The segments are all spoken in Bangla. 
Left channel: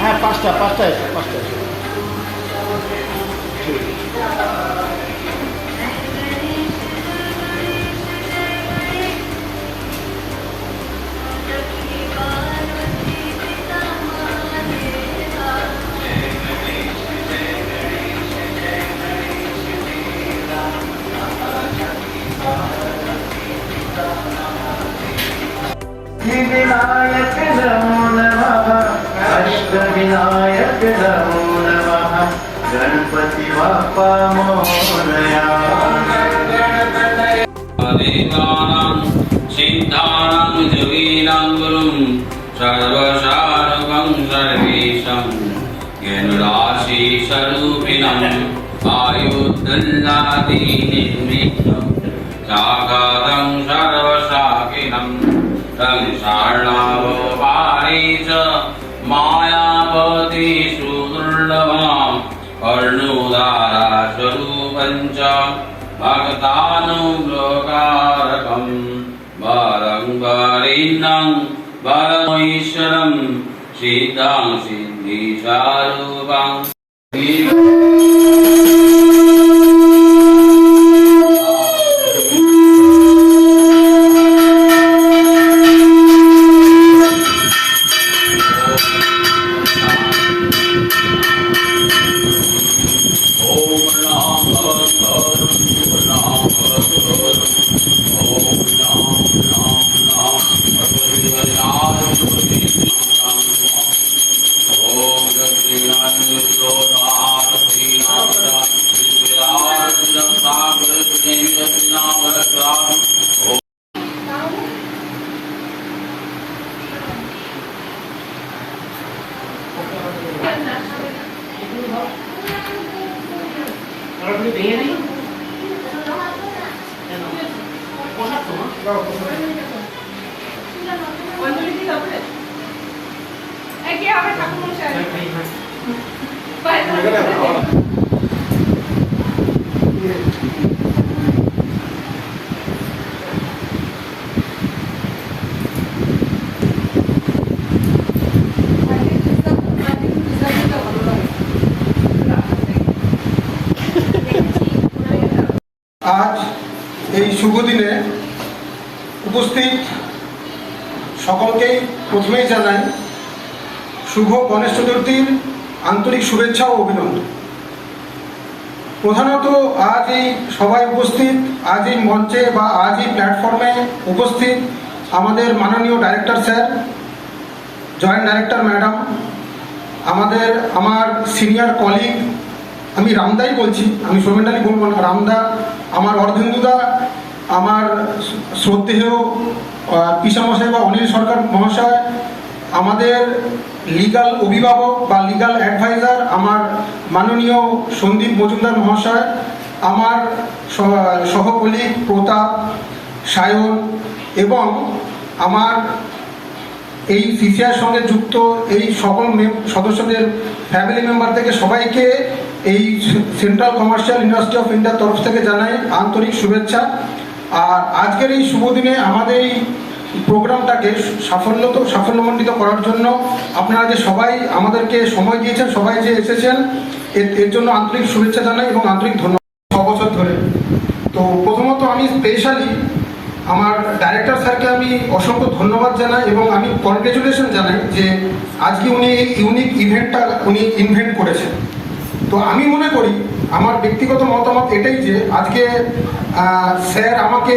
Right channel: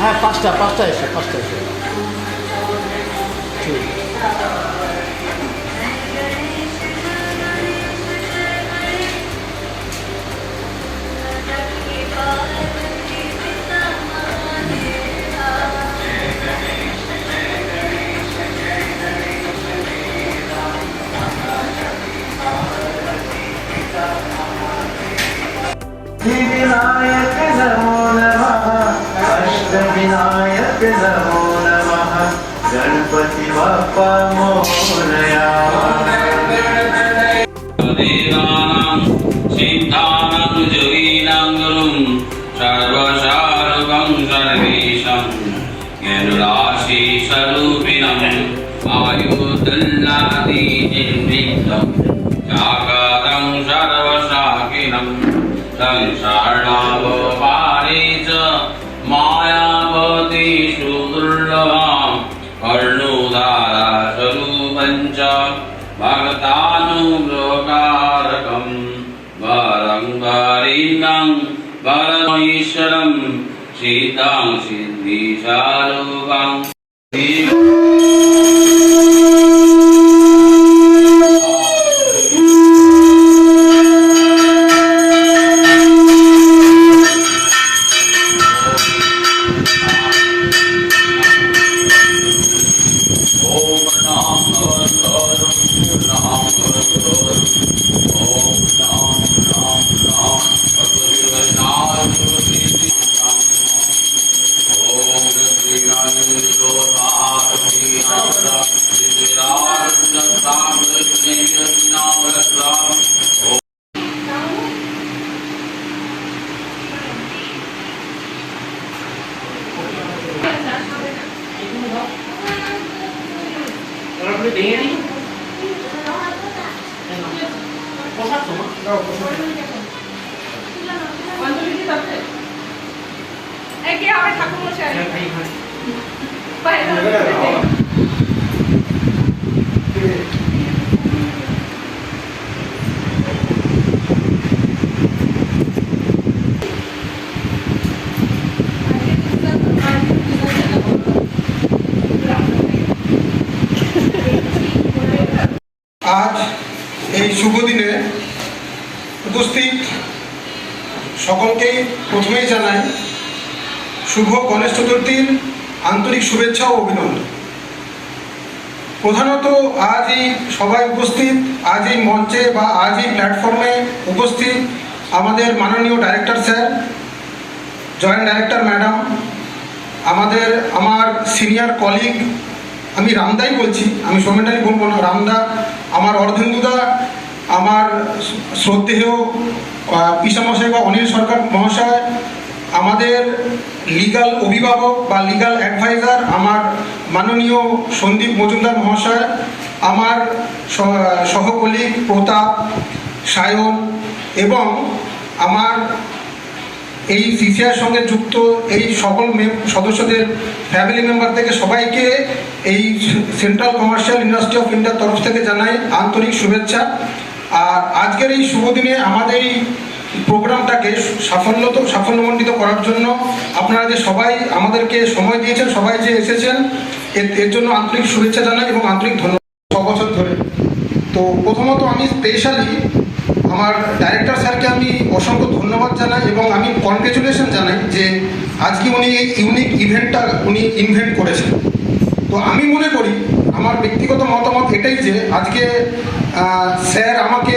হ্যাঁ, পাঁচটা এসে विनायक नमो नमः अष्टविनायक नमो नमः गणपति बाप्पा मोरया देवानां सिद्धानां योगिनां गुरुं सर्वसारगं सर्वेशं यनुराशिस्वरूपिणम् आयुर्दुल्लादिनिर्मितं साकारं सर्वशाकिनं संसारनवपाणे च मायावती सुदुर्लभां कर्णोदारस्वरूपं च भक्तानुग्रहकारकं वरं वरिणं वरमीश्वरं सिद्धं सिद्धिस्वरूपं आज এই শুভ দিনে উপস্থিত সকলকেই প্রথমেই জানাই শুভ গণেশ চতুর্থীর আন্তরিক শুভেচ্ছা ও অভিনন্দন। প্রধানত আজ এই সবাই উপস্থিত, আজ এই মঞ্চে বা আজ এই প্ল্যাটফর্মে উপস্থিত আমাদের মাননীয় director sir, joint director madam, আমার সিনিয়র কলিগ, আমি রামদাই বলছি, আমি সৌমেন্টালি বলবো না, রামদা, আমার অর্ধেন্দুদা, আমার শ্রদ্ধেয় পিসামশাই বা অনিল সরকার মহাশয়, আমাদের লিগাল অভিভাবক বা লিগাল অ্যাডভাইজার আমার মাননীয় সন্দীপ মজুমদার মহাশয়, আমার সহকলিগ প্রতাপ, সায়ন এবং আমার এই সিসিআর সঙ্গে যুক্ত এই সকল সদস্যদের ফ্যামিলি মেম্বার থেকে সবাইকে এই সেন্ট্রাল কমার্শিয়াল ইন্ডাস্ট্রি অফ ইন্ডিয়ার তরফ থেকে জানাই আন্তরিক শুভেচ্ছা। আর আজকের এই শুভ দিনে আমাদের এই প্রোগ্রামটাকে সাফল্যমণ্ডিত করার জন্য আপনারা যে সবাই আমাদেরকে সময় দিয়েছেন, সবাই যে এসেছেন, এর জন্য আন্তরিক শুভেচ্ছা জানাই এবং আন্তরিক ধন্যবাদ। 6 বছর ধরে তো প্রথমত আমি স্পেশালি আমার ডাইরেক্টর স্যারকে আমি অসংখ্য ধন্যবাদ জানাই এবং আমি কনগ্রেচুলেশন জানাই যে আজকে উনি এই ইউনিক ইভেন্টটা উনি ইনভেন্ট করেছেন। তো আমি মনে করি, আমার ব্যক্তিগত মতামত এটাই যে আজকে স্যার আমাকে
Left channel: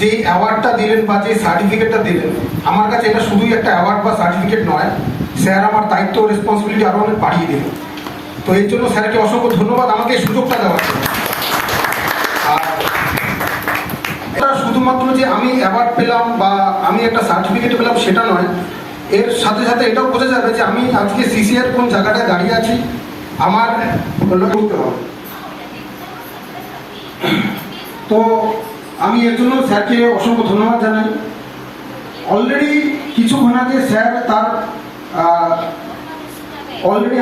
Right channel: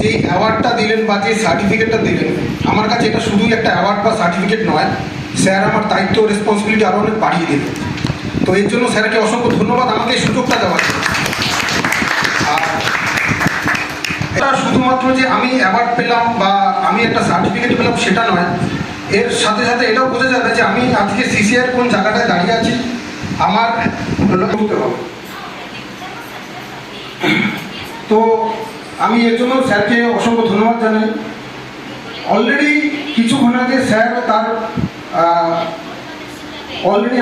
যে অ্যাওয়ার্ডটা দিলেন বা যে সার্টিফিকেটটা দিলেন, আমার কাছে এটা শুধুই একটা অ্যাওয়ার্ড বা সার্টিফিকেট নয়, স্যার আমার দায়িত্ব ও রেসপন্সিবিলিটি আরও অনেক বাড়িয়ে দিলেন। তো এর জন্য স্যারকে অসংখ্য ধন্যবাদ আমাকে এই সুযোগটা দেওয়ার জন্য। এটা শুধুমাত্র যে আমি অ্যাওয়ার্ড পেলাম বা আমি একটা সার্টিফিকেট পেলাম সেটা নয়, এর সাথে সাথে এটাও বোঝা যাবে যে আমি আজকে সিসিআর কোন জায়গাটায় দাঁড়িয়ে আছি আমার বুঝতে হবে। তো আমি এর জন্য স্যারকে অসংখ্য ধন্যবাদ জানাই। অলরেডি কিছুক্ষণ আগে স্যার তার অলরেডি,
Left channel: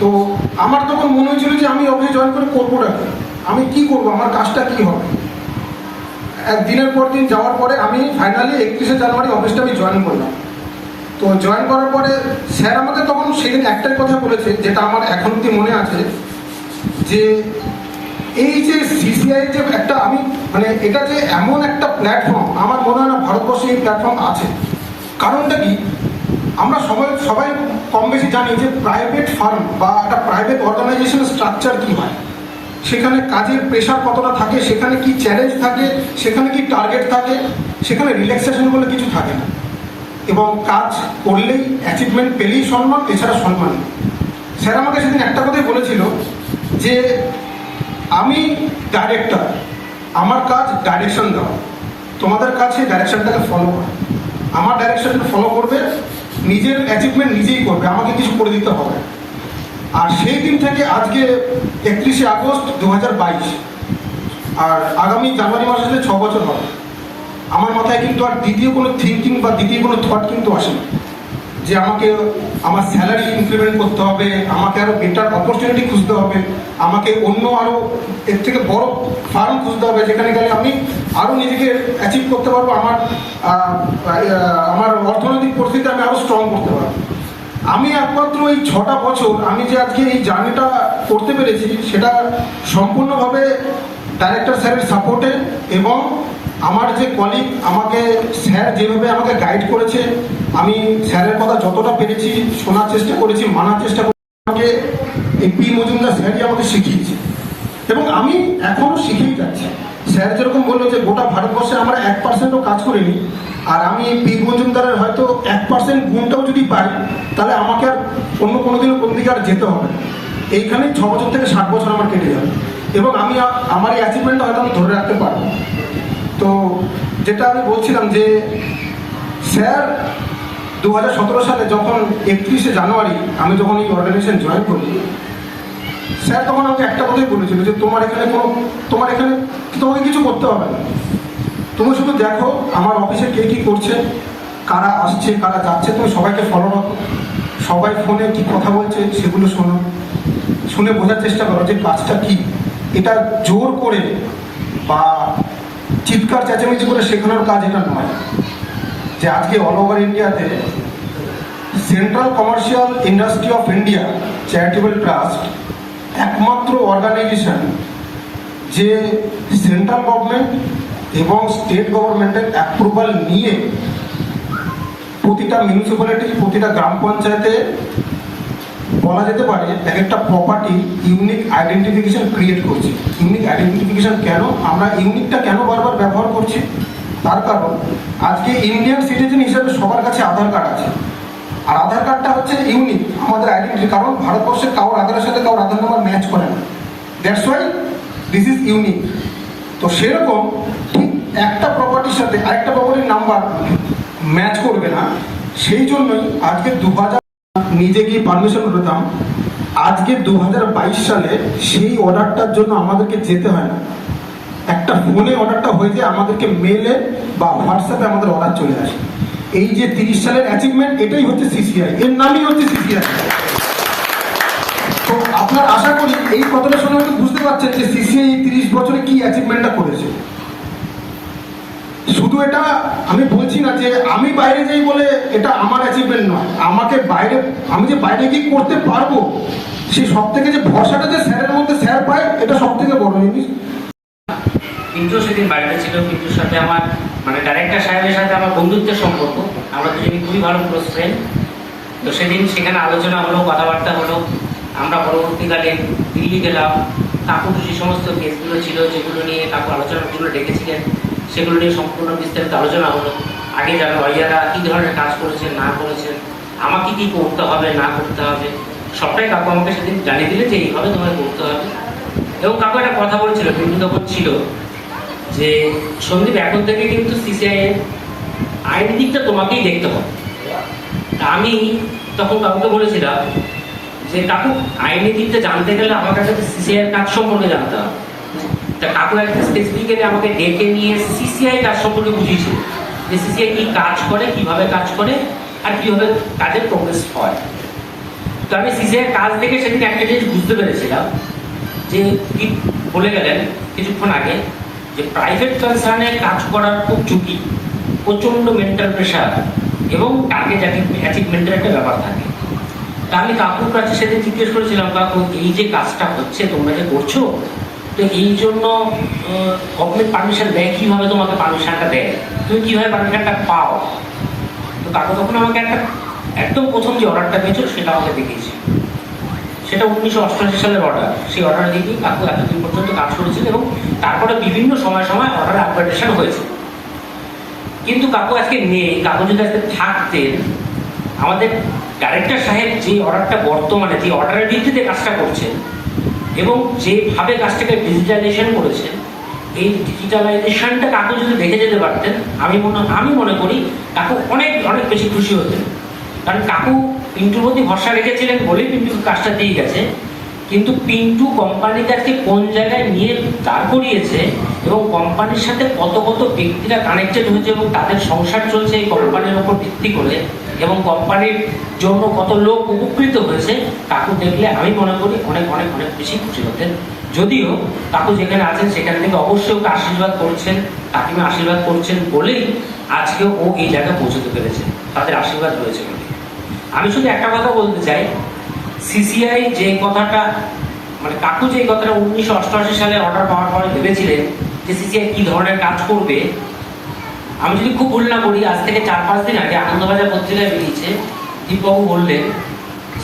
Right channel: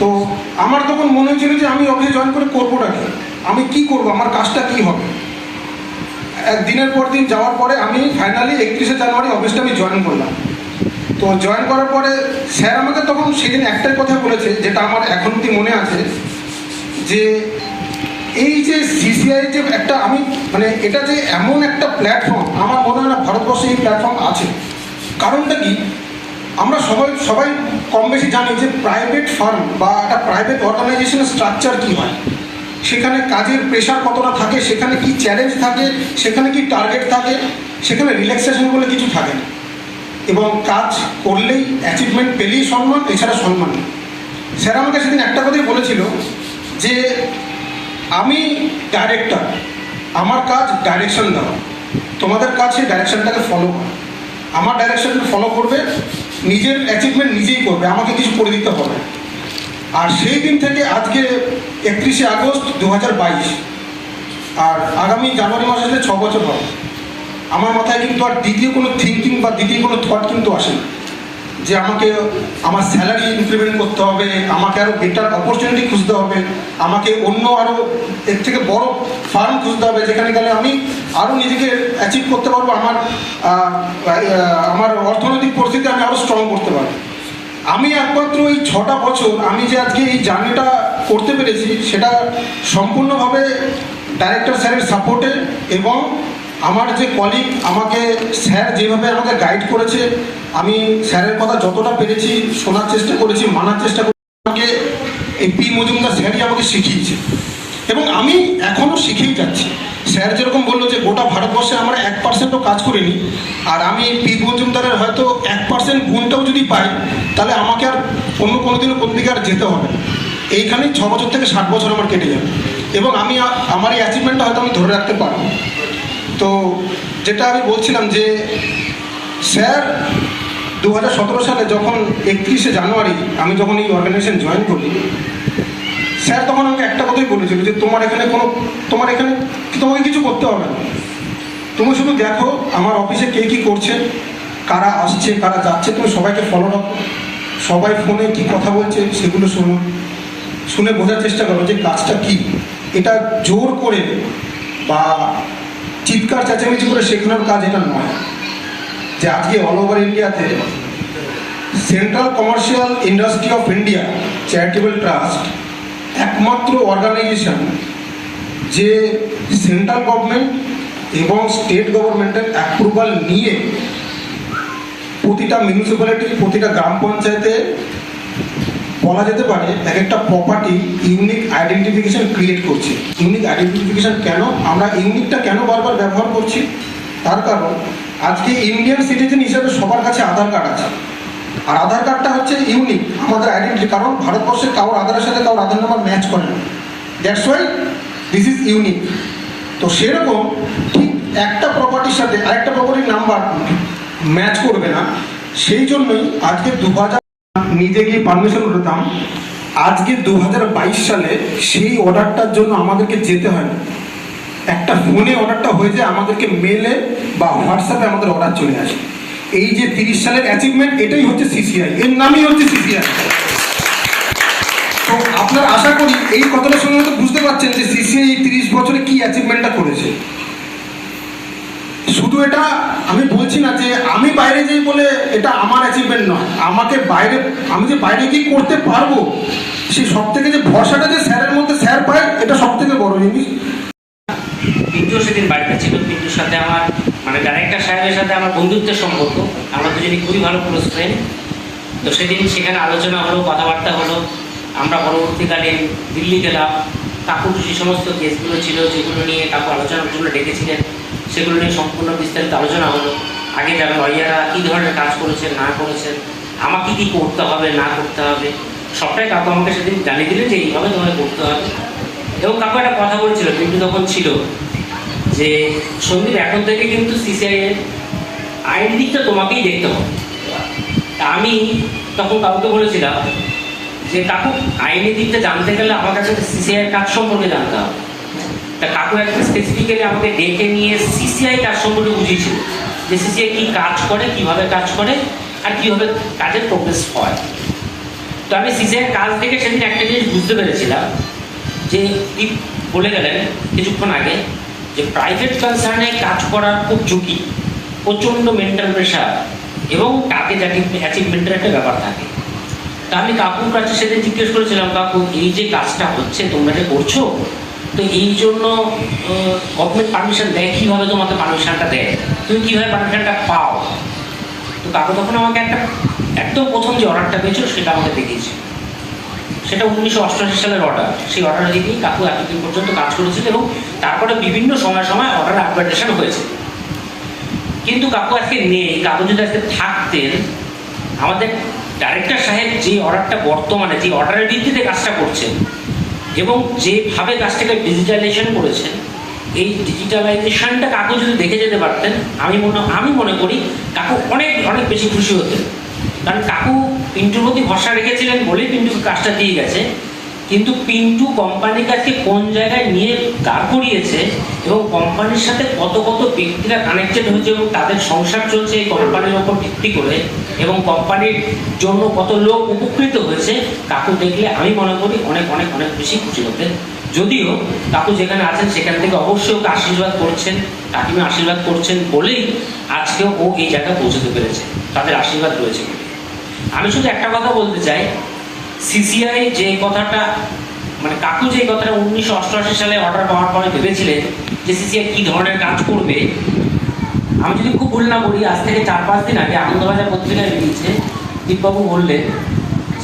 তো আমার তখন মনে হয়েছিল যে আমি অফিসে জয়েন করে করবোটা কি, আমি কি করব, আমার কাজটা কি হবে। দিনের পর দিন যাওয়ার পরে আমি ফাইনালি 31শে জানুয়ারি অফিসটা আমি জয়েন করলাম। তো জয়েন করার পরে স্যার আমাকে তখন সেদিন একটাই কথা বলেছে, যেটা আমার এখন অব্দি মনে আছে, যে এই যে সিসিআই যে একটা আমি মানে এটা যে এমন একটা প্ল্যাটফর্ম, আমার মনে হয় না ভারতবর্ষে এই প্ল্যাটফর্ম আছে। কারণটা কি, আমরা সবাই কম বেশি জানি যে প্রাইভেট ফার্ম বা একটা প্রাইভেট অর্গানাইজেশনের স্ট্রাকচার কী হয়, সেখানে কাজের প্রেশার কতটা থাকে, সেখানে কি চ্যালেঞ্জ থাকে, সেখানে কি টার্গেট থাকে, সেখানে রিল্যাক্সেশন বলে কিছু থাকে না, এবং কাজ করলেই অ্যাচিভমেন্ট পেলেই সম্মান, এছাড়া সম্মান নেই। স্যার আমাকে সেদিন একটা কথাই বলেছিল যে আমি ডাইরেক্টর, আমার কাজ ডাইরেকশন দেওয়া, তোমাদের কাছে ডাইরেকশনটাকে ফলো করা, আমার ডাইরেকশনকে ফলো করবে, নিজের অ্যাচিভমেন্ট নিজেই করবে, আমাকে কিছু করে দিতে হবে। আর সেই দিন থেকে আজকে 31শে আগস্ট 2022, আর আগামী জানুয়ারি মাসে আসলে 6 বছর হবে। আমার মাথায় কিন্তু আর দ্বিতীয় কোনো থিঙ্কিং বা দ্বিতীয় কোনো থট কিন্তু আসে না যে আমাকে আমার স্যালারি ইনক্রিমেন্ট করতে হবে, আমাকে আরও বেটার অপরচুনিটি খুঁজতে হবে, আমাকে অন্য আরও এর থেকে বড় ফার্ম খুঁজতে হবে, যেখানে গেলে আমি আরও নিজেকে অ্যাচিভ করতে পারবো, আমার অর্থনৈতিক পরিস্থিতি আমি আরও স্ট্রং করতে পারবো। আমি একমাত্র এই 6টা বছর আমি যে আজকে এই জার্নিটা করতে পেরেছি, সেটা সম্পূর্ণভাবে ডাইরেক্টর স্যারের সাপোর্টে, এবং আমার যে কলিগ আমাকে স্যার যেভাবে আমাকে গাইড করেছে, আমি স্যারের কথা যতটা পেরেছি শোনার চেষ্টা করেছি, মানার চেষ্টা করেছি। আমাকে এই পি মজুমদার স্যারই আমাকে শিখিয়েছে, এবং আমি এখনও শিখেই যাচ্ছি। স্যার যেরকম বললো যে গোটা ভারতবর্ষে আমরা 1%ও কাজ করিনি, আর আমি পি মজুমদারের হয়তো 1% গুণটাও যদি পাই, তাহলে আমাকে আর অন্য কোনোদিনও কোন দিকে আর যেতে হবে। এইখানেই 6 বছর থেকে 60 বছর আমার কেটে যাবে, এবং আমি আমার এই অ্যাচিভমেন্টটা হয়তো আমি ধরে রাখতে পারবো। তো যেটা আমি বলছিলাম যে স্যার 2017 সালে যখন 31শে জানুয়ারি আমি যখন এই অর্গানাইজেশন জয়েন করি, স্যার তখন আমাকে একটা কথাই বলেছিল যে তোমার এখানে তোমাকে কিছু করতে হবে না, তুমি শুধু দেখো আমার অফিসে কে কী করছে, কারা আসছে কারা যাচ্ছে, তুমি সবাইকে ফলো রাখো, সবাই ফোনে কী কথা বলছে সেগুলো শোনো, শুনে বোঝার চেষ্টা করো যে কাজটা কী। এটা জোর করে বা চিৎকার চেঁচামেচি করে শেখানোর কাজ এটা নয়। যে আজকে অল ওভার ইন্ডিয়াতে central commercial industry of India charitable trust একমাত্র অর্গানাইজেশন যে সেন্ট্রাল গভর্নমেন্ট এবং স্টেট গভর্নমেন্টের অ্যাপ্রুভাল নিয়ে প্রতিটা মিউনিসিপ্যালিটি, প্রতিটা গ্রাম পঞ্চায়েতে বলা যেতে পারে এক একটা প্রপার্টি ইউনিক আইডেন্টিফিকেশন ক্রিয়েট করছে। ইউনিক আইডেন্টিফিকেশন কেন, আমরা ইউনিকটা কেন বারবার ব্যবহার করছি, তার কারণ আজকে ইন্ডিয়ান সিটিজেন হিসেবে সবার কাছে আধার কার্ড আছে, আর আধার কার্ডটা হচ্ছে ইউনিক আমাদের আইডেন্টিটি, কারণ ভারতবর্ষে কারোর আধারের সাথে কারোর আধার নাম্বার ম্যাচ করে না, that's why this is unique. তো সেরকম ঠিক একটা প্রপার্টির সাথে আরেকটা প্রপার্টির নাম্বার ম্যাচ করবে না, সেই জন্যই আজকে 2000 নিজে গিয়ে পারমিশন করতাম, আজকে 2022 সালে সেই অর্ডারটার জন্য আমাদেরকে যেতে হয় না, একটা ফোনে অর্ডারটা হয়ে যায়, আমাদেরকে মেলে বা হোয়াটসঅ্যাপে আমাদের অর্ডার চলে আসে। এই যে 30 সালের অ্যাচিভমেন্ট, এটাই হচ্ছে সিসিআই, এর নামই হচ্ছে সিসিআই। তো আপনার আশা করি এই কথাটা শুনে হয়তো বুঝতে পারছেন যে সিসিআই 30 বছরে কি অ্যাচিভমেন্টটা করেছে। শুধু এটা আমি বলছি না যে আমি বাইরে যাই বলে এটা আমার অ্যাচিভমেন্ট নয়, আমাকে আমি যে বাইরে গিয়ে করতে পারবো, সেই সব থেকে যে ভরসাটা যে স্যারের মধ্যে স্যার পায়, এটা সব থেকে বড় জিনিস। পিন্টু সেদিন বাড়িতে ছিল, পিন্টুর সাথে আমার মানে ডাইরেক্টর সাহেবের সাথে আমার বন্ধুত্বের সম্পর্ক, আমরা দুজনই খুবই ভালো ক্লোজ ফ্রেন্ড। তো সেদিন সেখানে আলোচনা হলো, কথাবার্তা হলো, আমরা পরবর্তীকালে দিল্লি গেলাম, কাকুর যে সমস্ত কেসগুলো ছিল যেগুলো নিয়ে কাকু আলোচনার জন্য ডেকেছিলেন, সেগুলো নিয়ে সম্পূর্ণ বিস্তারিত আলোচনা হলো। আগে যারা ভাইয়ারা কী ধরনের কাজ করেছেন না করেছেন, আমাকে কী করতে হবে না করতে হবে, সবটাই কাকু আমাকে সেদিন জানিয়ে দিলেন যে এইভাবে তোমাকে করতে হবে। এবং কাকু একটা কথা বলছিল, পিন্টু তখন ছিল, যে সন্দীপ এখন থেকে কিন্তু সিসিআই এর আইন দিকটা তোমাকেই দেখতে হবে। তা আমি তখন কাকুকে বলেছিলাম যে কাকু আইনি দিকটা জানতে গেলে আমার কাছে সিসিআই এর কাজ সম্পর্কে জানতে হবে। তা কাকু একটা স্পেসিফিক্যালি আমাকে ডেকে নিয়ে সিসিআই কাজ সম্পর্কে বুঝিয়েছিল, যে সিসিআই কি কাজ করে, কিভাবে কাজ করে, আর কিভাবে কাজের প্রোগ্রেস হয়। তো আমি সিসিআই এর কাজ দেখে সেদিন একটা জিনিস বুঝতে পেরেছিলাম, যে দীপ বলে গেলেন কিছুক্ষণ আগে যে প্রাইভেট কনসার্নে কাজ করার খুব ঝুঁকি, প্রচণ্ড মেন্টাল প্রেশার এবং টার্গেট অ্যাচিভমেন্টের একটা ব্যাপার থাকে। তা আমি কাকুর কাছে সেদিন জিজ্ঞেস করেছিলাম, কাকু এই যে কাজটা হচ্ছে তোমরা যে করছো, তো এই জন্য গভর্নমেন্ট পারমিশন দেয়, কীভাবে তোমাকে পারমিশনটা দেয়, তুমি কীভাবে পারমিশনটা পাও? তো কাকু তখন আমাকে একটা একদম প্রথম যে অর্ডারটা পেয়েছিল সেটা আমাকে দেখিয়েছে। সেটা 1988 সালের অর্ডার। সেই অর্ডার দিকেই কাকু এতদিন পর্যন্ত কাজ করেছিল এবং তারপরে বিভিন্ন সময় সময় অর্ডার আপগ্রেডেশন হয়েছে। কিন্তু কাকু আজকে নেই। কাকু যদি আজকে থাকতেন, আমাদের ডাইরেক্টর সাহেব যে অর্ডারটা বর্তমানে যে অর্ডারের ভিত্তিতে কাজটা করছেন এবং যেভাবে কাজটাকে ডিজিটালাইজেশন করেছেন, এই ডিজিটালাইজেশনটা কাকু যদি দেখে যেতে পারতেন, আমি মনে করি কাকু অনেক অনেক বেশি খুশি হতেন। কারণ কাকু পিন্টুর প্রতি ভরসা রেখেছিলেন বলেই পিন্টুর কাজটা দিয়ে গেছে। কিন্তু পিন্টু কোম্পানির কাছে কোন জায়গায় নিয়ে দাঁড় করিয়েছে এবং কোম্পানির সাথে কত কত ব্যক্তিরা কানেক্টেড হয়েছে এবং তাদের সংসার চলছে এই কোম্পানির ওপর ভিত্তি করে, এবং কোম্পানির জন্য কত লোক উপকৃত হয়েছে, কাকু দেখলে আমি মনে করি অনেক অনেক অনেক বেশি খুশি হতেন। যদিও কাকু যেখানে আছেন সেখান থেকে অবশ্যই ওকে আশীর্বাদ করছেন, কাকিমা আশীর্বাদ করছেন বলেই আজকেও ও এই জায়গায় পৌঁছতে পেরেছে, তাদের আশীর্বাদ রয়েছে বলে। আমি শুধু একটা কথা বলতে চাই, সিসিআই যে কথাটা মানে কাকু যে কথাটা 1988 সালে অর্ডার পাওয়ার পরে ভেবেছিলেন যে সিসিআই কি ধরনের কাজ করবে, আমি যদি খুব ভুল না করি আজ থেকে 4-5 দিন আগে আনন্দবাজার পত্রিকায় বেরিয়েছে, দীপবাবু বললেন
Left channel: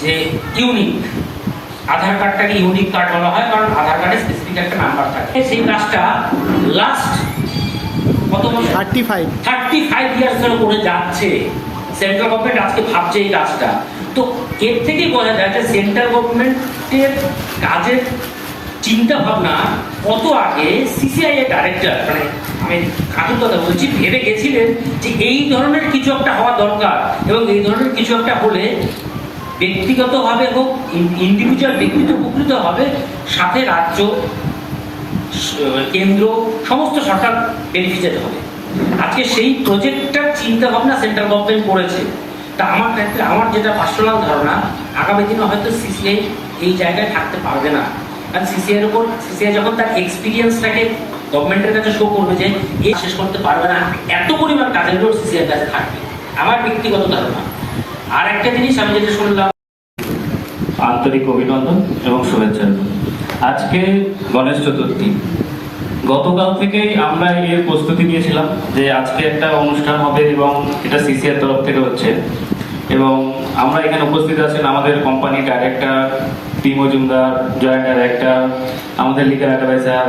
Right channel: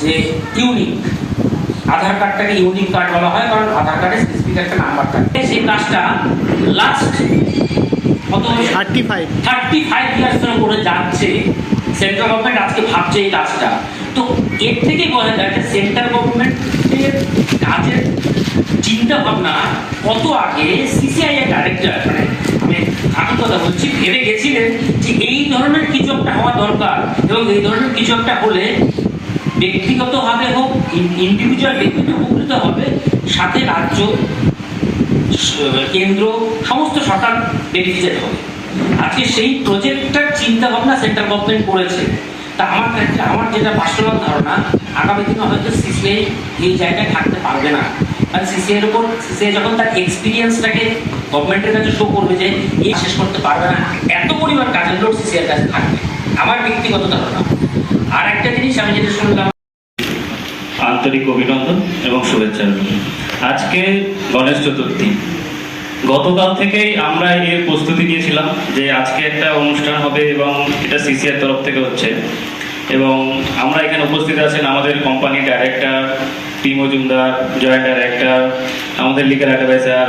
যে ইউনিক আধার কার্ডটাকে ইউনিক কার্ড বলা হয়, কারণ আধার কার্ডে স্পেসিফিক একটা নাম্বার থাকে। সেই কাজটা লাস্ট কত 35 ইয়ার্স ধরে করে যাচ্ছে। সেন্ট্রাল গভর্নমেন্ট আজকে ভাবছে এই কাজটা। তো এর থেকেই বোঝা যায় যে সেন্ট্রাল গভর্নমেন্টের কাজের চিন্তা ভাবনা কত আগে সিসিআই এর ডাইরেক্টর, মানে আমি কাকুর কথা বলছি, ভেবে গেছিলেন যে এই ধরনের কিছু একটা হওয়া দরকার এবং এই ধরনের কিছু একটা হলে ব্যক্তিগতভাবে হোক, ইন্ডিভিজুয়াল ব্যক্তিত্ব উপকৃত হবে, সাথে রাজ্য, কেন্দ্র, সমস্ত সরকার বেনিফিটেড হবে। আজকে সেই প্রজেক্টটার চিন্তা ভাবনা সেন্ট্রাল গভর্নমেন্ট করেছে। তা আমার ক্ষেত্রে আমার যেটা পার্সোনাল ধারণা, আগামী দিনে হয়তো সিসিআই এই জায়গায় থাকতে পারবে না। কারণ সিসিআইয়ের উপর সিসিআই যখন তার এক্সপিরিয়েন্সটাকে গভর্নমেন্টের কাছে শো করবে যে এই শেষ করতে পারবে না, এত পরিমাণ কাজের লোক সিসিআইয়ের কাছে থাকবে, আমার ব্যক্তিগত ধারণা। আর একটা জিনিস আমি যেটা শুনলাম, আন্তরিক অভিনন্দন এবং শুভেচ্ছা। আজকে গণেশ চতুর্থী। গতকাল থেকেই আমরা এর প্রস্তুতি নিয়েছিলাম যে আজকে একটা অনুষ্ঠান হবে এবং এটা সিসিআর তরফ থেকে হচ্ছে, এবং আমরা এখানে উপস্থিত আছেন আমাদের কোম্পানির ডাইরেক্টর টি মজুমদার, জয়েন্ট ডাইরেক্টর, আমাদের লিগাল অ্যাডভাইজার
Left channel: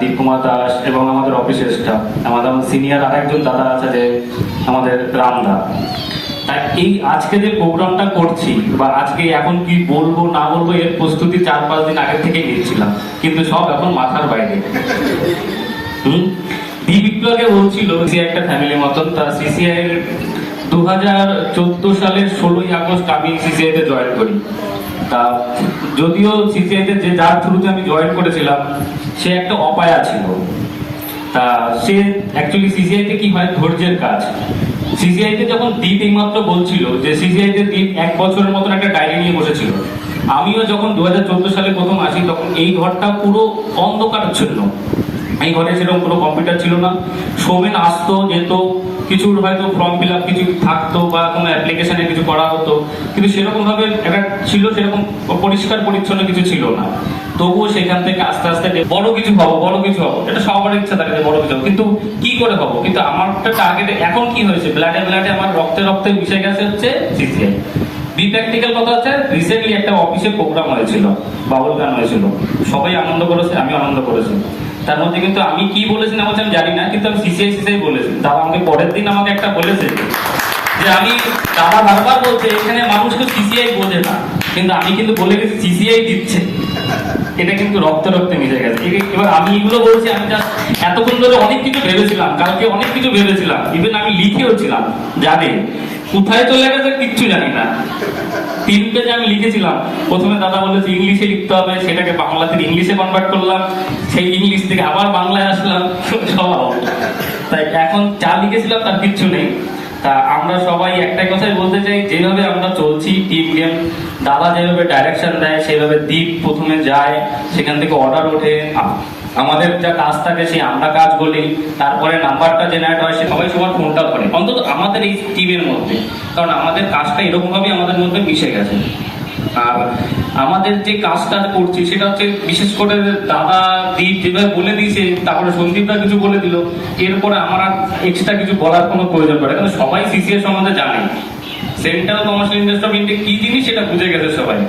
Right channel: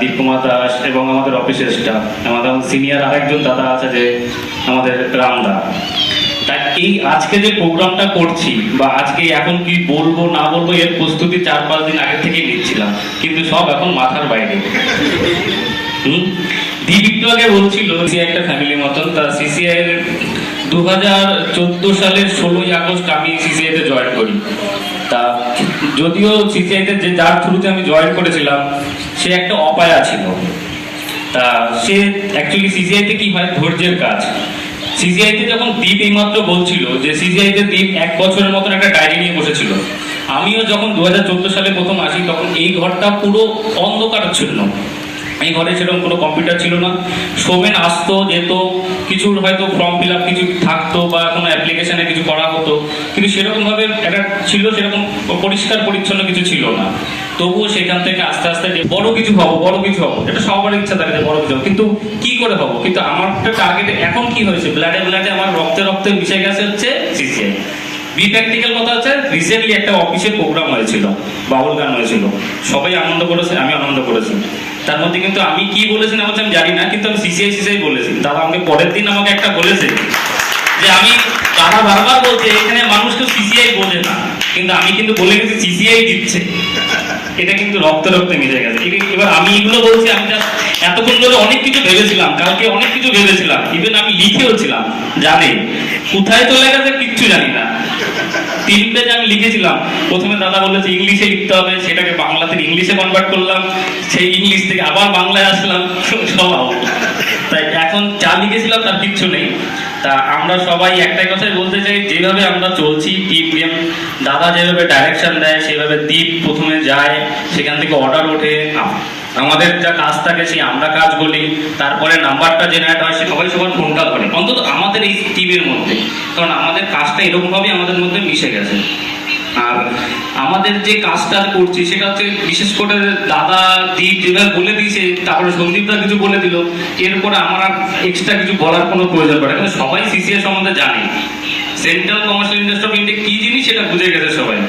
দীপ কুমার দাস এবং আমাদের অফিসের স্টাফ, আমাদের সিনিয়র আরেকজন দাদা আছে যে আমাদের রামদা। তা এই আজকে যে প্রোগ্রামটা করছি বা আজকে এখন কি বলবো না বলবো এর প্রস্তুতি 4-5 দিন আগে থেকে নিচ্ছিলাম, কিন্তু সব এখন মাথার বাইরে। দীপ একটু আগে বলছিল সিসিআই একটা ফ্যামিলি মতন। তা সিসিআই 2014 সালের 16ই আগস্ট আমি সিসিআই তে জয়েন করি। তা যদিও সিসিআই তে যে যার থ্রুতে আমি জয়েন করেছিলাম সে একটা অপায়া ছিল। তা সে অ্যাকচুয়ালি সিসিআই তে কি হয়, ধৈর্যের কাজ। সিসিআই তে যখন দীপ এইমাত্র বলছিল যে সিসিআই তে দীপ 1 বছরের মতন একটা ডায়েরি নিয়ে বসেছিল, আমিও যখন 2014 সালে প্রথম আসি তখন এই ঘরটা পুরো অন্ধকারচ্ছন্ন। এই ঘরে সেরকম কোনো কম্পিউটার ছিল না। সোমেন আসতো যেত, কিছু হয়তো ফর্ম ফিল আপ কিছু থাকতো বা কোনো অ্যাপ্লিকেশনে কিছু করা হতো, কিন্তু সেরকমভাবে একটা ছিল, সেরকম পরিষ্কার পরিচ্ছন্ন কিছু ছিল না। তবুও সেখান থেকে আস্তে আস্তে বড় কিছু হবো, এটা সবার ইচ্ছা থাকে যে বড় কিছু হবো, কিন্তু কি করে হবো। কিন্তু আমার একটা টার্গেট এখন কি হয়েছে, ব্লাডে আমার রক্তে মিশে গেছে হচ্ছে সিসিআই। বি প্র্যাকটিক্যাল কথা হচ্ছে, রিসেন্টলি একটা অফিসের প্রোগ্রাম হয়েছিল, বাউল গান হয়েছিল, সবাই আনন্দ করেছে, আমি আনন্দ করেছি। তার মধ্যে কিন্তু আমি কি বলেছি না বলছি আমি জানি না, কিন্তু আমি সিসিআই বলেছি। দাদা আমাকে পরের দিন আমাকে একটা বলেছে যে আমি, দাদা বারবার বলছে এখানে মানুষ তো সিসিআই বোঝে না, কিন্তু আমি কিন্তু বলে গেছি সিসিআই দিচ্ছে। এটা কিন্তু রক্তে রক্তে মিশে গেছে। এবার আমি এগুলো বলছি, আমি এতক্ষণ ধরে অনেক কিছু ভেবেছিলাম, কালকে অনেক কিছু ভেবেছিলাম, ইভেন আমি লিখেও ছিলাম, জানি কোথায় চলে গেছে কিচ্ছু জানি না। 3 পেজ আমি লিখেছিলাম, প্রথমে দাদা বলেছে ইংলিশে লিখতে হবে, সেটাকে বাংলা থেকে ইংলিশে কনভার্ট করলাম, সেই ইংলিশ থেকে আবার বাংলায় আসলাম, সব আউট। তাই এখন যা লিখেছিলাম তার কিচ্ছু নেই। তা আমরা সবাই একটাই কথাই বলতে চাই, যেভাবে আমরা চলছি টিম গেম, দাদা যেভাবে ডাইরেকশন দেয় সেভাবে দ্বীপ প্রথমে যায়, সেখান থেকে অর্ডার ওঠে, আমাদের যা কাজ থাকে সেই আমরা কাজ বলি, তারপরে নাম্বারটা জেনারেট হয়, সে সবাই সবার ফোনটা করে, অন্তত আমাদের এই টিমের মধ্যে, কারণ আমাদের কাজটা এরকমভাবেই আমাদের মধ্যে মিশে গেছে। আর আমাদের যে কাজটা করছি সেটা হচ্ছে বিশেষ করে দাদা দীপ যেভাবে বলে দিয়েছে, তারপরে সন্দীপদা কিছু বলে দিল, এরপরে আমার আর এক্সট্রা কিছু বলার কোনো প্রয়োজন পড়ে, কারণ সবাই সিসিএস সম্বন্ধে জানে, central commercial industry of India কি জিনিস সেটা বুঝে গেছে সবাই।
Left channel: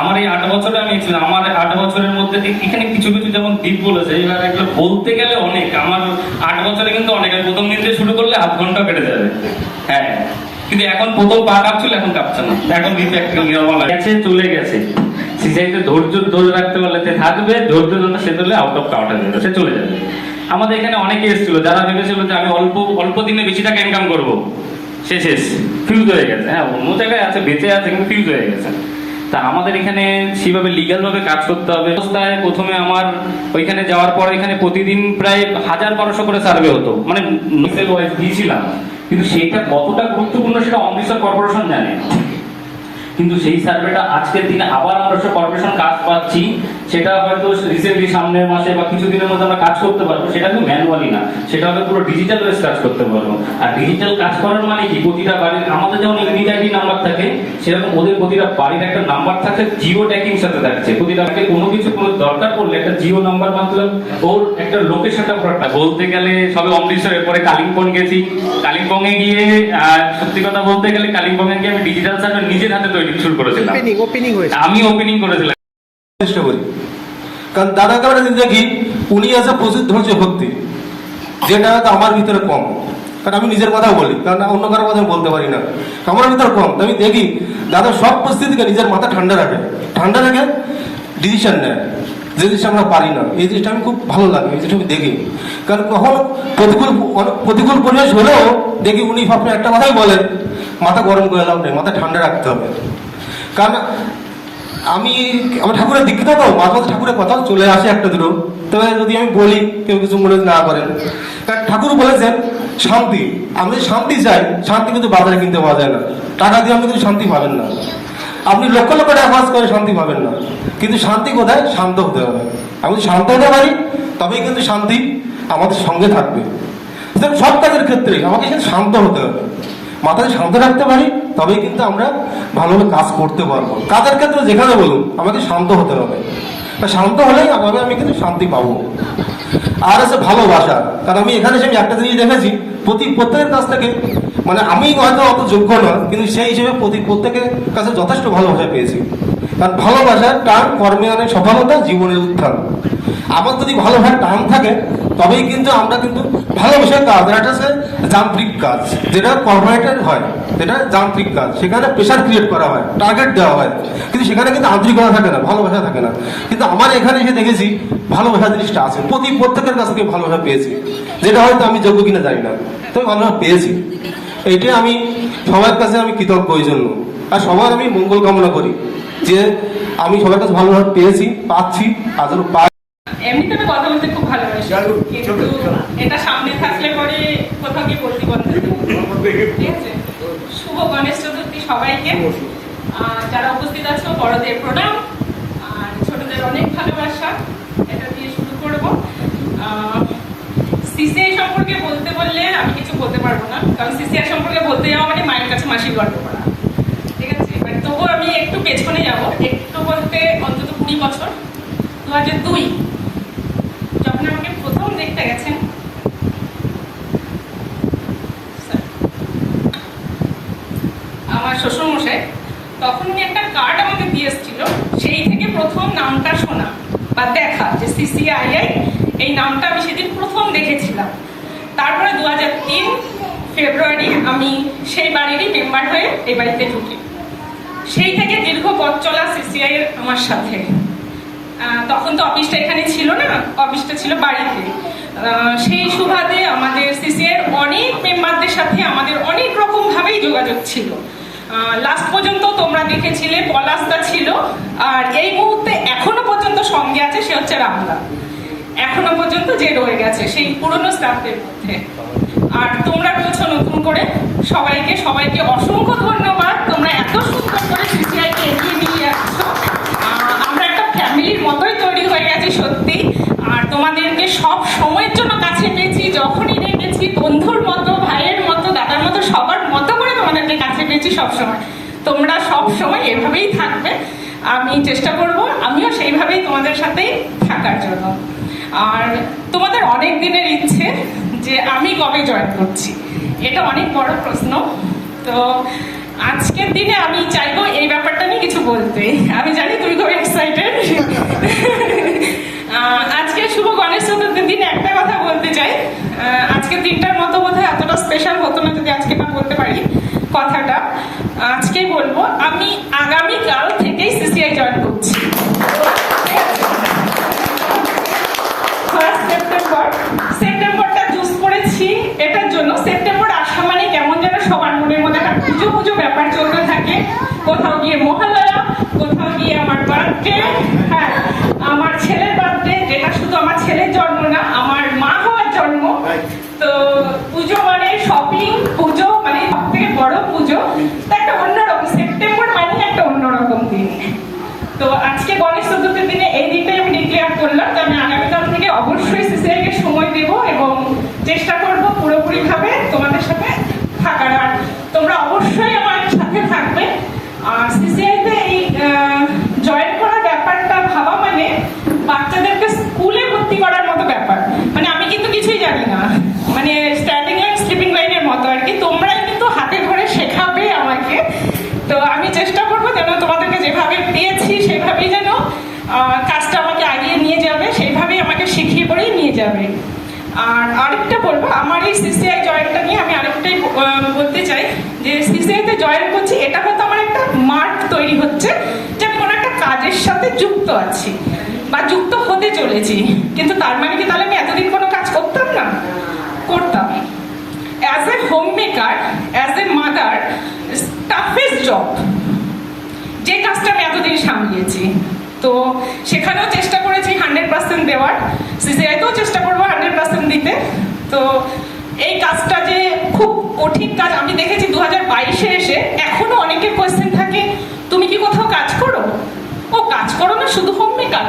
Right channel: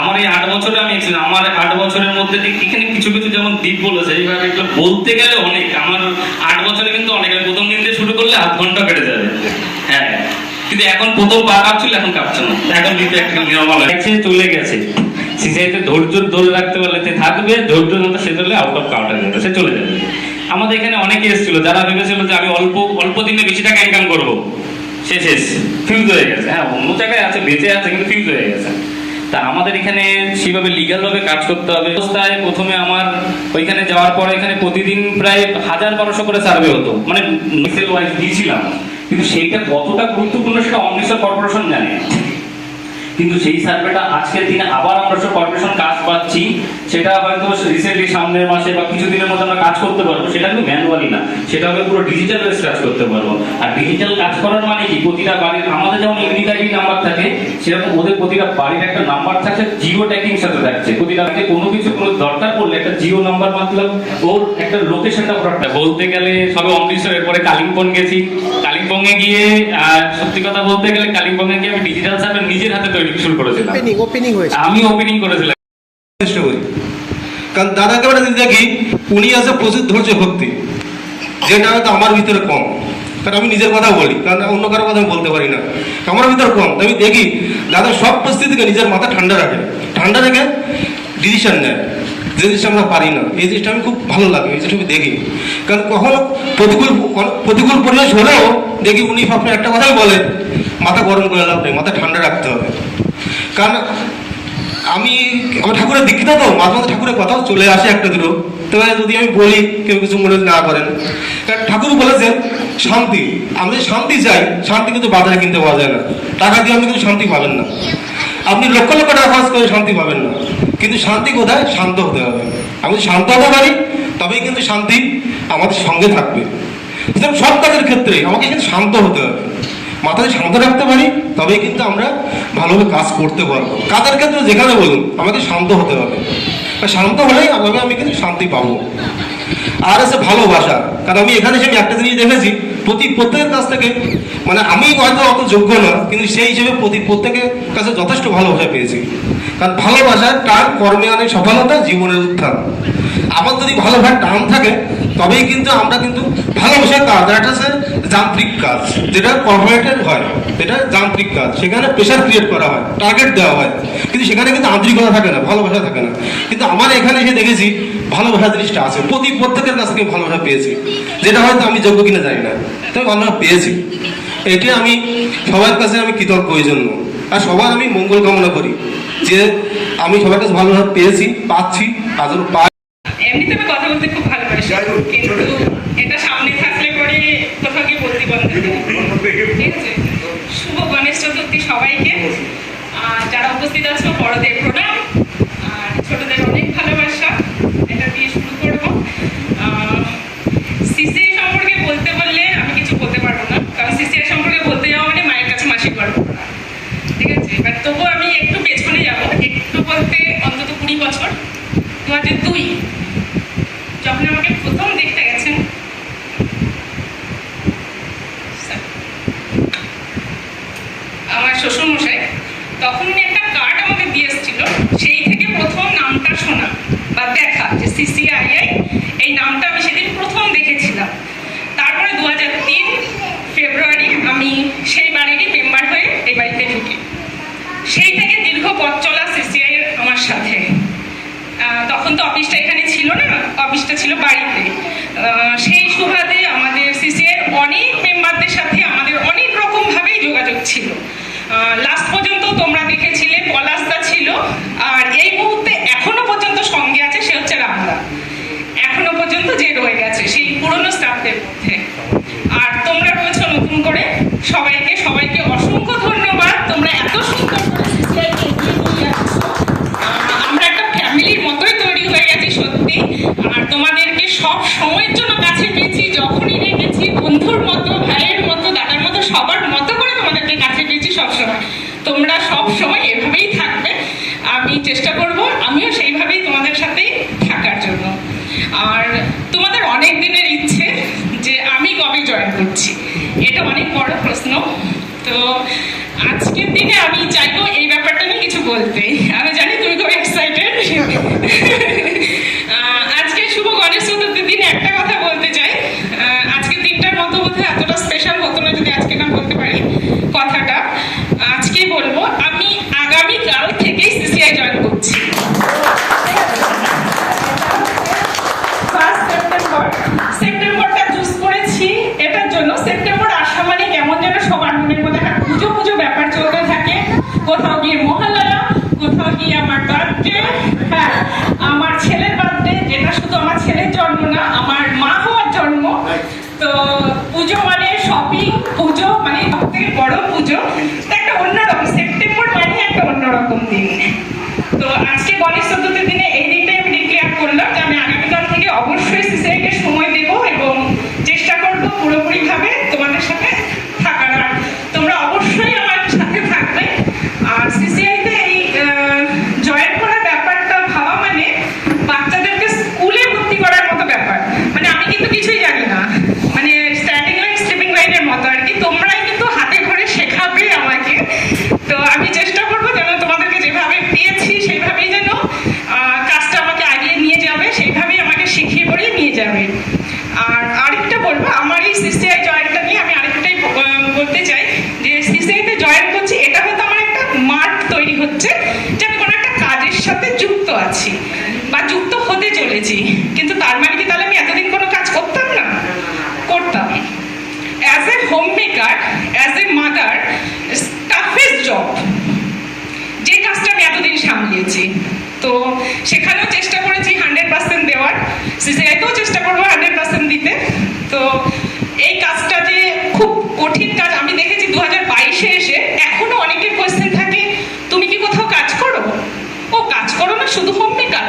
আমার এই 8 বছরে আমি ছিলাম, আমার 8 বছরের মধ্যে এখানে কিছু কিছু যেমন দীপ বলেছে, এবার একটু বলতে গেলে অনেক, আমার 8 বছরে কিন্তু অনেক, প্রথম দিন থেকে শুরু করলে আধ ঘন্টা কেটে যাবে। হ্যাঁ, কিন্তু এখন প্রথম পা কাঁপছিল, এখন কাঁপছে না, এখন দিতে একটা নিয়মাল গেছে, চলে গেছে। সিসিআইতে ধৈর্য ধরে রাখতে পারলে সে থাকবে, ধৈর্য ধরে সে চলে আউট অফ কাউন্টার যাবে, সে চলে যাবে। আমাদের এখানে অনেকে এসেছিল যারা ভেবেছিল যে আমি অল্প দিনে বেশি টাকা ইনকাম করবো, শেষ ফিউজ হয়ে গেছে। হ্যাঁ, অন্য জায়গায় আছে, বেঁচে আছে, কিন্তু ফিউজ হয়ে গেছে। তা আমাদের এখানে সেভাবে লিগ্যাল ভাবে কাজ করতে হবে। অবস্থায় প্রথমে আমার ওইখানে যাওয়ার পর এখানে প্রতিদিন প্রায় 1000-1200 করে সার্ভে হতো, মানে মিসেল ওয়াইজ দিয়েছিলাম, কিন্তু সেইটা কতটা গুরুত্বপূর্ণ সেটা অমৃতসর কর্পোরেশন জানে। কিন্তু সেই সার্ভেটা আজকের দিনে আবার আমরা কর্পোরেশন কাজ পাচ্ছি, সেটা হয়তো রিসেন্টলি সামনের মাসে বা কিছুদিনের মধ্যে আমরা কাজ করতে পারবো, সেটা কিন্তু ম্যানুয়ালি না, সেটা হবে পুরো ডিজিটাল বেস কাজ করতে পারবো। আর ডিজিটাল কাজ করার মানে কি, প্রতিটা বাড়ির আমাদের যেমন ইউনিক আইডি নাম্বার থাকে, সেরকম ওদের প্রতিটা বাড়ির একটা নাম্বার থাকছে, জিও ট্যাগিং সাথে থাকছে। প্রতিটা বাড়িতে কোনো কিছু কোনো দরকার পড়লে একটা জিও নাম্বার মাত্র ওর একটা লোকেশনটা পুরোটা বলতে গেলে সবে অমৃতসরের পরে কালিম্পং গেছি, কালিম্পংয়ে গিয়ে সত্যি কথা বলতে গেলে কালিম্পংয়ে গিয়ে আমি ডিজিটাল সার্ভে নিজের হাতে তৈরি শুরু করেছিলাম। ওপেনিং হয়েছে, আমি ওপেনিং করেছিলাম। চেষ্টা করি, কারণ দাদাকে আমরা যদি দেখি উনি আছে প্রচুর ধৈর্য ভক্তি, যেটা হয়তো আমার ভিতরে কম, কারণ আমি নিজের কথা বলি, কারণ অন্য কারো কথা আমি বলতে পারি না, আমার ভিতরে কম। আমি দেখি দাদা সব পরিস্থিতিকে নিজের মাথা ঠান্ডা রেখে ডিসিশন নেয়, যে জিনিসটা আমরা পারি না, এই জিনিসটা আমি খুব ভালো লাগে, এই জিনিসটা আমি দেখি। কারণ কখনো প্রতিকূল পরিবেশ হলেও দেখি উনি আপনার একটা কথাই বলেন, মাথা গরম করে লাভ নেই, মাথা ঠান্ডা রাখতে হবে। কারণ আমি আমার ঠাকুরের দীক্ষিত, তো মাঝে মাঝে ঠাকুরের কথাও চলে আসে একটা দুটো, তবে যদি আমি বলি কেউ কিছু মনে না করেন। কারণ ঠাকুর বলেছেন শান্তি, আমি যদি শান্তি চাই, শান্তি কিন্তু বাজারে কিনতে পাওয়া যায় না, টাকা দিয়ে আপনি কিন্তু শান্তি পাবেন না, আপনি লক্ষ লক্ষ টাকা খরচ করে শান্তি পাবেন না। কিন্তু শান্তি কোথায়? শান্ত হতে হবে। আমি যদি শান্ত হতে পারি তবেই কিন্তু শান্তি আমাদের সঙ্গে থাকবে। সব কাজের ক্ষেত্রে আমাকে কিন্তু শান্ত হতে হবে, মাথায় শান্ত রাখতে পারি তবেই কিন্তু আমরা ভালোভাবে কাজ করতে পারবো। কাজের ক্ষেত্রে যেখানে বলুন আমাকে শান্ত হতে হবে, শান্ত হলেই আমি কিন্তু শান্তি পাবো। আর আছে ভালোবাসা, কারণ আমি এখানে এসে আমি একটা জিনিস দেখেছি, প্রত্যেকের কাছ থেকে, মানে আমি হয়তো অত যোগ্য না, কিন্তু সেই হিসেবে প্রত্যেকের কাছে যথেষ্ট ভালোবাসা পেয়েছি। কারণ ভালোবাসার টান কর্মে অনেক সফলতা, জীবনের উত্থান। আমার যদি ভালোবাসার টান থাকে তবেই কিন্তু আমরা কিন্তু ভালোবাসার কাজ, একটা হচ্ছে যান্ত্রিক কাজ, যেটা কর্পোরেটের হয়, যেটা যান্ত্রিক কাজ, সেখানে প্রেশার ক্রিয়েট করা হয়, টার্গেট দেওয়া হয়, কিন্তু সেখানে কিন্তু আন্তরিকতা থাকে না, ভালোবাসা থাকে না। কিন্তু আমার এখানে এসে দেখেছি ভালোবাসা জিনিসটা আছে, প্রত্যেকের কাছ থেকে ভালোবাসা পেয়েছি, যেটা হয়তো আমি যোগ্য কিনা জানি না, তবে ভালোবাসা পেয়েছি। এটা আমি সবার কাছে আমি কৃতজ্ঞ এই জন্য, আর সবার আমি মঙ্গল কামনা করি যে আমি সবার কাছে ভালোবাসা পেয়েছি, পাচ্ছি, আজও পাই। এমনিতে আমি কথা বলতে খুব ভালোবাসি, কিন্তু এটা সামনে থাকলে পরে কোথাও গিয়ে বলতে বন্ধ। ঠিক আছে, শুভ গণেশ চতুর্থী সবাইকে। যারা উপস্থিত আছো বড়দের প্রণাম, আর ছোটদের অনেক ভালোবাসা। এটা দিয়ে শুরু করবো। সিসিআই সম্পর্কে বলতে বললে আমি কিছু বলতে পারবো না, কারণ সিসিআই সম্পর্কে বলতে যাওয়া মানে মায়ের কাছে মাসির গল্প করা। ঠিক আছে, বাট তবুও আমি একটু পেছনে যাবো, একটু বলতে অন্তত 20 বছর। 2002 যখন আমাকে প্রথম দেখতে গেছেন, আমার শ্বশুরমশাই, তখন উনি একটা কার্ড আমাকে দিয়ে এসেছিল, সেই থেকে প্রথম নামটা শোনা বা দেখা যে CCII এই নামটা আমি সেদিন প্রথম দেখেছিলাম। তারপরে 2003 ফেব্রুয়ারি আমি সেই বাড়িরই মেম্বার হয়ে এই বাড়িতে ঢুকি। সেই থেকে দীর্ঘ পথ চলা সিসিআই এর আমার সাথে। তখন তো অফিসটা এখানে ছিল না, অফিসটা ছিল বাড়িতে। সেই সুবাদে আমাদের সিসিআই এর অনেক মেম্বারদের সাথে আমাদের অনেক রকমভাবেই যোগাযোগ ছিল। লাস্ট পর্যন্ত তোমরা দেখেছিলে পলাশদা ছিল, আর এই মুহূর্তে এখনো পর্যন্ত সঙ্গে আছে সে হচ্ছে রামদা। এখনো পর্যন্ত যে রয়ে গেছে সেই পুরনো স্টাফদের মধ্যে। আর তোমরা রয়েছো নতুন করে, সবাইকে অসংখ্য ধন্যবাদ। তোমরা এত সুন্দর করে সিসিআইকে এগিয়ে নিয়ে যাচ্ছ। আমরা একটা ফ্যামিলির মতোই তৈরি হয়ে গেছি সত্যি। আর তোমাদেরকে সব সময়ের জন্য কাছে পেয়েছি, যখনই রেখেছি বন্ধুর মতো, ভাইয়ের মতো, দাদার মতো, সবার মতো করে তোমাদেরকে কাছে পেয়েছি সবসময়। তোমরা সব সময় এভাবেই থাকবে, আমি চেষ্টা করব আমিও সেইভাবেই তোমাদের সাথেই থাকার জন্য। আর তোমাদের অনেক দিনের ইচ্ছে যে আমি কবে জয়েন করছি, এটা অনেক বড় প্রশ্ন। তো আজকের দিনে আমি চাইবো এই ব্যাপারটা নিয়ে কিছু বলতে। আমি জানি তুমি খুব এক্সাইটেড। আজকে শুভ গণেশ চতুর্থীর দিনে একটা কথা বলতে চাই। আজকের দিনটার মতো বোধহয় এতটা স্পেশাল হতো না যদি আজকে না বলতে পারি কথাটা। আজকে বলবো আমি আগামীকাল থেকেই সিসিআই জয়েন করছি। সেপ্টেম্বরটা চুজ করেছি এটার জন্য, সেপ্টেম্বর আসা মানে কেমন যেন সবার মনের মধ্যে একটা পুজো পুজো ব্যাপার চলতে থাকে। কোথাও গিয়ে মহালয়া, কোথাও গিয়ে আমার বার্থডে, হ্যাঁ আমার ছেলের বার্থডে, যেটা শুধু আমার ছেলের জন্ম না, আমার মা হওয়ার জন্ম। তো পুজো মানে শপিং, পুজো মানে সব থেকে বড় পুজো, একটা অন্যরকম। সেপ্টেম্বর মানে একটা অন্যরকম দিন। তো আজকে গণেশ চতুর্থীর দিনে এই দিনটাই আমি ডিক্লেয়ার করলাম যে আমি আগামীকাল থেকে অবশ্যই সিসিআইকে সময় দেব এবং চেষ্টা করব পুরোপুরিভাবে তোমাদের সাথে থাকার। আর তোমরা অবশ্যই আমার সাথে থাকবে। আর সিসিআইতে এই জয়েন করার ব্যাপারটা ভাবা মানে বাচ্চাদেরকে স্কুলে ভর্তি করার মতো ব্যাপার। মানে আমি কিন্তু কিছুই জানি না, মানে স্ট্যান্ডিং লাইন স্লিপিং লাইনের মতো আর কি। তোমরাই কিন্তু হাতে ধরে শেখাবে আমাকে। তো আমি চেষ্টা করবো যেন তোমাদেরকে যেভাবে পেয়েছি সেইভাবেই যেন কাজটা আমাকে আগিয়ে নিয়ে যাবে, সেইভাবেই আমাকে শিখিয়ে পড়েই নিয়ে যাবে। আর আরেকটা বলবো, আমার এই সিসিআই জয়েনটা নিয়ে আমি আরেকটাই বলতে চাই যে সিসিআইতে জয়েন করছি, এটা হয়তো আমার একটা মার্ক তৈরি হচ্ছে যে আমি কোনো একটা কাজের সাথে যুক্ত আছি বা যুক্ত হতে চলেছি। কিন্তু তার মানে কি তাহলে আমি এতদিন কোনো কাজ করতাম না? করতাম। As a home maker, as a mother, toughest job, যে কাজটা আমি এতদিন সামলিয়েছি। তো সেখানেও চেষ্টা করেছি 100% দেওয়ার, সিসিআইতেও চেষ্টা করবো 100% দিতে। তো এই কাজটা যে খুব কঠিন কাজ আমি দেখেছি 2022-এ এসে। এখনো অনেকের কোয়েশ্চেন থাকে, তুমি কি কোথাও কাজ করো? ও কাজ করো না, শুধু হোম মেকার?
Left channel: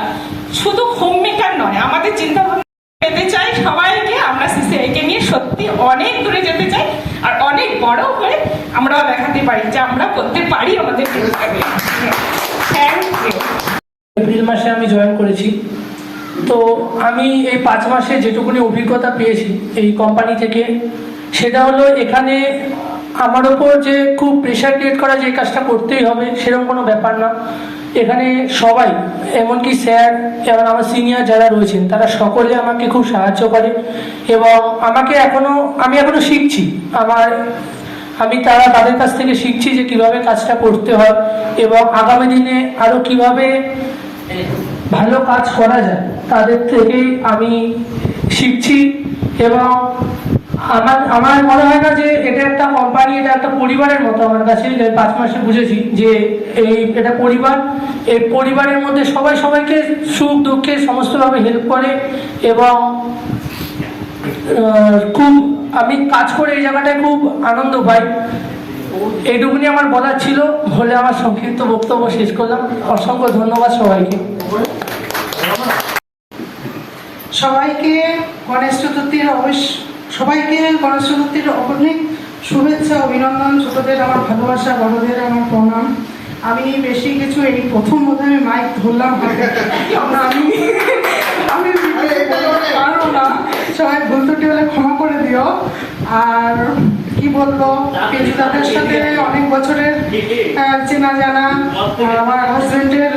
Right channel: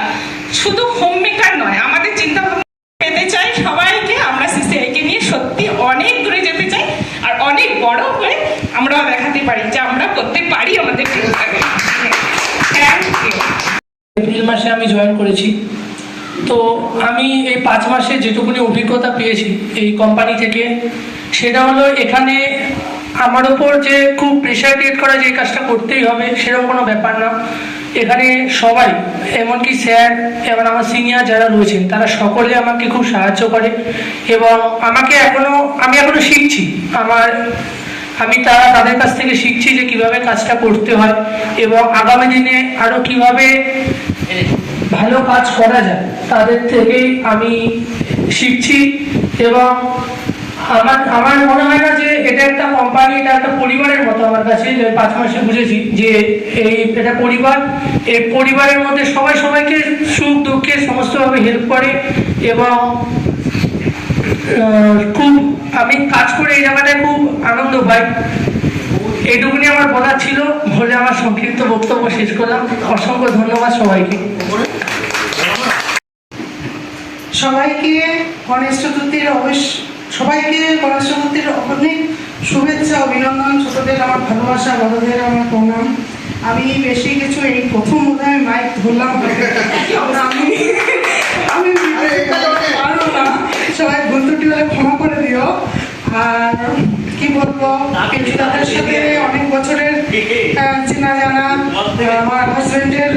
শুধু হোম মেকার নয়, আমাদের চিন্তা ভাবনা পেতে চাই সবাইকে। আমরা সিসিআইকে নিয়ে সত্যি অনেক দূরে যেতে চাই, আর অনেক বড় হয়ে আমরাও দেখাতে পারি যে আমরা করতে পারি আমাদের থ্যাংক ইউ। এপ্রিল মাসে আমি জয়েন করেছি। তো আমি এই 5 মাসে যেটুকুনি অভিজ্ঞতা পেয়েছি এই কোম্পানি থেকে, সেটা হলো এখানে আমার ওপর যে খুব প্রেশার ক্রিয়েট করা যে এই কাজটা করতেই হবে সেরকম কোনো ব্যাপার না। এখানে সবাই, এমনকি স্যার এবং আমার সিনিয়র যারা রয়েছেন তারা সকলে আমাকে খুব সাহায্য করে এবং আমি এখনো শিখছি। আমি তাদের কাছ থেকে শিখছি যে কিভাবে কাজটা করতে হয় এবং আগামী দিনে আরো কিভাবে ভালো কাজ করা যায় তাদের থেকে আমি শিখছি। এবং আমার মনে হয় না যে এটা একটা কোম্পানি, এটা একটা পরিবারের মতো আমার কাছে। 5 মাসে বুঝেছি যে এটা পরিবার। এই পরিবারের মধ্যে সবাই সবাইকে সুখ দুঃখে সমস্তভাবে হেল্প করে এবং খুব আমি কাজ করে এই জায়গাটায় খুব আনন্দ পাই। এইটুকুনি আমার বলার ছিল বলে আমার সংক্ষিপ্ত বক্তব্য শেষ করলাম। অসংখ্য ধন্যবাদ সবাইকে। সবাইকে গণেশ চতুর্থীর অনেক শুভেচ্ছা, অভিনন্দন। ছোটদের আমার ভালোবাসা, বড়দের আমার প্রণাম। আমি বেশি কিছু এই প্রথম বোধহয় আমি মাইক ধরলাম, আমি পারবো না, সবাই ভুল ত্রুটি হলে ক্ষমা করে দিও। আর কি বলবো, পিন্টু দাদার সাথে অনেক বছরের চেনা জানা, আমার হাজবেন্ডের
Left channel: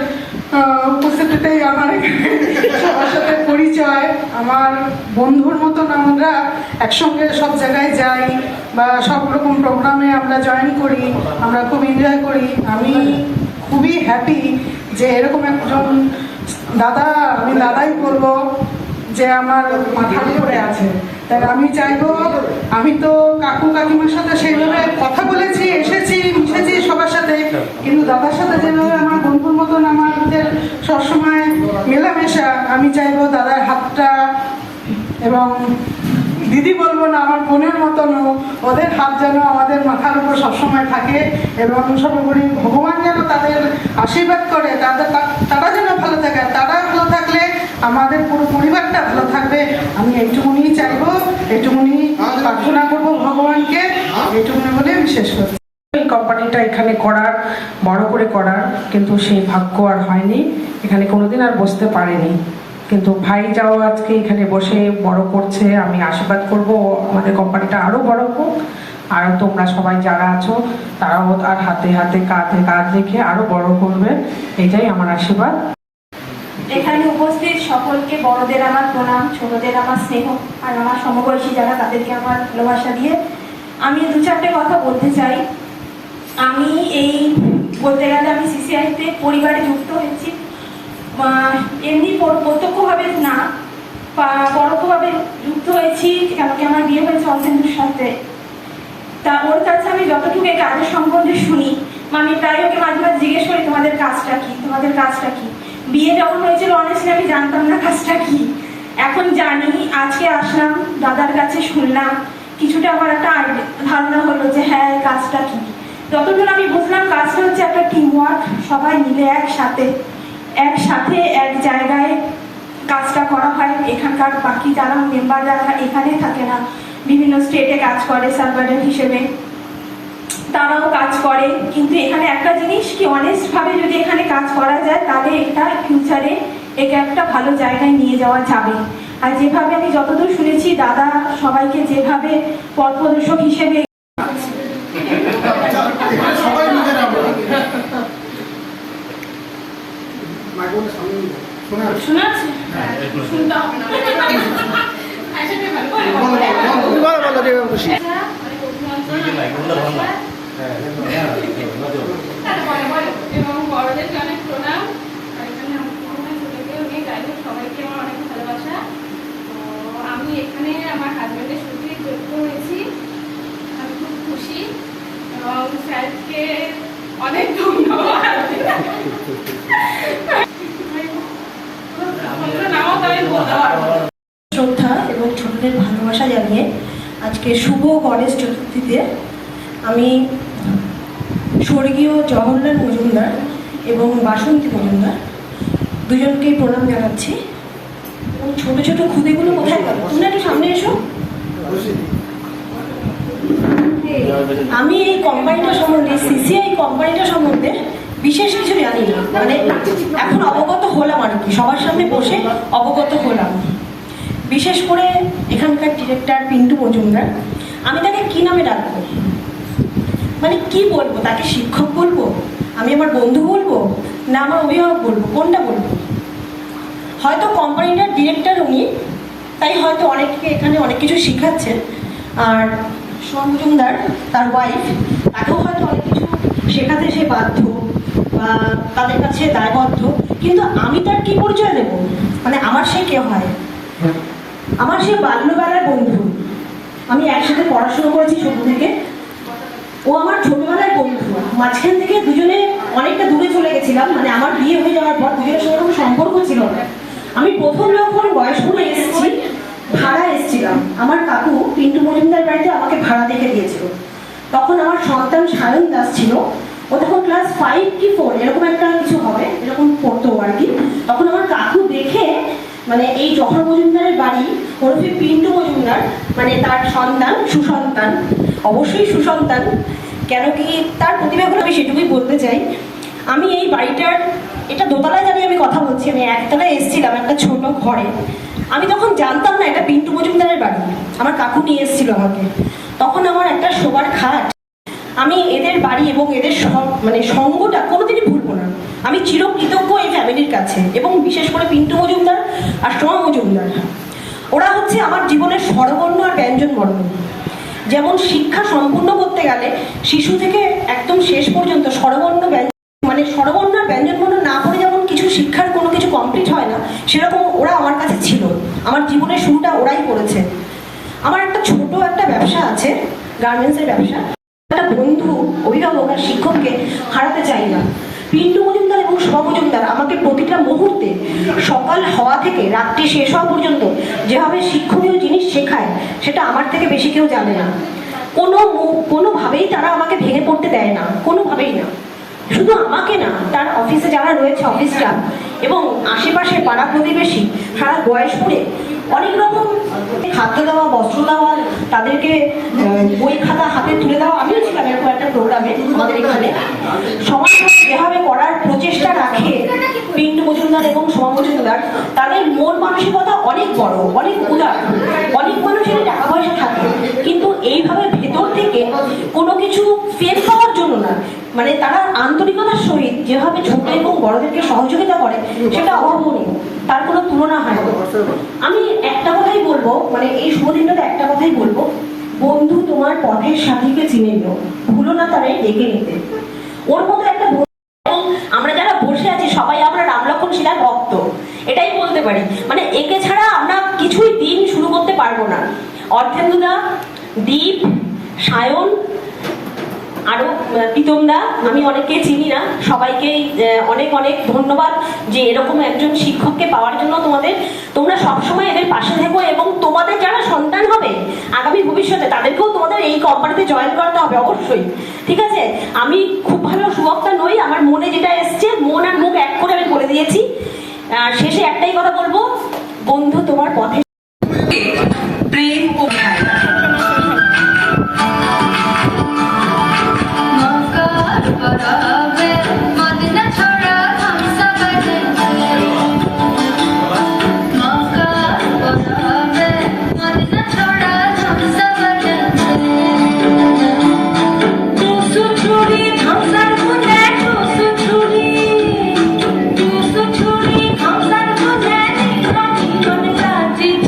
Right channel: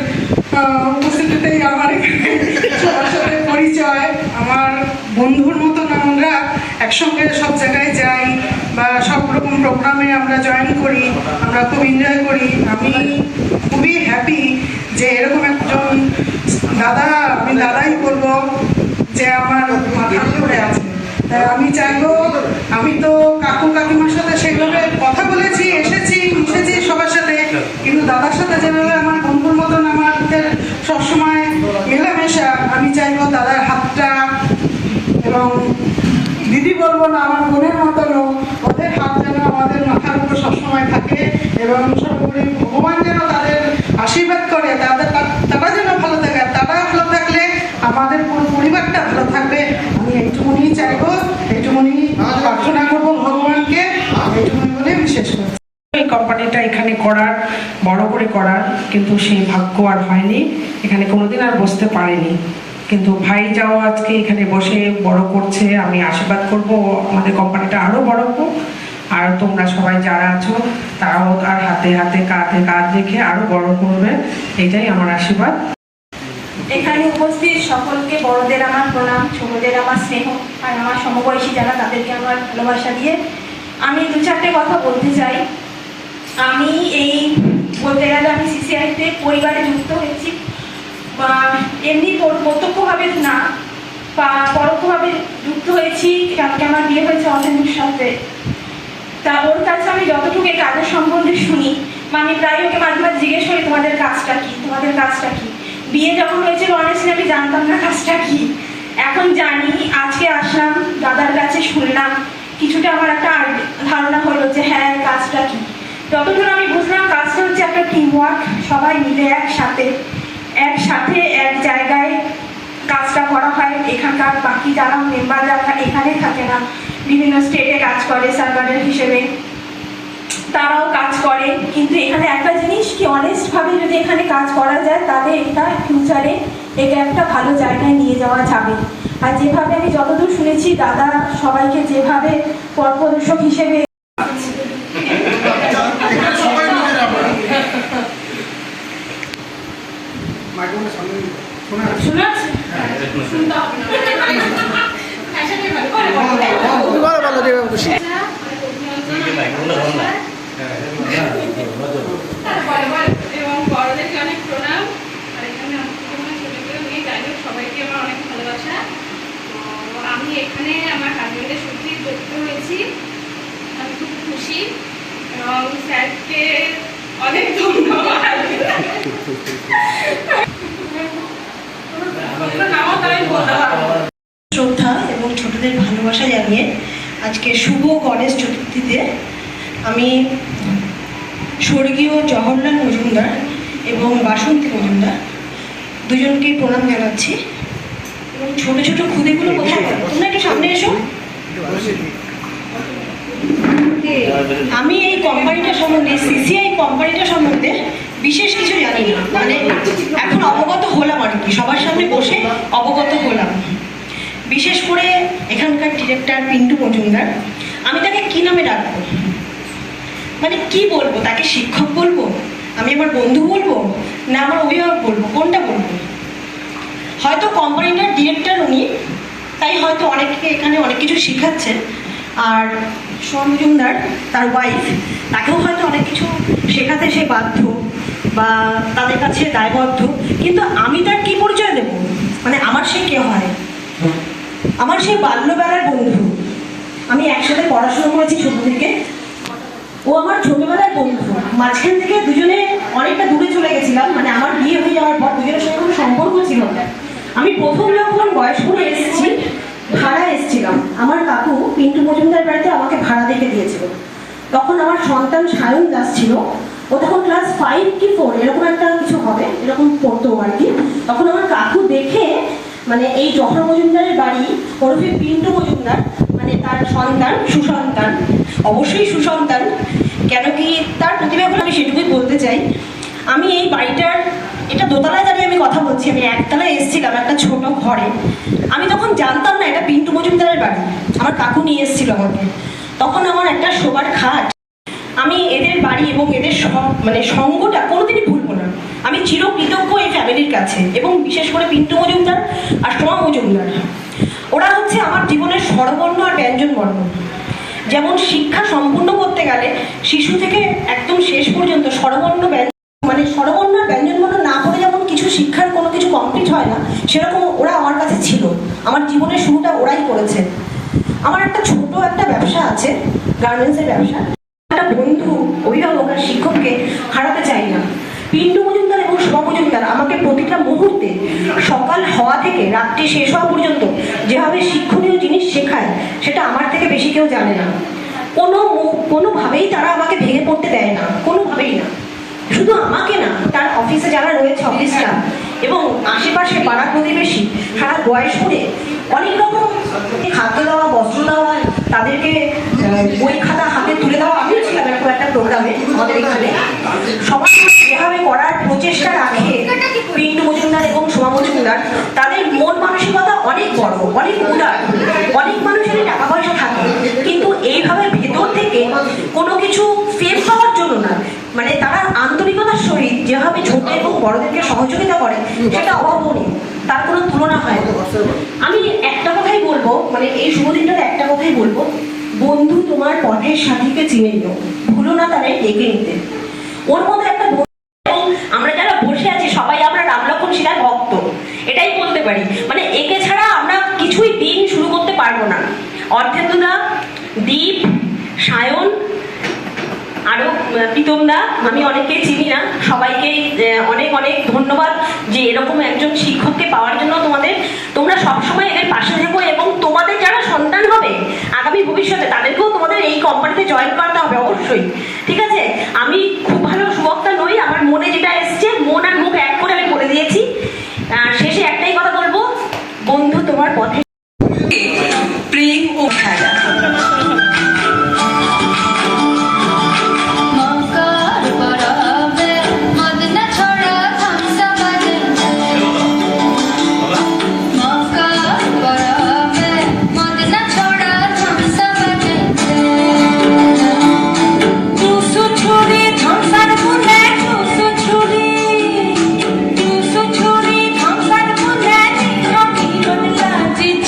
উপস্থিতিতেই আমার এখানে সবার সাথে পরিচয়। আমার বন্ধুর মতন আমরা একসঙ্গে সব জায়গায় যাই বা সব রকম প্রোগ্রামে আমরা জয়েন করি, আমরা খুব এনজয় করি। আমি খুবই হ্যাপি যে এরকম একজন দাদা, আমি দাদাই বলবো, যে আমার মাথার উপরে আছে। তাই আমি চাইবো, আমি তো কাকু কাকিমার সাথে সেইভাবে কথা বলেছি, এসেছি, মিশেছি সবার সাথে, কিন্তু দাদার সাথে যেভাবে আমার বন্ধুর মতন আমাদের সবসময় মেলামেশা, আমি চাইবো দাদার হাতটা, এবং দিদি বলবো না, আমার বোনের মতনও ওদের হাত যেন আমাদের মাথার উপর সবসময় থাকে, এবং সর্বোপরি ভগবান যেন তাদের আশীর্বাদ করে, তারা যেন ভালো থাকে। আর তারা ভালো থাকলে আমাদের পুরো পরিবারটা ভালো থাকবে। আমি এইটুকুনি চাইবো, এইটুকুনি প্রার্থনা করবো ভগবানকে, এইটুকুনি বলে আমি শেষ করছি। এই কোম্পানিটা এখানে করার, বড় করে করার, কিন্তু সেই ভাগ্য আর হয়নি, এখানে কোনোদিন আর বসতে পারেনি। কিন্তু ভাই যাও আজকে এখানে বসে বড় করছে, আমি আশীর্বাদ করব আমাদের কোম্পানিটা আরও বড় হোক, আর তোমরা সবাই যারা আছো তারাও আর হাতে হাতে কাঁধে কাঁধ রেখে আরও বড় করবে, এটাই আমার আশীর্বাদ। এখানে উপস্থিত সকলকে বড়দের আমার প্রণাম, ছোটদের আমার স্নেহ, আর আমার সমবয়সী যারা তাদেরকে আমার ভালোবাসা দিয়ে আমি দু চারটে কথা বলতে চাই। আমি এই বলতে গেলে আমি সিসিআইতে পরিবারে যুক্ত হয়েছি, এমনি প্রত্যক্ষভাবে না, পরোক্ষভাবে যুক্ত হয়েছি, কারণ আমার বিয়ে হয়েছে অর্জনের সাথে। তা ওর কাছে আমি যতটুকু এই কাজের সম্বন্ধে শুনি, আমি প্রায় ওকে মাঝে মাঝে জিজ্ঞেস করি তোমাদের কাজটা কি, তোমাদের কাজটা কি। বিয়ে যখন হয়েছিল অনেস্টলি আমি জানতাম না কাজটা কি, এখন জানি। আজকে আসলাম, দাদার কাছে শুনলাম, কিছুটা আমার একটা ধারণা হলো যে হ্যাঁ কাজটা কি। যতদূর আমি বুঝলাম কাজটা হচ্ছে একটা টিম ওয়ার্ক, সবাই মিলে একসাথে এক জায়গায় কাজটা করা হয়। এখানকার বাকি যারা মেম্বার যারা এখানে থাকে না, বিভিন্ন স্টেটে কাজ করে সার্ভারের হিসেবে, তারাও কাজ করে। কিন্তু এখানে একটা জিনিস কি, অনেস্টভাবে যদি এখানে কাজ করা যায় তাহলে এটা ফিউচারে একে একটা ভালো জায়গায় নিয়ে যাওয়া যাবে। আর যেভাবে আমি যতদূর শুনেছি দাদা সবাইকে যেভাবে পথ প্রদর্শক হিসেবে এবং বড়দেরকে অনেক প্রণাম, আর এখানে মেয়ে যাই হোক সবাইকে আমার অনেক ভালোবাসা। তো আমি এখানে আমার হাজবেন্ডের সূত্রে যুক্ত হয়েছি, আমি খুব খুশি এবং স্যারকে অনেক ধন্যবাদ। শ্রদ্ধা এবং ছোটদের ভালোবাসা জানিয়ে আজকে শুভ গণেশ চতুর্থীতে আমি স্বর্গীয় জওহরলাল মজুমদার এবং বাসন্তী মজুমদার দুজনকেই প্রণাম জানাচ্ছি। এবং ছোট ছোট খুদেগুলো কোথায় গেল, তোমরা একটু সামনে এসো। আমি এই কোম্পানিটা সম্বন্ধে, সিসিআই কোম্পানিটা সম্বন্ধে বিশেষ কিছু জানি না, মানে এখন অবগত হলাম আর কি, সবার সামনে বসে অবগত হলাম। বিশেষ করে এখানকার ডিরেক্টর পিন্টু মজুমদার, আমি তাকে কি নামে ডাকবো, মানে কি বলবো, তাকে শিক্ষক বলবো, আমি আমার বন্ধু বলবো, না আমার অভিভাবক বলবো, কোনটা বলবো? হয়তো কোম্পানিটার ডিরেক্টর উনি, তাই হয়তো অনেককে এখানে অনেক কিছু শেখাচ্ছেন। আর সোম মজুমদার তার ওয়াইফ, তাকেও হয়তো অনেক কিছু শেখাতে সে বাধ্য বা তাদের কাছে দায়বদ্ধ। কিন্তু আমি তার কি পরিচয় দেব, মানে আমার সে কে হয়? আমার সে বাল্যবেলার বন্ধু, আমি একসাথে পড়াশোনা করেছি ছোট থেকে, ও আমার ছোটবেলার বন্ধু। মাঝখান থেকে দুজনে অনেকটা দূরে চলে গেছিলাম, মানে আমার বিয়ে হয়ে যাওয়ার পর দুজনের সঙ্গে কোনো সম্পর্ক ছিল না। আমি প্রথম যখন বয়স করে এসেছি, ভাড়া এসেছিলাম, আমার কাকু পিন্টু মজুমদার বাড়িতে আমাকে ভাড়া দেখে দিয়েছিল। তখন আমার সন্তান সায়ন দাস ছিল, ও তখন ক্লাস 5 কি 4 এরকম একটা কিছু হবে, এরকম পড়তো আর কি। তখন আমার কাকু দেখে, মানে এই জহর মজুমদারের বাড়ি ওরফে পিন্টু মজুমদার, মানে তার সন্তান, সুসন্তান, অবশ্যই সুসন্তান, কেন কি তার প্রতিভাগুলো আমি সেটুকুই বলতে চাই। আমি এই বাড়িটার, এটা দোতলায় দাঁড়িয়ে আমি কথা বলছি, আমি একতলায় এসেছিলাম একটা ছোট ঘরে। আমি তখন জানতাম না এটা পিন্টু মজুমদারের বাড়ি, আমার কাকু নিয়ে এসেছিল আমাকে। তখন আমার একটা শোবার খাট, আমি এদের বাড়ি এবং এদের মানে সঙ্গটা কোনোদিনই ভুলবো না। আমি চিরকৃতজ্ঞ এই ফ্যামিলি ফ্যামিলির কাছে, এবং বিশেষ করে পিন্টু মজুমদার আর সোমা মজুমদার, ওরা হচ্ছে আমার জীবনের স্বরবর্ণ আর ব্যঞ্জনবর্ণ। যেমন শিক্ষা সম্পূর্ণ করতে গেলে শিশু থেকে একদম শেষ পর্যন্ত স্বরবর্ণ মানে স্বরবর্ণ আর ব্যঞ্জনবর্ণ না করে যেমন কিছু শিক্ষার কোনো কিছু কমপ্লিট হয় না, সেরকম ওরা আমার কাছে ছিল। আমার জীবনের শুরুটা ওরাই করেছে। আমার একটা ছোট একটা ব্যবসা আছে, গার্মেন্টসের ব্যবসা। একটা বন্ধু, অভিভাবক আর শিক্ষককে হারাতে চাই না। পিন্টু মজুমদার এবং শোভা মজুমদার আমাকে প্রতিটা মুহূর্তে, সকাল হওয়া থেকে রাত্রি শেষ হওয়া পর্যন্ত যেভাবে শিক্ষণীয় জিনিস শেখায়, সেটা আমার থেকে বেশি কেউ জানে না। কোনোভাবেই তারা আমাকে ভেঙে পড়তে দেয় না, কোনোভাবেই না। শুধু আমাকে না, তার অফিসে যারা রয়েছে অফিস স্টাফ এবং আশেপাশে পাড়া প্রতিবেশী, সারা বয়স করে অনেক রকম খাদ্য দেওয়া, বস্ত্র দেওয়া, তাদেরকে বই খাতা হাতে তুলে দেওয়া। আমিও ছিলাম এরকম একটা প্রোগ্রামে আমাদের এখানে। সমাজ যেভাবে করার প্রচেষ্টা রাখে পিন্টু মজুমদার এবং সোমা মজুমদার, তাদের মন মানসিকতা অনেক বড়, অনেক উদার। অনেক মানুষের টাকা পয়সা থাকে, কিন্তু এইভাবে ভেতর থেকে কোনো কিছু ফেম পাওয়ার জন্য না, মানে তারা আন্তরিকতার সহিত যেভাবে ছোট এবং বড়দেরকে সহযোগিতা করে, সেটা অভাবনীয়, তার কোনো তুলনা হয় না। আমি একটা কথাই বলবো, মানে এই শুভ দিনটাতে একটা কথাই বলবো, বন্ধু তোমার পথের সাথীকে চিনে নিও, ভুলো না তারে ডেকে নিতে। ওর মধ্যে একটা এবং আমরা যারা বসে আছি সবাই আমরা রাম লক্ষ্মণ সীতার ভক্ত, এটাই বলতে পারি। মানে একে ছাড়া আমরা কিছুই দিন শুরু করতে পারবো না। অর্ধেন্দুদা, দীপ, সায়ন, আরো প্রীতমদা, আমি অনেকেই চিনি না, সবাইকেই অনেক অনেক ধন্যবাদ যে এরকম একজন শিক্ষককে পাওয়ার জন্য তোমরা সবসময় এদের পাশে থেকো, এবং তোমাদের যারা সন্তান হবে আগামী ভবিষ্যতে তাদেরকেও তোমাদের এই কোম্পানিতে জয়েন করাতে হবে অবশ্যই, ঠিক আছে? আমি খুব ভালো সুবক্তা নই, আমার মনে যেটা এসছে, মন আর মুখ এক করে আমি বলে দিয়েছি। শেষে একটাই কথা বলবো, বন্ধু তোমার পথে প্রেম ও খেলা। जी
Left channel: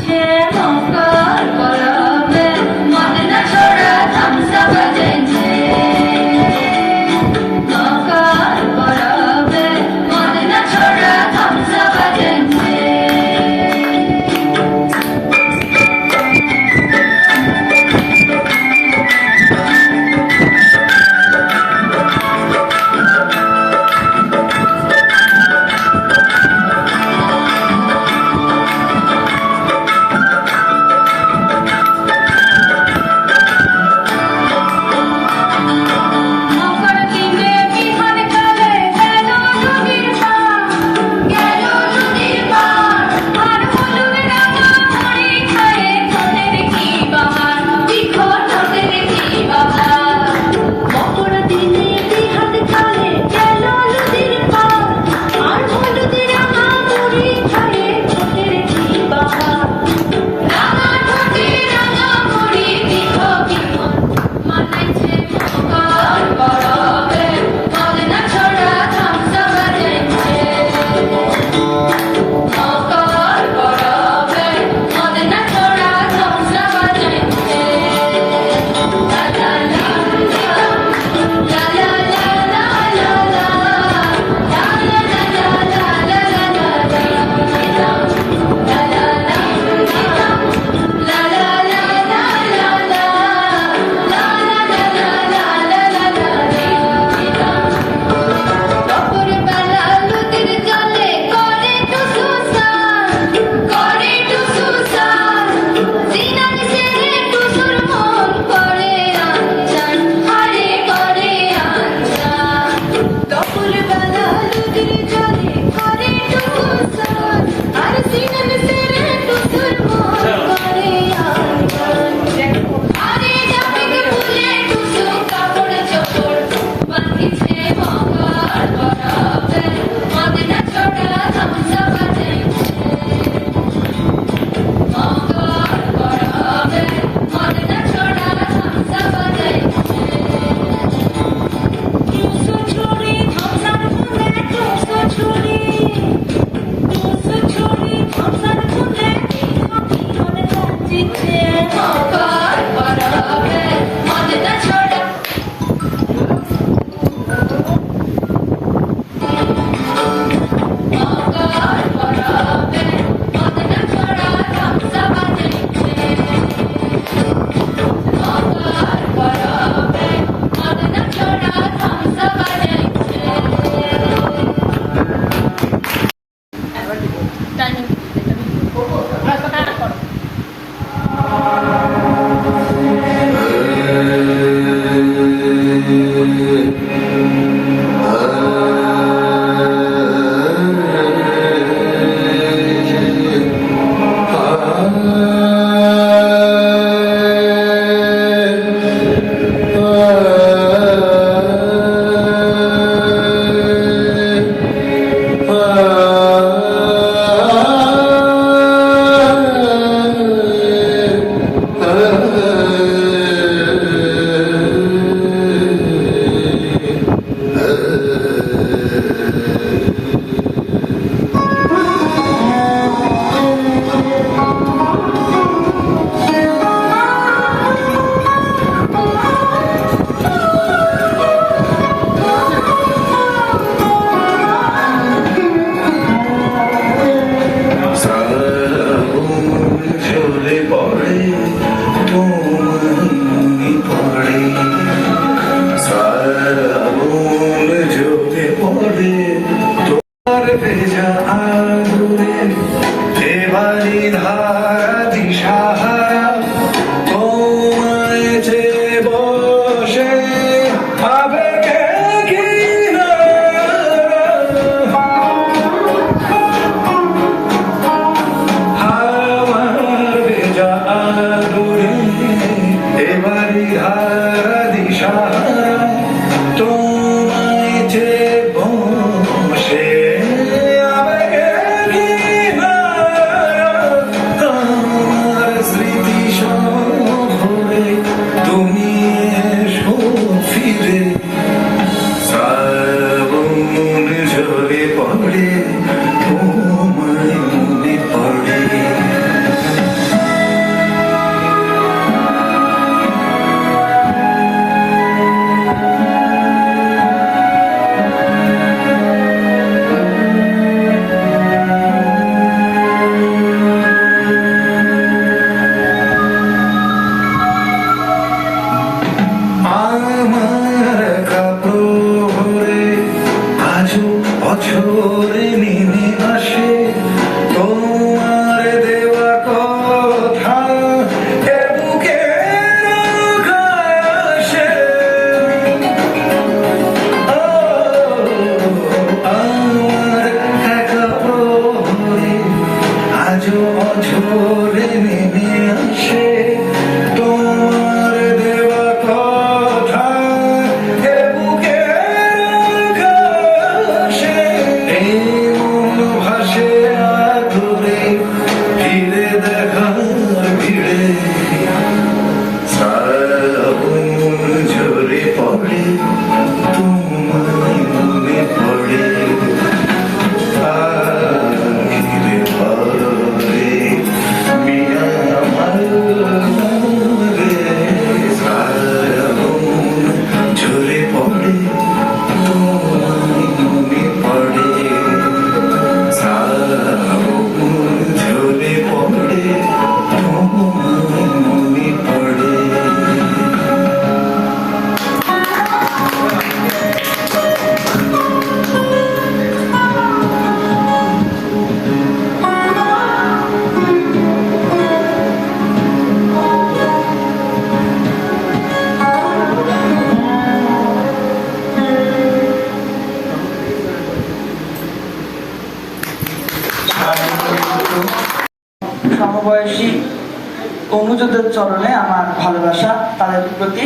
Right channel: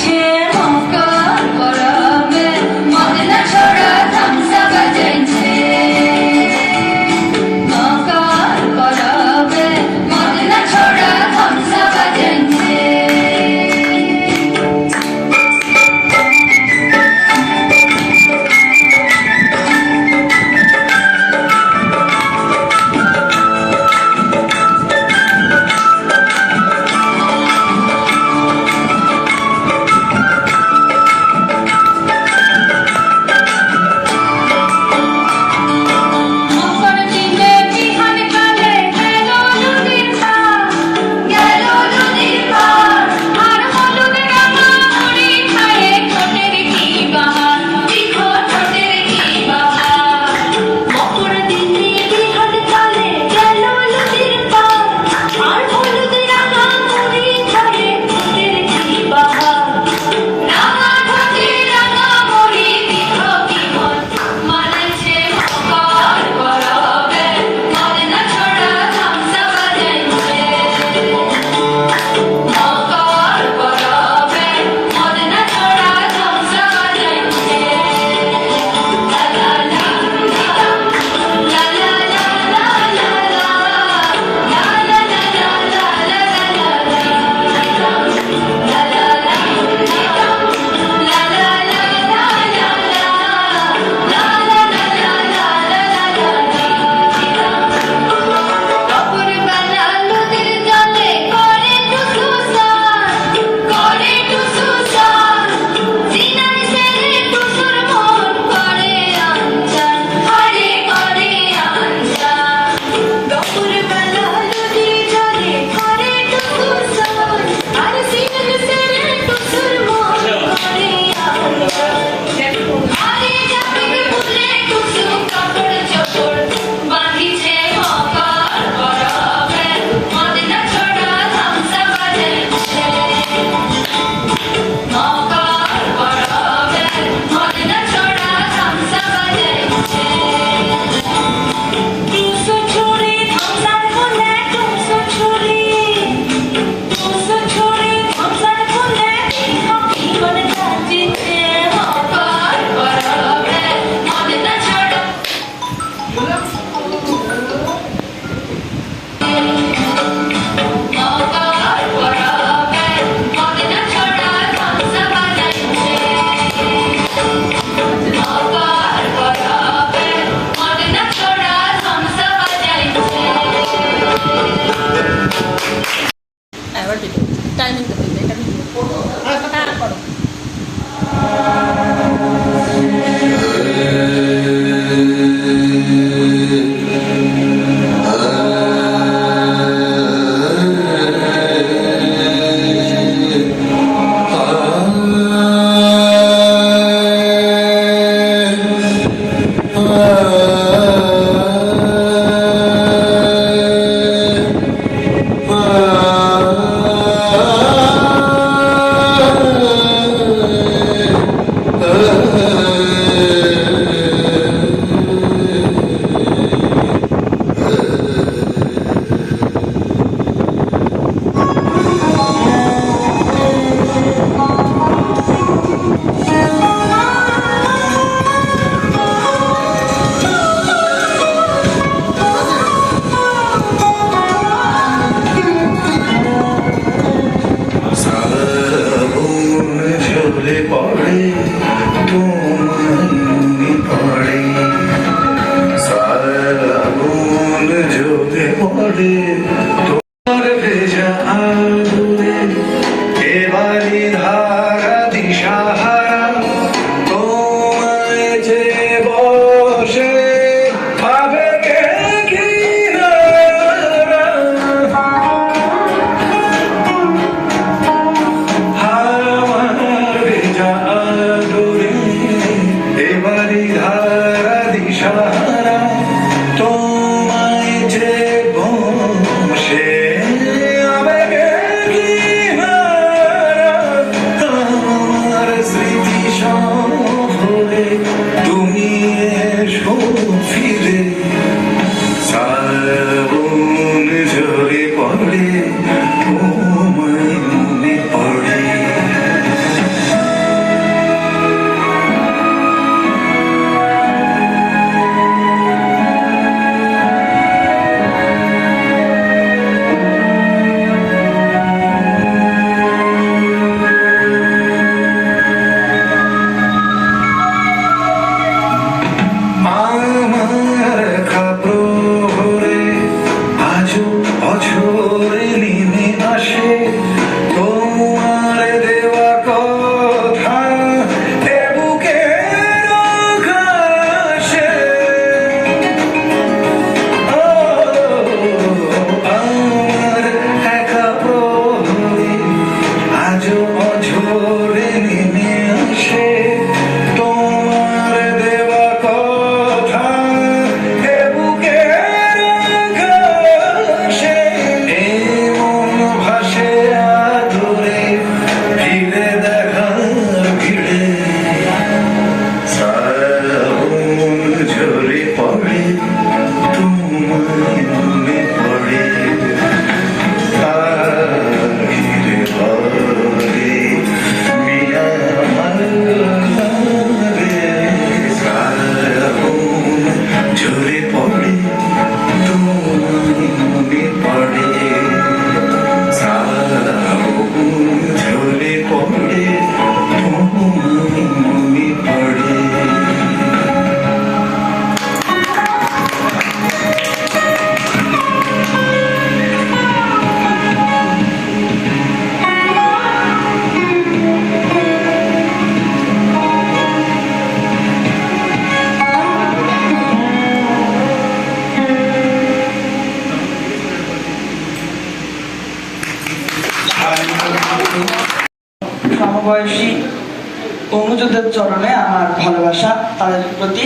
কর্মযোদ্ধার চরণে আমার ভালোবাসা তাদের প্রতি।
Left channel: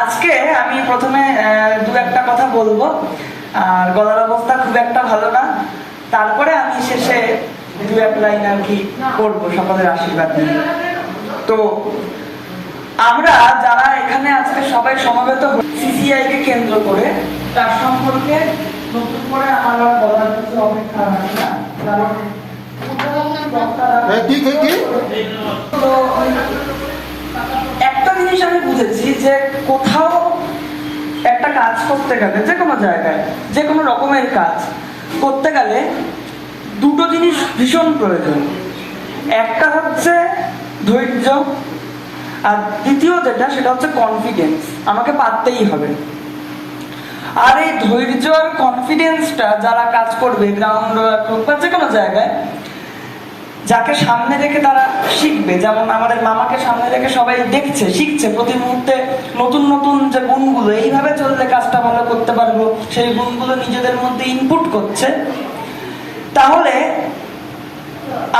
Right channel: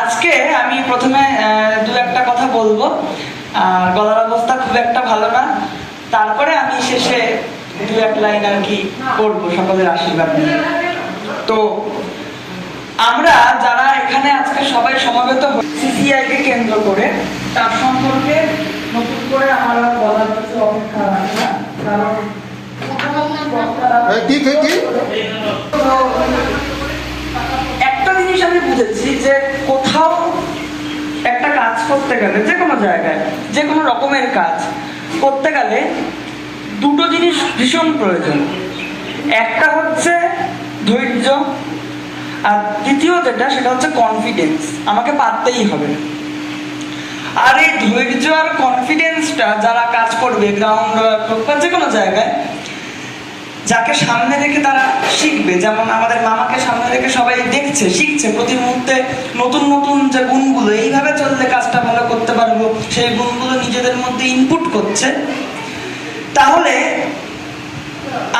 আজকে আমি প্রথমে দু একটা কথা বলবো, আর গলার অবস্থা খুব একটা ভালো না, তারপরে আমি শেষে দু এক লাইন আর কি করবো সকলের আশীর্বাদ নিয়ে। তো আমরা যারা এখানে আজকে সবাই সমবেত সিসিআই কে কেন্দ্র করে, তার সম্পর্কে নতুন করে আমার আর বলার কিছু অপেক্ষা রাখে না, কারণ একটা জিনিস আমি বুঝেছি যে কোথাও একটা কাজ করতে গেলে, যে কোনো জায়গায় যে কোনো রকমের কাজ করতে গেলে দুটো জিনিস ভীষণ প্রয়োজন। একটা হচ্ছে ধৈর্য, আর দ্বিতীয় যেটা সেটা হচ্ছে কনফিডেন্স। আমাকে পারতেই হবে। আর এই ধৈর্য আর কনফিডেন্সটা যারা কাজ করবে গ্রাউন্ড বা যে কোনো জায়গায়, যাকে সামনে রেখে তারা শিখবে, যেমন আমাদের মামাকে সামনে রেখে সবাই দেখছে, শিখছে প্রতি মুহূর্তে নতুন নতুন যে গুণগুলো, এইভাবে চললে কাজটা ভালো করতে পারবো, সেই গুণগুলো নিজেদের মধ্যে ইনপুট করছে। তাহলে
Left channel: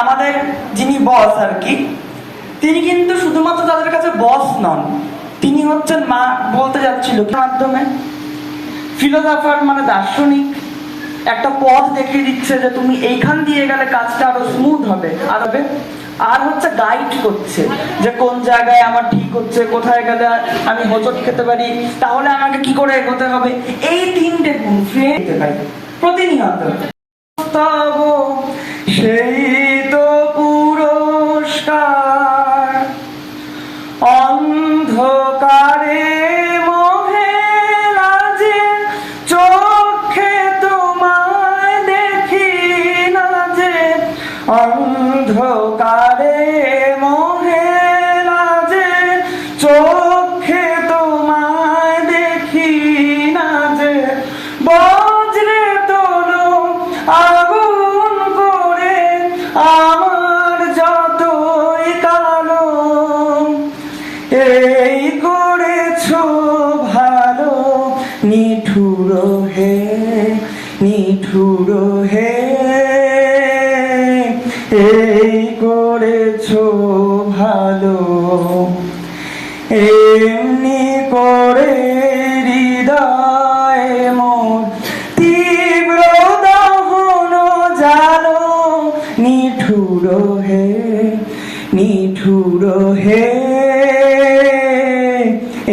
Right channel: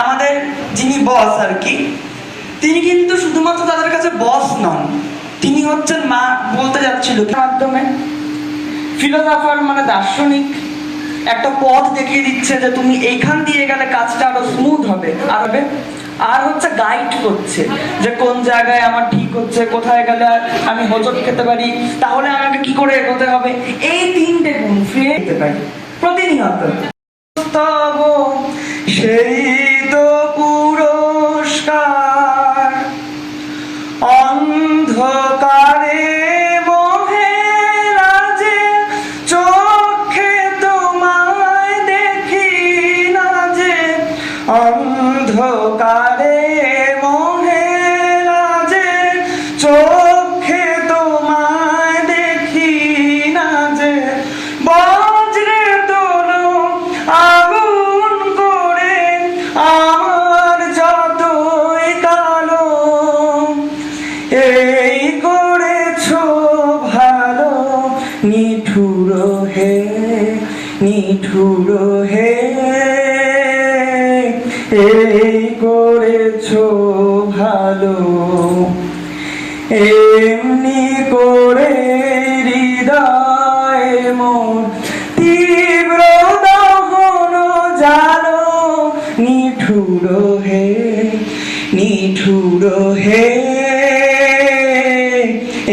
আমাদের যিনি বস আর কি, তিনি কিন্তু শুধুমাত্র তাদের কাছে বস নন, তিনি হচ্ছেন মা বলতে যাচ্ছিল মাধ্যমে ফিলোসফার মানে দার্শনিক একটা পথ দেখিয়ে দিচ্ছে যে তুমি এইখান দিয়ে গেলে কাজটা আরো স্মুথ হবে। আর হচ্ছে গাইড করছে যে কোন জায়গায় আমার ঠিক হচ্ছে, কোথায় গেলে আমি হোঁচট খেতে পারি, তাহলে আমাকে কি করে এগোতে হবে। এই তিনটে গুণ ফিরে দিতে পারি প্রতিনিয়ত। সেই তো পুরস্কার অন্ধকারে মোহে রাজে, চোখে তোমায় দেখি না যে, অন্ধকারে মোহে রাজে, চোখে তোমায় দেখি না যে, বজ্রে তোলো আগুন করে আমার যতই কালো, এই করেছো ভালো নিঠুর হে, নিঠুর হে, এই করেছো ভালো। এমনি করে হৃদয় মোর তীব্র দহন জালো, নিঠুর হে, নিঠুর হে,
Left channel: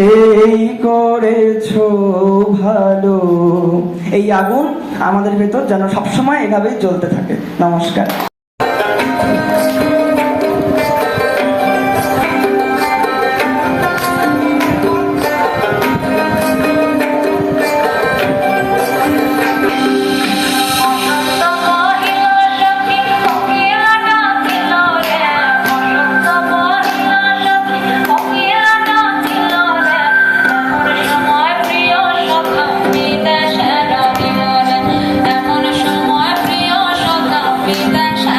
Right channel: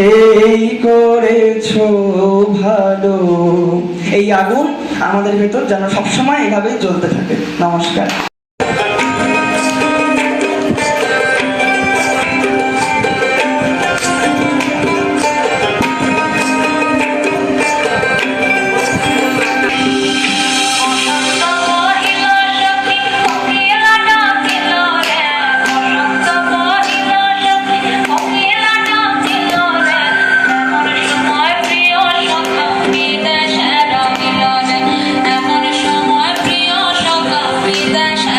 এই করেছো ভালো। এই আগুন আমাদের ভেতর যেন সবসময় এভাবেই জ্বলতে থাকে। নমস্কার। Vida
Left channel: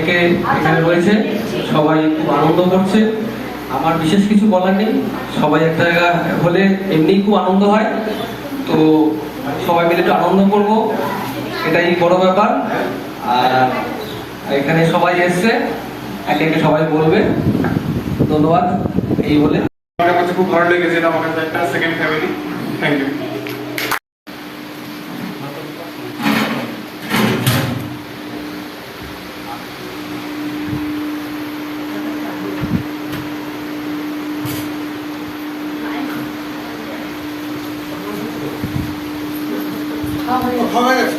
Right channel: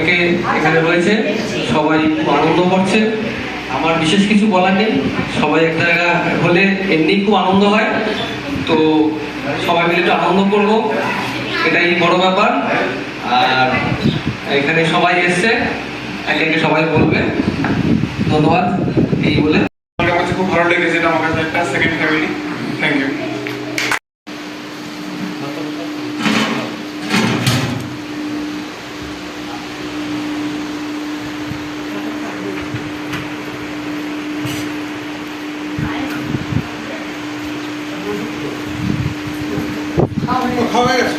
অনেকে এখানে রয়েছে, সবাই খুব আনন্দ করছে। আমার বিশেষ কিছু বলার নেই, সবাই একটা জায়গা হলে এমনিই খুব আনন্দ হয়। তো সবাই মিলে একটু আনন্দ করবো, এটাই বড় ব্যাপার। আর এখানে সবাই এসছে, একে একে সবাই বলবে। ধন্যবাদ। এই বলে আমার কাছে খুব ভালো লেগেছে, এটা আমার কাছে একটা সেকেন্ড ফ্যামিলি। Thank you. খাওয়া গেছে।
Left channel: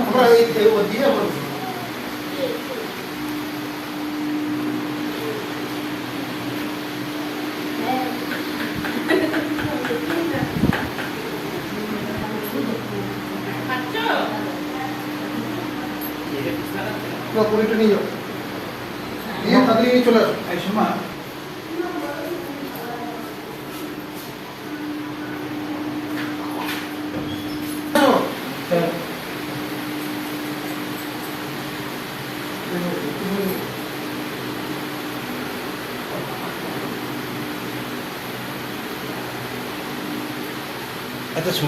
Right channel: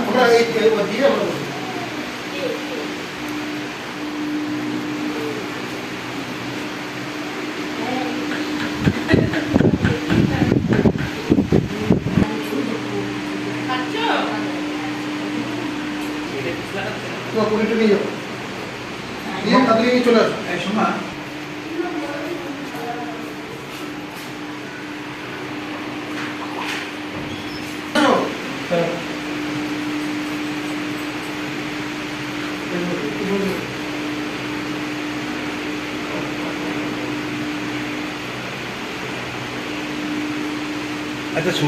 আমরা এই দিয়ে কমিটি নিয়ে যাবো, দিয়ে তাড়াতাড়ি নিয়ে চলে আসো। এই শোনা, আচ্ছা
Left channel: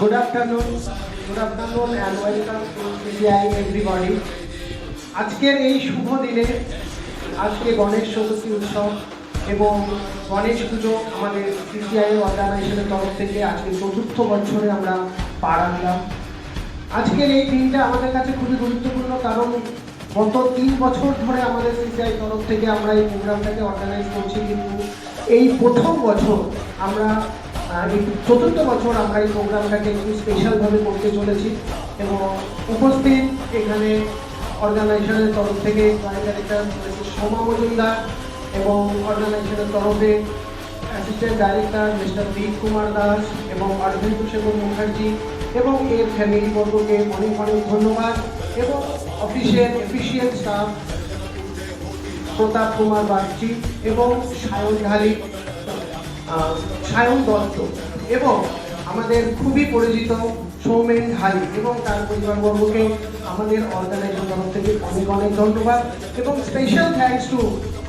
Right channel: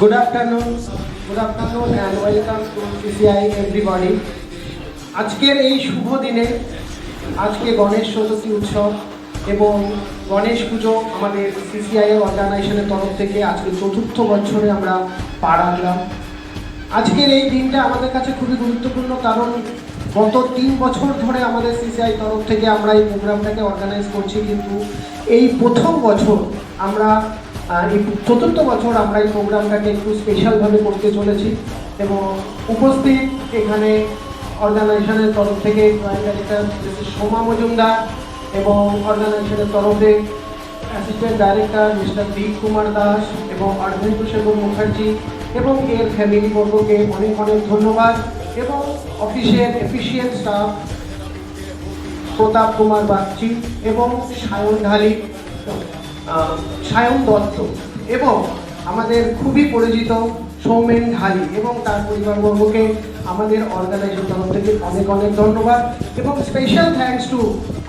Good afternoon and welcome to CCI everybody. আজকের এই শুভ দিনে, আজকে গণেশ চতুর্থী উৎসব এবং গণেশ পুজো আমাদের CCI অর্গানাইজেশনের তরফ থেকে আজকে 4th বছরে আমরা পা রাখলাম। আজকের এই দিনটা আমাদের কাছে খুবই গুরুত্বপূর্ণ, কারণ গত 3 বছর ধরে আমাদের CCI তরফ থেকে আমরা এই প্রোগ্রামটাকে অর্গানাইজ করছি, কিন্তু এই প্রথম বছর আমরা এই 4th বছর আমরা এই প্রোগ্রামটাকে একটু স্পেশালভাবে করতে চলেছি। এবং উপস্থিত এখানে অর্গানাইজেশনের তরফ থেকে joint director mister Soma Majumdar এবং অর্গানাইজেশনের তরফে অ্যাসিস্ট্যান্ট ডাইরেক্টর মিস্টার দীপ কুমার দাস এবং অর্ধেন্দু শেখর মুখার্জি এবং এর ফ্যামিলি বর্গকে অনেক অনেক ধন্যবাদ। এবং অফিসের এফিসিয়েন্ট স্টাফ প্রতাপ কুমার বাগচি এবং সায়ন দত্ত এবং আমাদের খুবই পরিচিত সৌমেন ঢালি এবং তার পরিবারবর্গকে আমাদের অর্গানাইজেশন তরফ থেকে অনেক অনেক ধন্যবাদ। এবং special thanks to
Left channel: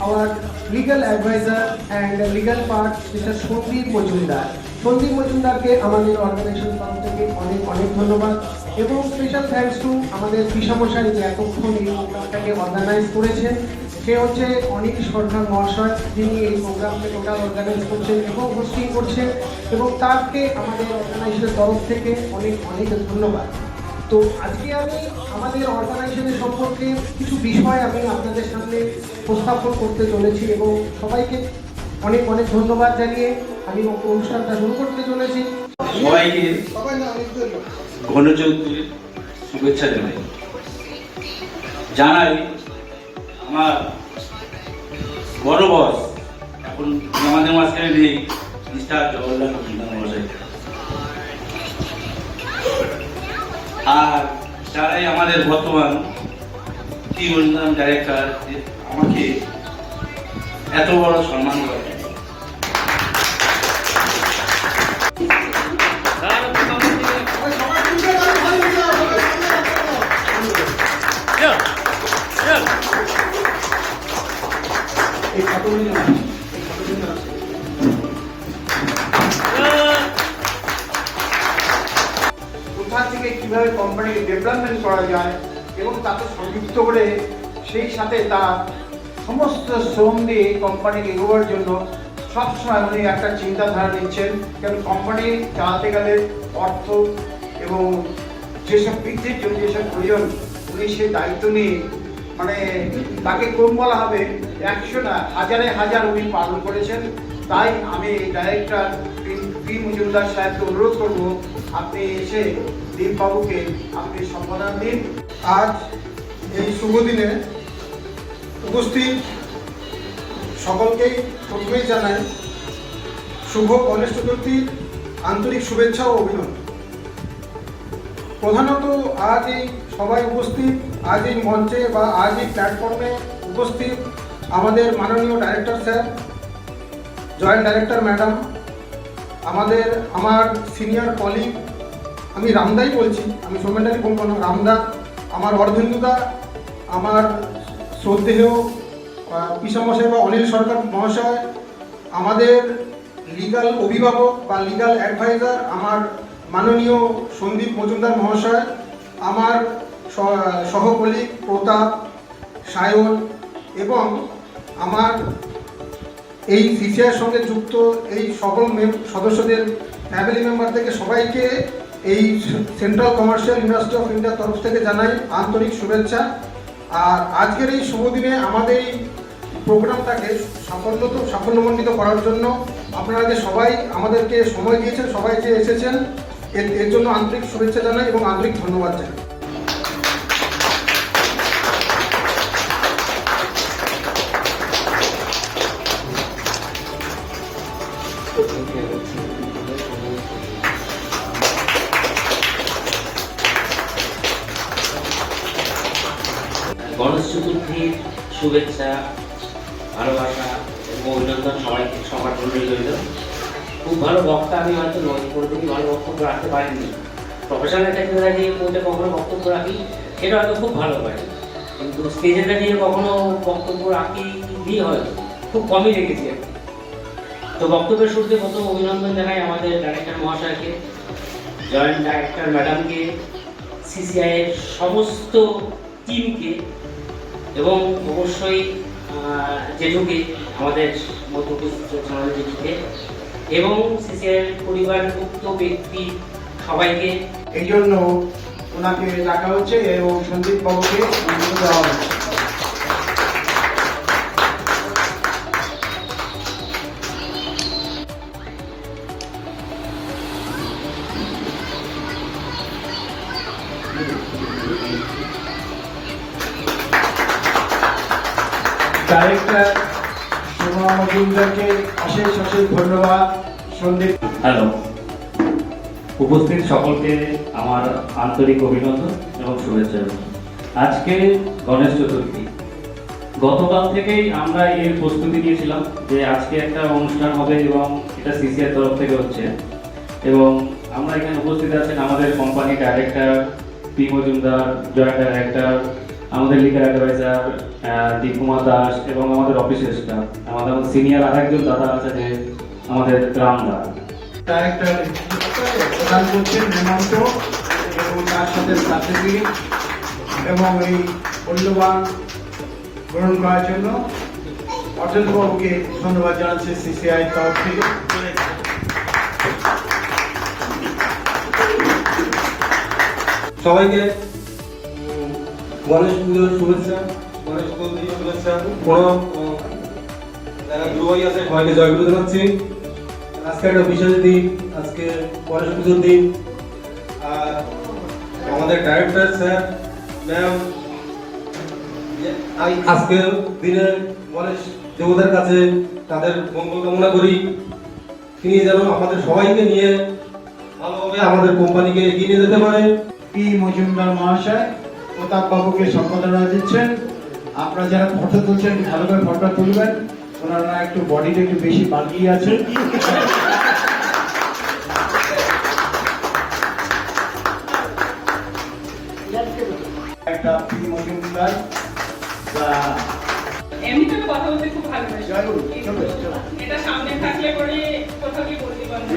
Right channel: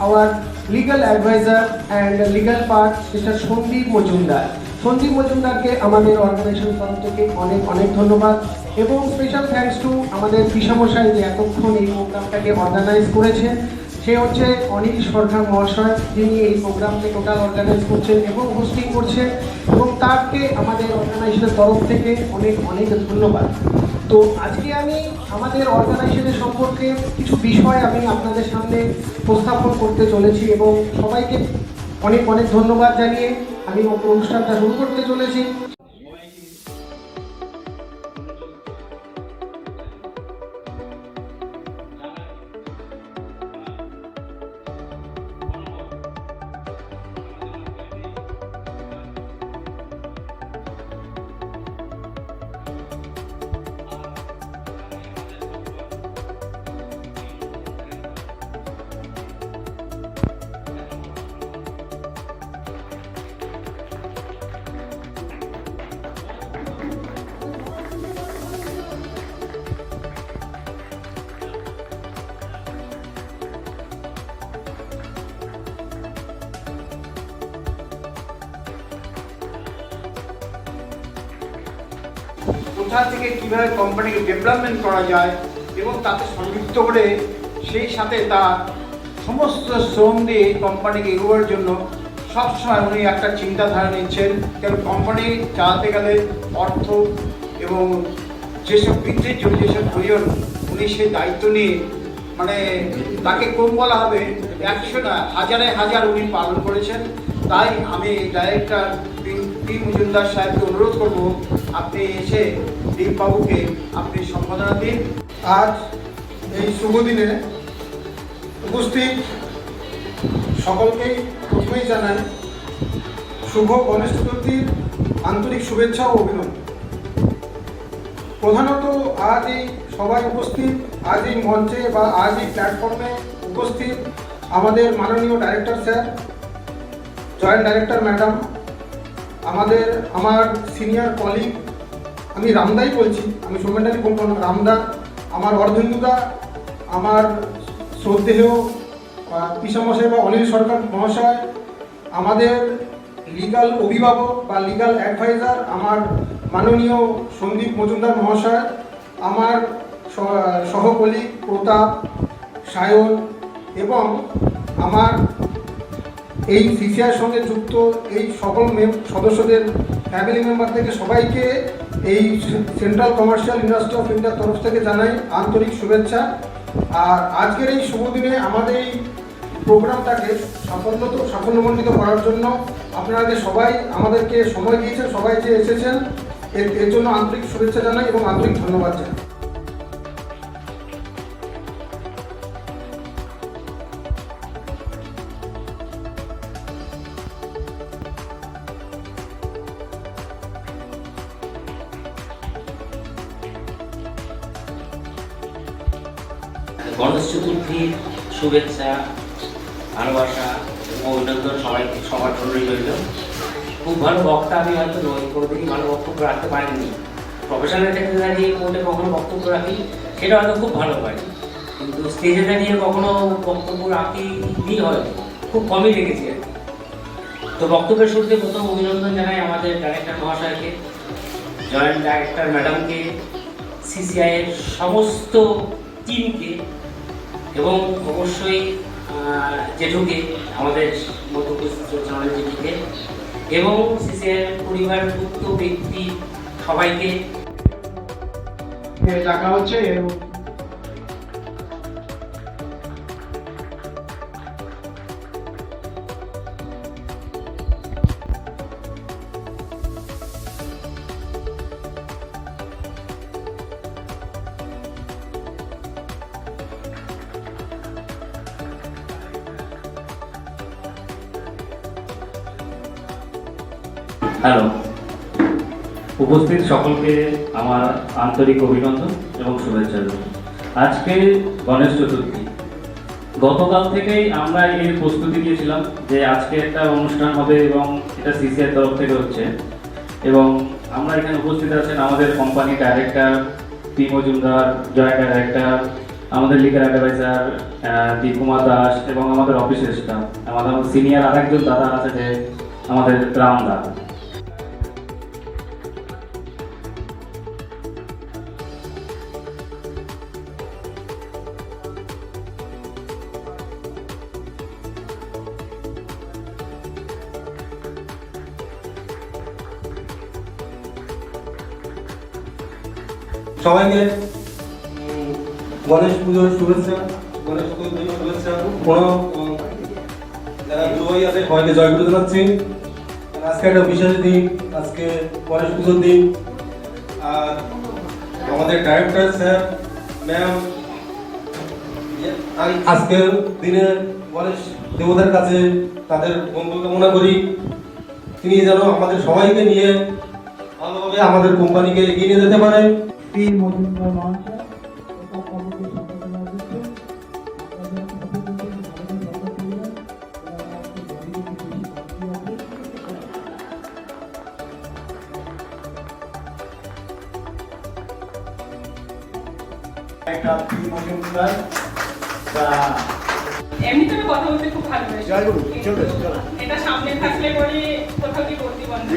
our legal adviser and legal part mister Sandeep মজুমদারকে আমাদের অর্গানাইজেশন তরফ থেকে অনেক অনেক ধন্যবাদ। এবং স্পেশাল থ্যাঙ্কস টু আমাদের পিসামশাই যে এতক্ষণ এই প্রোগ্রামটাকে অর্গানাইজ করেছেন, সে হচ্ছে অনিল সরকার মহাশয়, যিনি এই প্রোগ্রামকে টোটাল অর্গানাইজ করছেন এবং হোস্টিং করছেন, এবং তাকে আমাদের অর্গানাইজেশনের তরফ থেকে অনেক অনেক ধন্যবাদ। তো আজকে আমি আমাদের অর্গানাইজেশনের সম্পর্কে কিছু বিষয় আমি আপনাদের সামনে উপস্থাপন করতে চলেছি এবং সবাইকে অনেক অনেক ধন্যবাদ জানিয়ে আমি অনুষ্ঠানটা শুরু করতে চলেছি। জানাই আমার বড় বস এখন আমাদের মাঝখানে নেই, মিস্টার জওহরলাল মহাশয়। আর যারাই আমাদের বর্তমান টিম উন্নয়ন ডাইরেক্টর আমাকে এত বড় সম্মান করে। কোথা থেকে কিভাবে কোম্পানিকে ডেভেলপমেন্ট করা যায় এবং তাকে সংযুক্ত করে সেই সাথে তার সমস্ত শ্রম দিয়ে কোম্পানিকে এগোবার জন্য সবসময় উনি একটা চিন্তাধারা নিচ্ছেন। কারণ কোম্পানি চালাতে গেলে অর্থ এবং যেসব বৃদ্ধির জন্য যেসব প্রয়োজন উনি সেই দায়িত্ব নিয়ে মানে তাকে কম বলা হবে 100 না হাজারে হাজার উনি পালন করেছেন। তাই আমি ডাইরেক্টর পি মজুমদার সাহেবকে অনুরোধ করব আপনি এসে দীপবাবুকে আপনি সম্বোধনা দিন। আজ এই শুভ দিনে উপস্থিত সকলকেই প্রথমেই জানাই শুভ গণেশ চতুর্থীর আন্তরিক শুভেচ্ছা ও অভিনন্দন। প্রধানত আজ এই সবাই উপস্থিত, আজ এই মঞ্চে বা আজ এই প্ল্যাটফর্মে উপস্থিত আমাদের মাননীয় director sir, joint director madam, আমার সিনিয়র কলিগ, আমি রামদাই বলছি, আমি সোমেন্টারি বলবো না, রামদা, আমার অর্ধেন্দুদা, আমার শ্রদ্ধেয় পিসামশাই বা অনিল সরকার মহাশয়, আমাদের লিগাল অভিভাবক বা লিগাল অ্যাডভাইজার আমার মাননীয় সন্দীপ মজুমদার মহাশয়, আমার সহকলিগ প্রতাপ, সায়ন এবং আমার এই সিসিআইয়ের সঙ্গে যুক্ত এই সকল সদস্যদের ফ্যামিলি মেম্বার থেকে সবাইকে এই সেন্ট্রাল কমার্শিয়াল ইন্ডাস্ট্রি অফ ইন্ডিয়ার তরফ থেকে জানাই আন্তরিক শুভেচ্ছা। আর আজকের এই শুভ দিনে আমাদের এই প্রোগ্রামটাকে সাফল্যমণ্ডিত করার জন্য আপনারা যে সবাই আমাদেরকে সময় দিয়েছেন, সবাই যে এসেছেন, এর জন্য আন্তরিক শুভেচ্ছা জানাই এবং আন্তরিক ধন্যবাদ জানাই। গণেশ চতুর্থীর শুভেচ্ছা, ভালোবাসা এবং অভিনন্দন সবার জন্যই রইল। খুব ভালো বক্তা আমি হয়তো কোনোদিনই ভালো বক্তব্য রাখতে পারিনি। প্রফেশনাল ক্ষেত্রে দাঁড়িয়ে কোথাও কখনো বক্তব্য রাখি, সেটা হয়তো খুব ভালো পারি, কিন্তু স্টেজে দাঁড়িয়ে কখনো বক্তব্য রাখিনি, হয়তো খুব কমই রেখেছি আর কি। তো বক্তব্যের শুরুতে প্রথম অভিনন্দন জানাই আমাদের ডাইরেক্টর মহাশয়কে, জয়েন্ট ডাইরেক্টর ম্যাডামকে, সিসিআইয়ের সমস্ত টিমকে এবং অবশ্যই জেঠুকে, আমাদের জেঠুকে এবং সিসিআইয়ের পরিবারভুক্ত ব্যক্তি সবাইকে। এই জন্য ওনাকে ডাকা হচ্ছে এবং সন্দীপ বাবুকে দেওয়া হচ্ছে। ডাইরেক্টর সোমা মজুমদারকে অশেষ ধন্যবাদ। সন্দীপ। হ্যালো, উপস্থিত সকলকে আমার আন্তরিক অভিনন্দন এবং শুভেচ্ছা। আজকে গণেশ চতুর্থী, গতকাল থেকেই আমরা এর প্রস্তুতি নিয়েছিলাম যে আজকে একটা অনুষ্ঠান হবে এবং এটা সিসিআর তরফ থেকে হচ্ছে, এবং আমরা এখানে উপস্থিত আছেন আমাদের company director P Majumdar, joint director, আমাদের লিগাল অ্যাডভাইজার দীপকুমার দাস এবং আমাদের অফিসের স্টাফ, আমাদের সিনিয়র আরেকজন দাদা আছে যে আমাদের রামদা। ডাইরেক্টর প্রদান করছেন হেমন্ত এবং তার সাথে সার্টিফিকেট এবং এই মূল্যবান গ্রহণ করার জন্য অর্জনবাবুকে ধন্যবাদ জানাচ্ছি সিসিআই তরফ থেকে। সবাইকে গণেশ পুজোর শুভেচ্ছা, গণেশ চতুর্থীর শুভেচ্ছা, প্রণাম। যারা দুবাই আছে সবাইকে জয়গুরু জানাচ্ছি। আজকে একটা বিশেষ দিন, আজকে গণেশ পুজোর দিন। আর আমাদের ডাইরেক্টর স্যার, ম্যাম, আজকের দিনে গণেশ দেবতার কাছে তাদের মঙ্গল কামনা করি, তিনি যেন আমাদের সবাইকে নিয়ে ভালোভাবে আমাদের কোম্পানিকে এগিয়ে নিয়ে যেতে পারেন। পি মজুমদার মহাশয় প্রতাপ বাবুকে সম্পাদনা দিচ্ছেন। আপনারা যারা ফটো তুলছেন ভালো করে ফটোটা তুলবেন, ওনারা একটু বডিটা একটু বেশি বাগিয়ে আছে। একটা পি মজুমদার এমনিতে আমি কথা বলতে খুব ভালোবাসি, কিন্তু এটা সামনে থাকলে পরে কোথাও কি বলতে পারবো।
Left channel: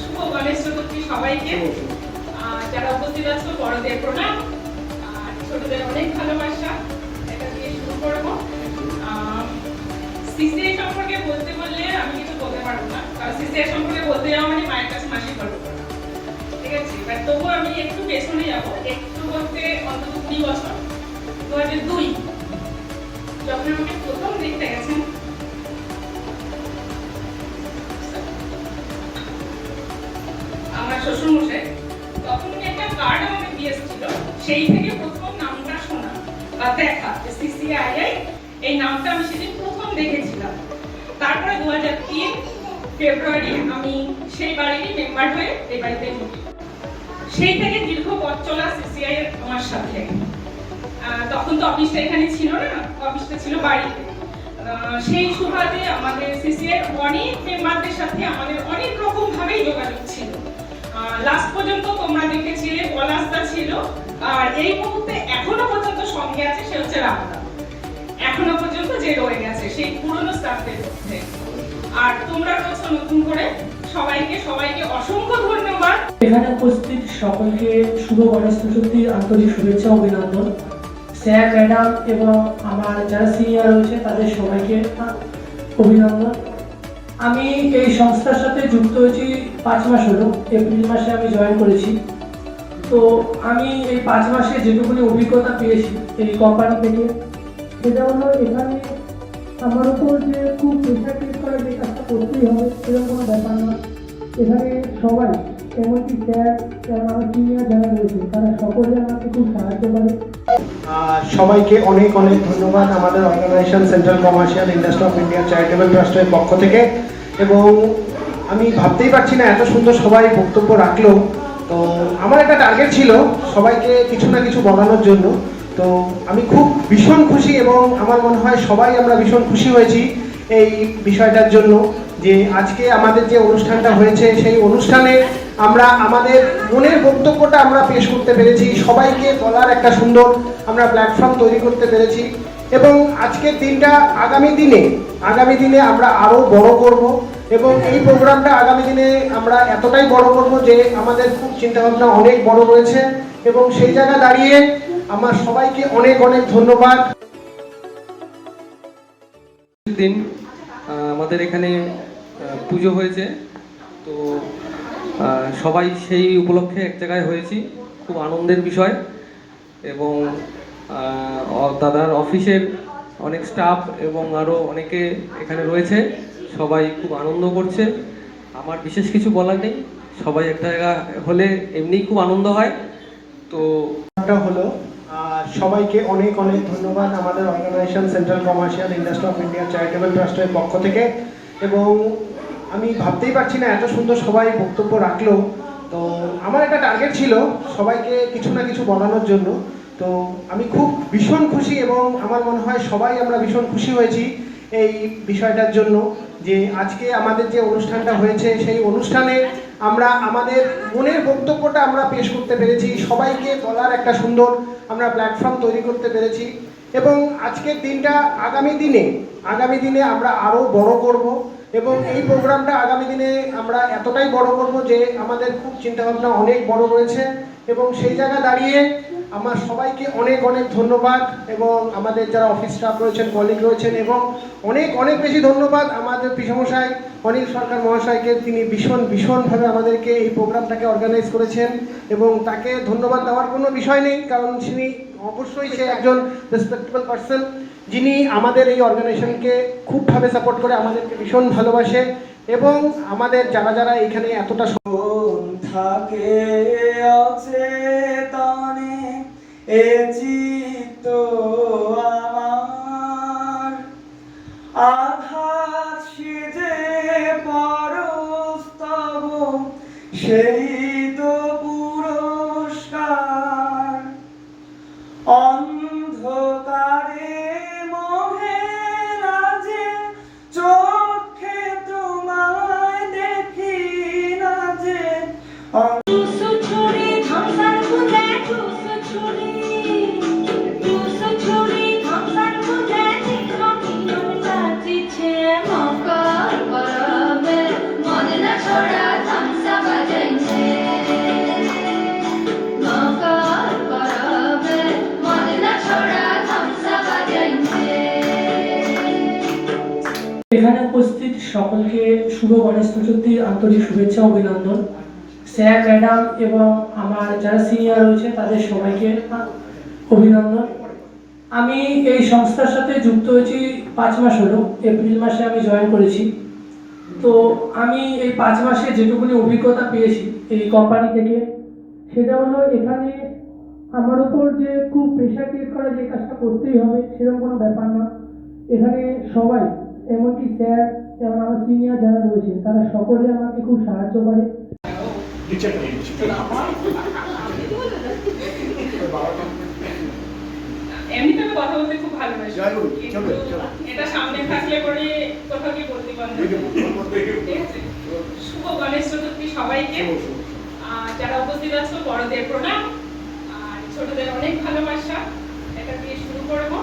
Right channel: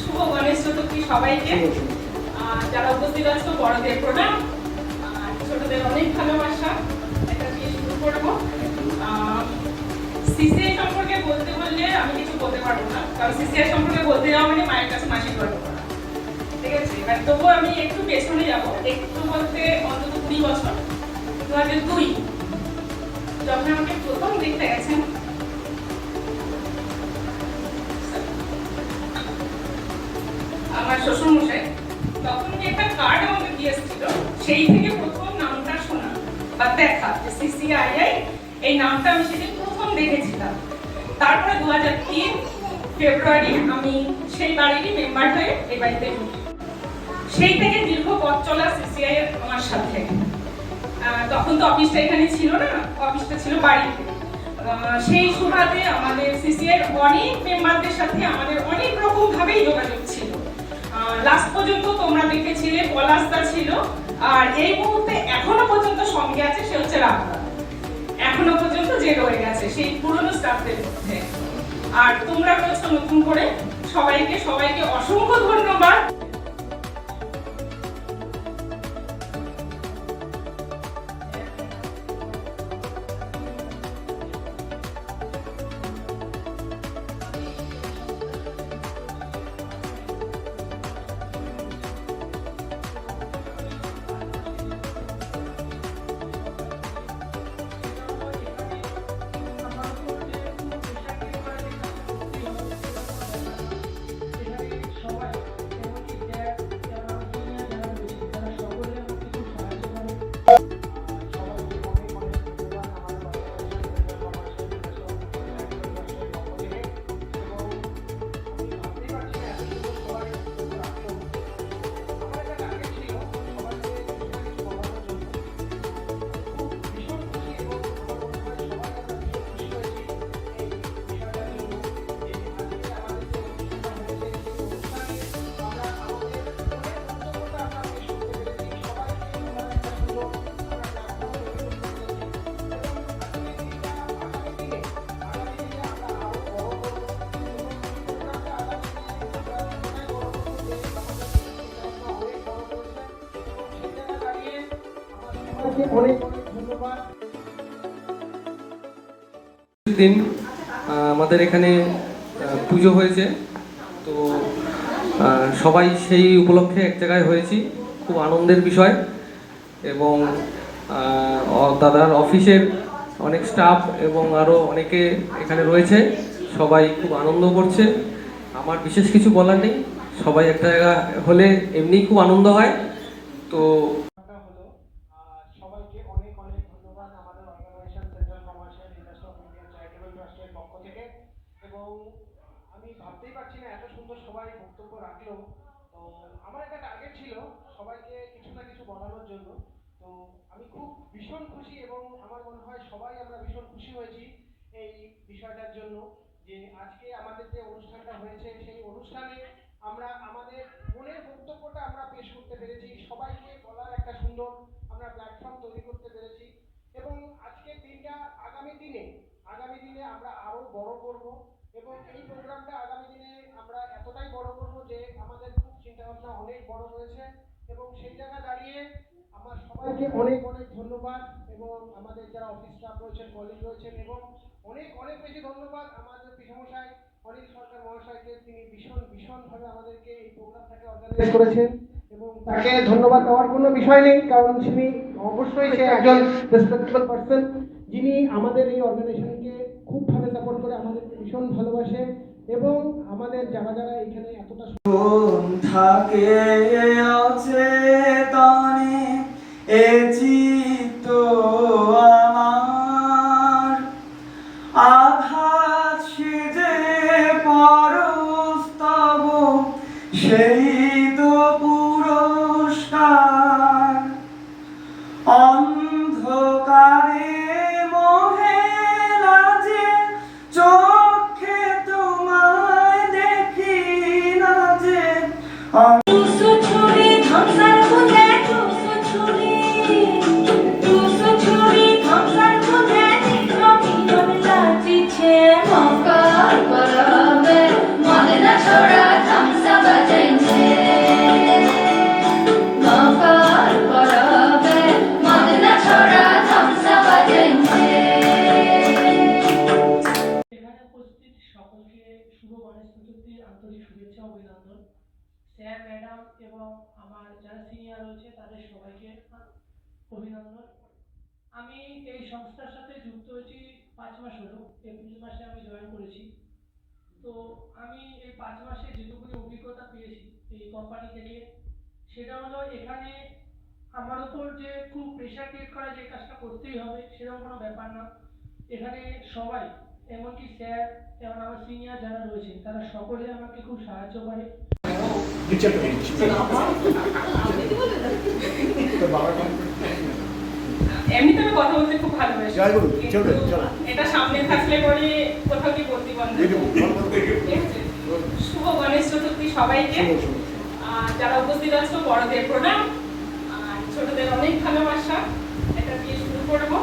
শুভ গণেশ চতুর্থী সবাইকে। যারা উপস্থিত আছো বড়দের প্রণাম, আর ছোটদের অনেক ভালোবাসা। এটা দিয়ে শুরু করবো। সিসিআই সম্পর্কে বলতে বললে আমি কিছু বলতে পারবো না, কারণ সিসিআই সম্পর্কে বলতে যাওয়া মানে মায়ের কাছে মাসি করবো, ঠিক আছে। এবার তবুও আমি একটু পেছনে যাবো, একটু বলতে অন্তত 20 বছর, 2002 যখন আমাকে প্রথম দেখতে গেছেন, আমার শ্বশুরমশাই তখন একটা কার্ড আমাকে দিয়েছিল, সেই থেকে প্রথম নামটা শোনা বা দেখা সিসিআইআই, এই নামটা আমি সেদিন প্রথম দেখেছিলাম। তারপরে 2003 ফেব্রুয়ারি আমি সেই বাড়িরই মেম্বার হয়ে এই বাড়িতে ঢুকি। সেই থেকে দীর্ঘ পথ চলা সিসিআই আমার সাথে। তখন তো অফিসটা এখানে ছিল না, অফিসটা ছিল বাড়িতে। সেই সুবাদে আমাদের সিসিআই অনেক মেম্বারদের সাথে আমাদের অনেক রকম ভাবেই যোগাযোগ ছিল। লাস্ট পর্যন্ত তোমরা দেখেছিলে পলাশদা ছিল, আর এই মুহূর্তে এখনো পর্যন্ত সঙ্গে আছে সে হচ্ছে রামদা, এখনো পর্যন্ত যে রয়ে গেছে সেই পুরনো স্টাফদের মধ্যে। আর তোমরা রয়েছো নতুন করে, সবাইকে অসংখ্য ধন্যবাদ। এখানে উপস্থিত সকলকে শুভ গণেশ চতুর্থীর আন্তরিক শুভেচ্ছা ও অভিনন্দন। স্যার, ম্যাডাম এবং আমার যারা সিনিয়র রয়েছে তাদের সবাইকে অভিনন্দন। আমি এই সংস্থার সাথে যুক্ত হয়েছি 5 মাস হলো, এপ্রিল মাসে আমি জয়েন করেছি। তো আমি এই 5 মাসে যেটুকুনি অভিজ্ঞতা পেয়েছি এই কোম্পানি থেকে, সেটা হলো এখানে আমার উপর যে খুব প্রেশার ক্রিয়েট করে যে কাজটা করতেই হবে সেরকম কোনো ব্যাপার না। এখানে সবাই, এমনকি স্যার এবং আমার সিনিয়র যারা রয়েছে তারা সকলে আমাকে খুব সাহায্য করে। সবাইকে অনেক অনেক ধন্যবাদ আমাদের organisation central commercial industry of India charitable ট্রাস্টের পক্ষ থেকে। এবং আমি ভাবতেই পারছি না এত সুন্দর সবাই বক্তব্য রাখলো। তো আমার একটা টার্গেট ছিল সবাইকে কিছু না কিছু বলানোর জন্য। তো আমি খুব ভীষণ খুশি এবং আমার মনে হয় সবাই আমরা ভীষণ খুশি হয়েছি এই বিষয়টার জন্য, যে আজকে আমাদের যে অনুষ্ঠানটা হয়েছে সেই অনুষ্ঠানে আমরা আমাদের মনের বক্তব্যটা আমরা পেশ করতে পেরেছি, সবাইকে বলার একটা সুন্দর আমরা প্ল্যাটফর্ম তৈরি করতে পেরেছি। এবং আজকের দিনটা আগামী দিনে আমরা আরও বড় করব এবং এই প্রোগ্রামটা আগামী দিনে আমরা এতটাই বড় করব যে আমাদের খুব চিন্তাভাবনা অনেক বড় রয়েছে। এবং সেই জায়গা দাঁড়িয়ে আমার সবাইকে অনেক অনেক ধন্যবাদ। দিন আমাদের এখানে পুজো হয়েছে, তো সবাই সেই উপলক্ষে এক জায়গায় হয়েছি, খুব আনন্দের বিষয়। এবং দাদার অফিসের অনেক স্টাফ এবং আরও অনেকে এখানে রয়েছে, সবাই খুব আনন্দ করছে। আমার বিশেষ কিছু বলার নেই, সবাই এক জায়গা হলে এমনিই খুব আনন্দ হয়। তো হলো সবাইকে অনেক অনেক ধন্যবাদ আমাদের organisation central commercial industry of India charitable ট্রাস্টের পক্ষ থেকে। এবং আমি ভাবতেই পারছি না এত সুন্দর সবাই বক্তব্য রাখলো। তো আমার একটা টার্গেট ছিল সবাইকে কিছু না কিছু বলানোর জন্য। তো আমি খুব ভীষণ খুশি এবং আমার মনে হয় সবাই আমরা ভীষণ খুশি হয়েছি এই বিষয়টার জন্য, যে আজকে আমাদের যে অনুষ্ঠানটা হয়েছে সেই অনুষ্ঠানে আমরা আমাদের মনের বক্তব্যটা আমরা পেশ করতে পেরেছি, সবাইকে বলার একটা সুন্দর আমরা প্ল্যাটফর্ম তৈরি করতে পেরেছি। এবং আজকের দিনটা আগামী দিনে আমরা আরও বড় করব এবং এই প্রোগ্রামটা আগামী দিনে আমরা এতটাই বড় করব যে আমাদের খুব চিন্তাভাবনা অনেক বড় রয়েছে। এবং সেই জায়গা দাঁড়িয়ে আমার সবাইকে অনেক অনেক ধন্যবাদ এবং আমাদের যারা অফিস স্টাফ রয়েছেন, কলিগ রয়েছেন, এবং অনেক বেশি ধন্যবাদ আমাদের পিসমশাই অনিল সরকার মহাশয়কে। তিনি ভীষণভাবে আমাদেরকে এই প্রোগ্রামটাকে অর্গানাইজ করেছেন এবং তাকে ধন্যবাদ দেওয়ার কোনো বিষয় নেই, কারণ সে একজন রেসপেক্টেবল পার্সন, যিনি আমাদের এই অর্গানাইজেশনকে খুবভাবে সাপোর্ট করে, আমাদেরকে ভীষণ ভালোবাসে। এবং আমাদের যারা এখানে এতটা থাকে আছে তানে এ চিত্ত সেই তো পুরস্কার অন্ধকারে মোহে লাজে চোখে তোমায় দেখি না যে এখানে উপস্থিত সকলকে শুভ গণেশ চতুর্থীর আন্তরিক শুভেচ্ছা অভিনন্দন। স্যার, ম্যাডাম এবং আমার যারা সিনিয়র রয়েছে তাদের সবাইকে অভিনন্দন। আমি এই সংস্থার সাথে যুক্ত হয়েছি 5 মাস হলো। এপ্রিল মাসে আমি জয়েন করেছি। তো আমি এই 5 মাসে যেটুকুনি অভিজ্ঞতা পেয়েছি এই কোম্পানি থেকে, সেটা হলো এখানে আমার উপর যে খুব প্রেশার ক্রিয়েট করা যে কাজটা করতেই হবে সেরকম কোনো ব্যাপার না। এখানে সবাই, এমনকি স্যার এবং আমার সিনিয়র যারা রয়েছে তারা সকলে আমাকে খুব সাহায্য করে। এমনিতে আমি কথা বলতে খুব ভালোবাসি, কিন্তু এটা সামনে থাকলে পরে কোথাও কি বলতে পারবো। শুভ গণেশ চতুর্থী সবাইকে। যারা উপস্থিত আছো বড়দের প্রণাম আর ছোটদের অনেক ভালোবাসা। এটা দিয়ে শুরু করবো।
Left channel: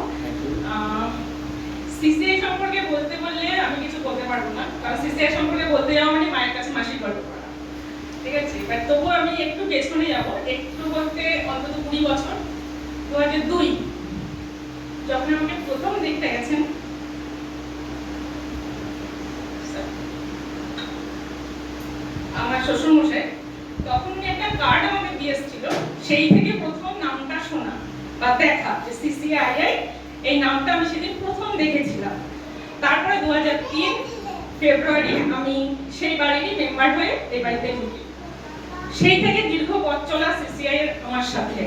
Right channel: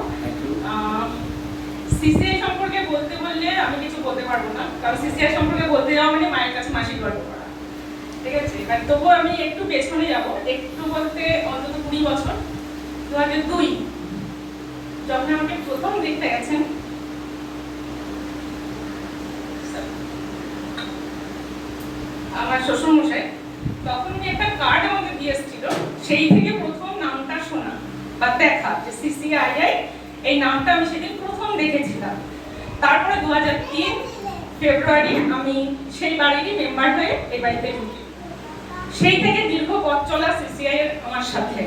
সিসিআই সম্পর্কে বলতে বললে আমি কিছু বলতে পারবো না, কারণ সিসিআই সম্পর্কে বলতে যাওয়া মানে মায়ের কাছে মাসির গল্প করা, ঠিক আছে। বাট তবুও আমি একটু পেছনে যাবো, একটু বলতে অন্তত 20 বছর। 2002 যখন আমাকে প্রথম দেখতে গেছেন, আমার শ্বশুরমশাই, তখন একটা কার্ড আমাকে দিয়ে এসেছিল। সেই থেকে প্রথম নামটা শোনা বা দেখা যে সিসিআইআই, এই নামটা আমি সেদিন প্রথম দেখেছিলাম। তারপরে 2003 ফেব্রুয়ারি আমি সেই বাড়িরই মেম্বার হয়ে এই বাড়িতে ঢুকি। সেই থেকে দীর্ঘ পথ চলা সিসিআই এর আমার সাথে।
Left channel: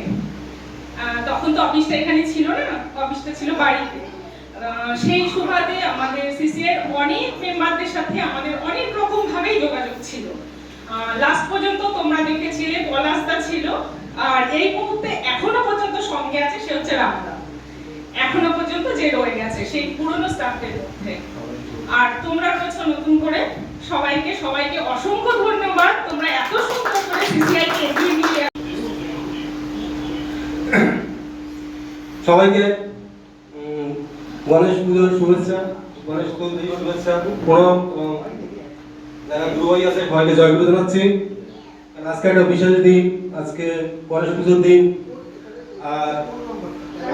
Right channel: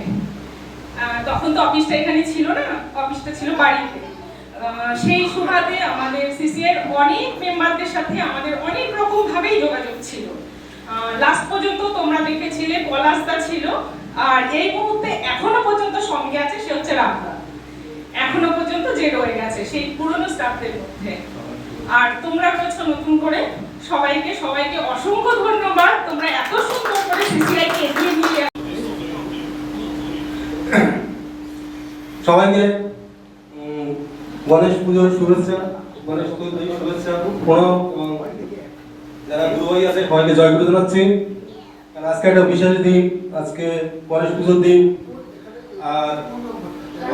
তখন তো অফিসটা এখানে ছিল না, অফিসটা ছিল বাড়িতে। সেই সুবাদে আমাদের সিসিআই এর অনেক মেম্বারদের সাথে আমাদের অনেক রকম ভাবেই যোগাযোগ ছিল। লাস্ট পর্যন্ত তোমরা দেখেছিলে পলাশদা ছিল, আর এই মুহূর্তে এখনো পর্যন্ত সঙ্গে আছে সে হচ্ছে রামদা। এখনো পর্যন্ত যে রয়ে গেছে সেই পুরনো স্টাফদের মধ্যে। আর তোমরা রয়েছো নতুন করে। সবাইকে অসংখ্য ধন্যবাদ। তোমরা এত সুন্দর করে সিসিআই কে এগিয়ে নিয়ে সবাইকে গণেশ পুজোর শুভেচ্ছা, গণেশ চতুর্থীর শুভেচ্ছা, প্রণাম এবং যারা গুরুভাই আছে সবাইকে জয়গুরু জানাচ্ছি। আজকে একটা বিশেষ দিন, আজকে গণেশ পুজোর দিন। আর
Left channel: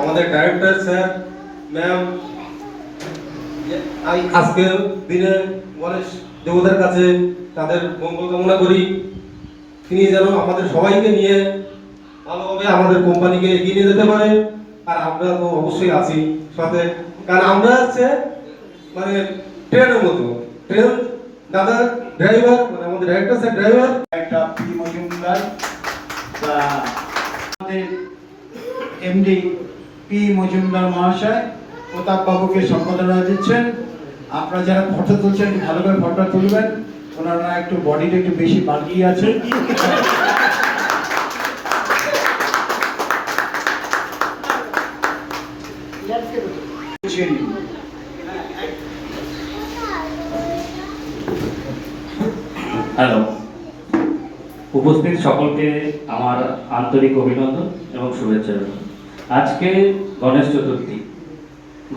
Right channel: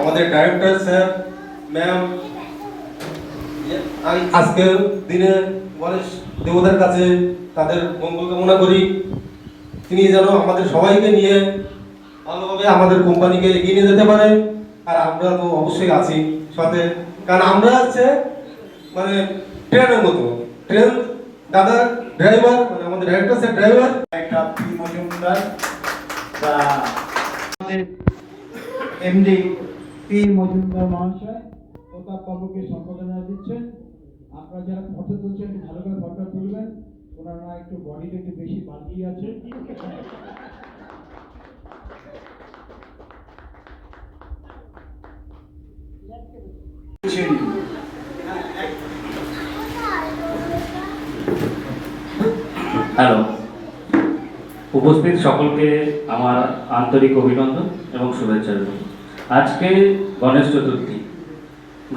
আমাদের ডাইরেক্টর স্যার, ম্যাম, আজকের দিনে গণেশ দেবতার কাছে তাদের মঙ্গল কামনা করি। তিনি যেন আমাদের সবাইকে নিয়ে ভালোভাবে আমাদের কোম্পানিকে এগিয়ে নিয়ে যেতে পারে। আর আমরা তো অবশ্যই আছি সাথে, কারণ আমরা হচ্ছে মানে ট্রেনের মতো, ট্রেন দাদা ড্রাইভার, মানে আমাদের ডাইরেক্টর স্যার ড্রাইভার। একটা পি মজুমদার বা আমাদের এমডি পি মজুমদার মহাশয় প্রতাপ বাবুকে সম্পাদনা দিচ্ছেন। আপনারা যারা ফটো তুলছেন ভালো করে ফটো তুলবেন। ওনারা একটু বডিটা একটু বেশি বাড়িয়ে আছে। হ্যালো, উপস্থিত সকলকে আমার আন্তরিক অভিনন্দন এবং শুভেচ্ছা। আজকে গণেশ চতুর্থী।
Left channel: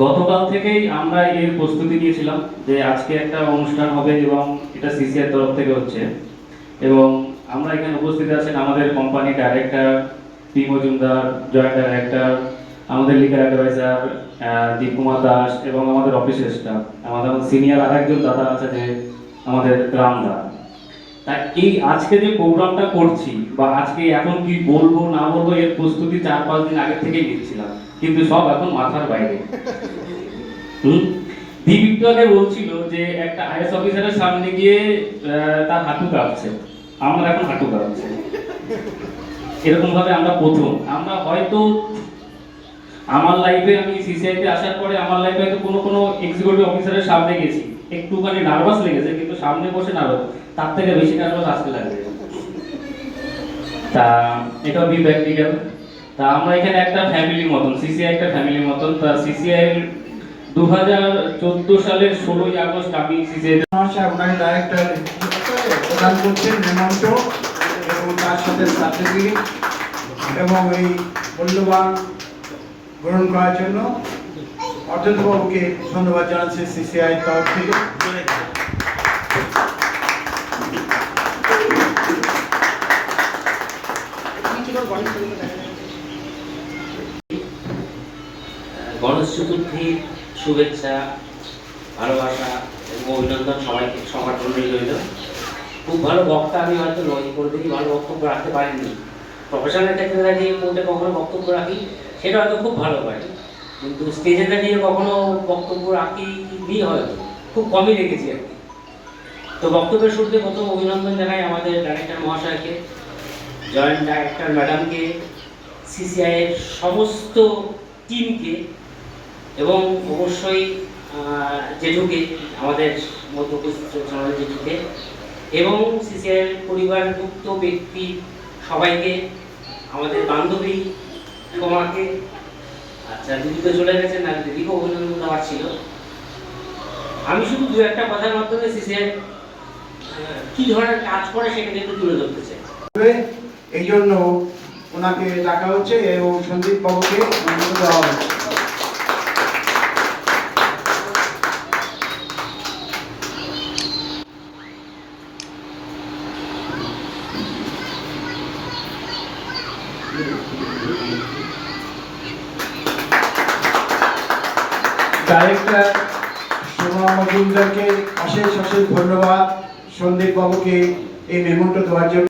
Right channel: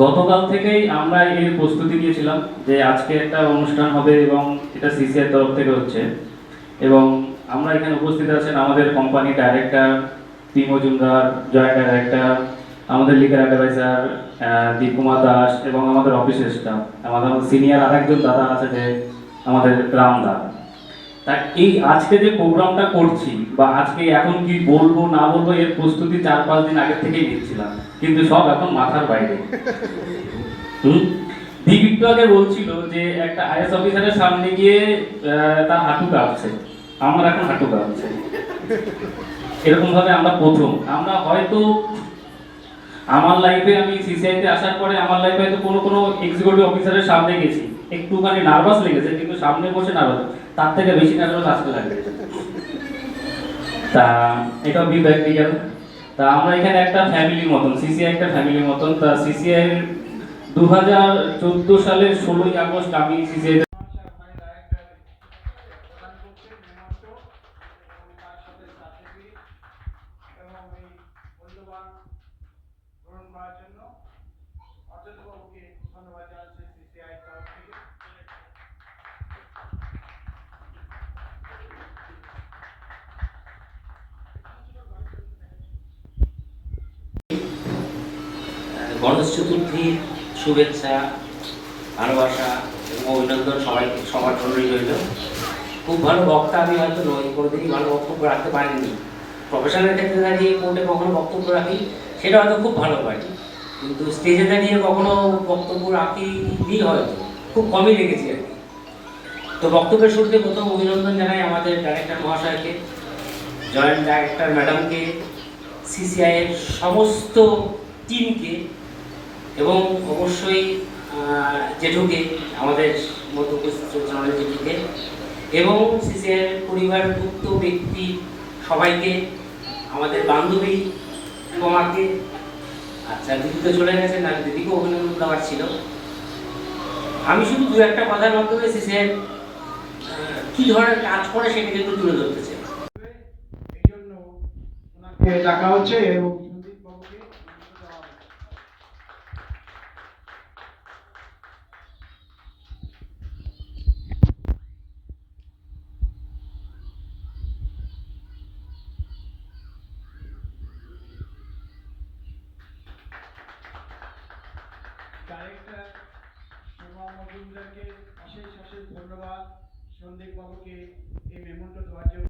গতকাল থেকেই আমরা এর প্রস্তুতি নিয়েছিলাম যে আজকে একটা অনুষ্ঠান হবে এবং এটা সিসিআই তরফ থেকে হচ্ছে। এবং আমরা এখানে উপস্থিত আছেন আমাদের company director P Majumdar, joint director, আমাদের লিগাল অ্যাডভাইজার দীপকুমার দাস এবং আমাদের অফিসের স্টাফ, আমাদের সিনিয়র আরেকজন দাদা আছে যে আমাদের রামদা। তাই এই আজকে যে প্রোগ্রামটা করছি বা আজকে এখন কি বলবো না বলবো এর প্রস্তুতি 4-5 দিন আগে থেকেই নিচ্ছিলাম, কিন্তু সব এখন মাথার বাইরে। দীপ আগে বলছিল যে একটা আইএস অফিসারের সামনে গিয়ে তার হাঁটু কাঁপছে, আমার এখন হাঁটু কাঁপছে। এরকম ভাবে আমরা প্রথম, আমরা হয়তো আমার লাইফে, আমি সিসিআইতে আসার পরে আমার লাইফে হয়তো কোনো এক্সিকিউটিভ অফিসারের সামনে গেছি, একটুখানি নার্ভাস লেগেছে, কিন্তু সামনে বসে নার্ভাস তার থেকে বেশি নার্ভাস আজকে লাগবে। তা এটাও বি প্র্যাকটিক্যাল। তা আমরা এখানে একটা ফ্যামিলির মতন, সিসিআই একটা ফ্যামিলির মতন। তা সিসিআই এর 2014 সালের 16ই আগস্ট আমি সিসিআই ওনার ডাইরেক্টর প্রদান করছেন মেমন্টো এবং তার সাথে সার্টিফিকেট এবং এই মূল্যবান গ্রহণ করার জন্য অর্জুনবাবুকে ধন্যবাদ জানাচ্ছি সিসিআই তরফ থেকে। গণেশ চতুর্থীর শুভেচ্ছা, ভালোবাসা এবং অভিনন্দন সবার জন্যই রইল। খুব ভালো বক্তা আমি হয়তো নই, কোনোদিনই ভালো বক্তব্য রাখতে পারিনি। প্রফেশনাল ক্ষেত্রে দাঁড়িয়ে কোর্টে কখনো বক্তব্য রাখি, সেটা হয়তো খুব ভালো পারি, কিন্তু স্টেজে দাঁড়িয়ে কখনো বক্তব্য রাখিনি, হয়তো খুব কমই রেখেছি আর কি। তো বক্তব্যের শুরুতে প্রথম অভিনন্দন জানাই আমাদের ডাইরেক্টর মহাশয়কে, জয়েন্ট ডাইরেক্টর ম্যাডামকে, সিসিআইয়ের সমস্ত টিমকে এবং অবশ্যই জেঠুকে, আমাদের মধ্যে উপস্থিত আমাদের জেঠুকে এবং সিসিআইয়ের পরিবারভুক্ত ব্যক্তি সবাইকে, আমাদের বান্ধবী তোমাকে, আচ্ছা দিদি তো চলে গেছেন, আর দিদিকেও অভিনন্দন দেওয়ার ছিল। আমি শুধু দু একটা কথার মাধ্যমে সিসিআই কি ধরনের কাজ করে সেটা কিন্তু তুলে ধরতে চাই। এই জন্য ওনাকে ডাকা হচ্ছে এবং সন্দীপ বাবুকে অনুমোদন দেওয়া হচ্ছে। ডাইরেক্টর সোমা মজুমদারকে অশেষ অশেষ ধন্যবাদ, সন্দীপ বাবুকে এই মেমন্টো দেওয়ার জন্য।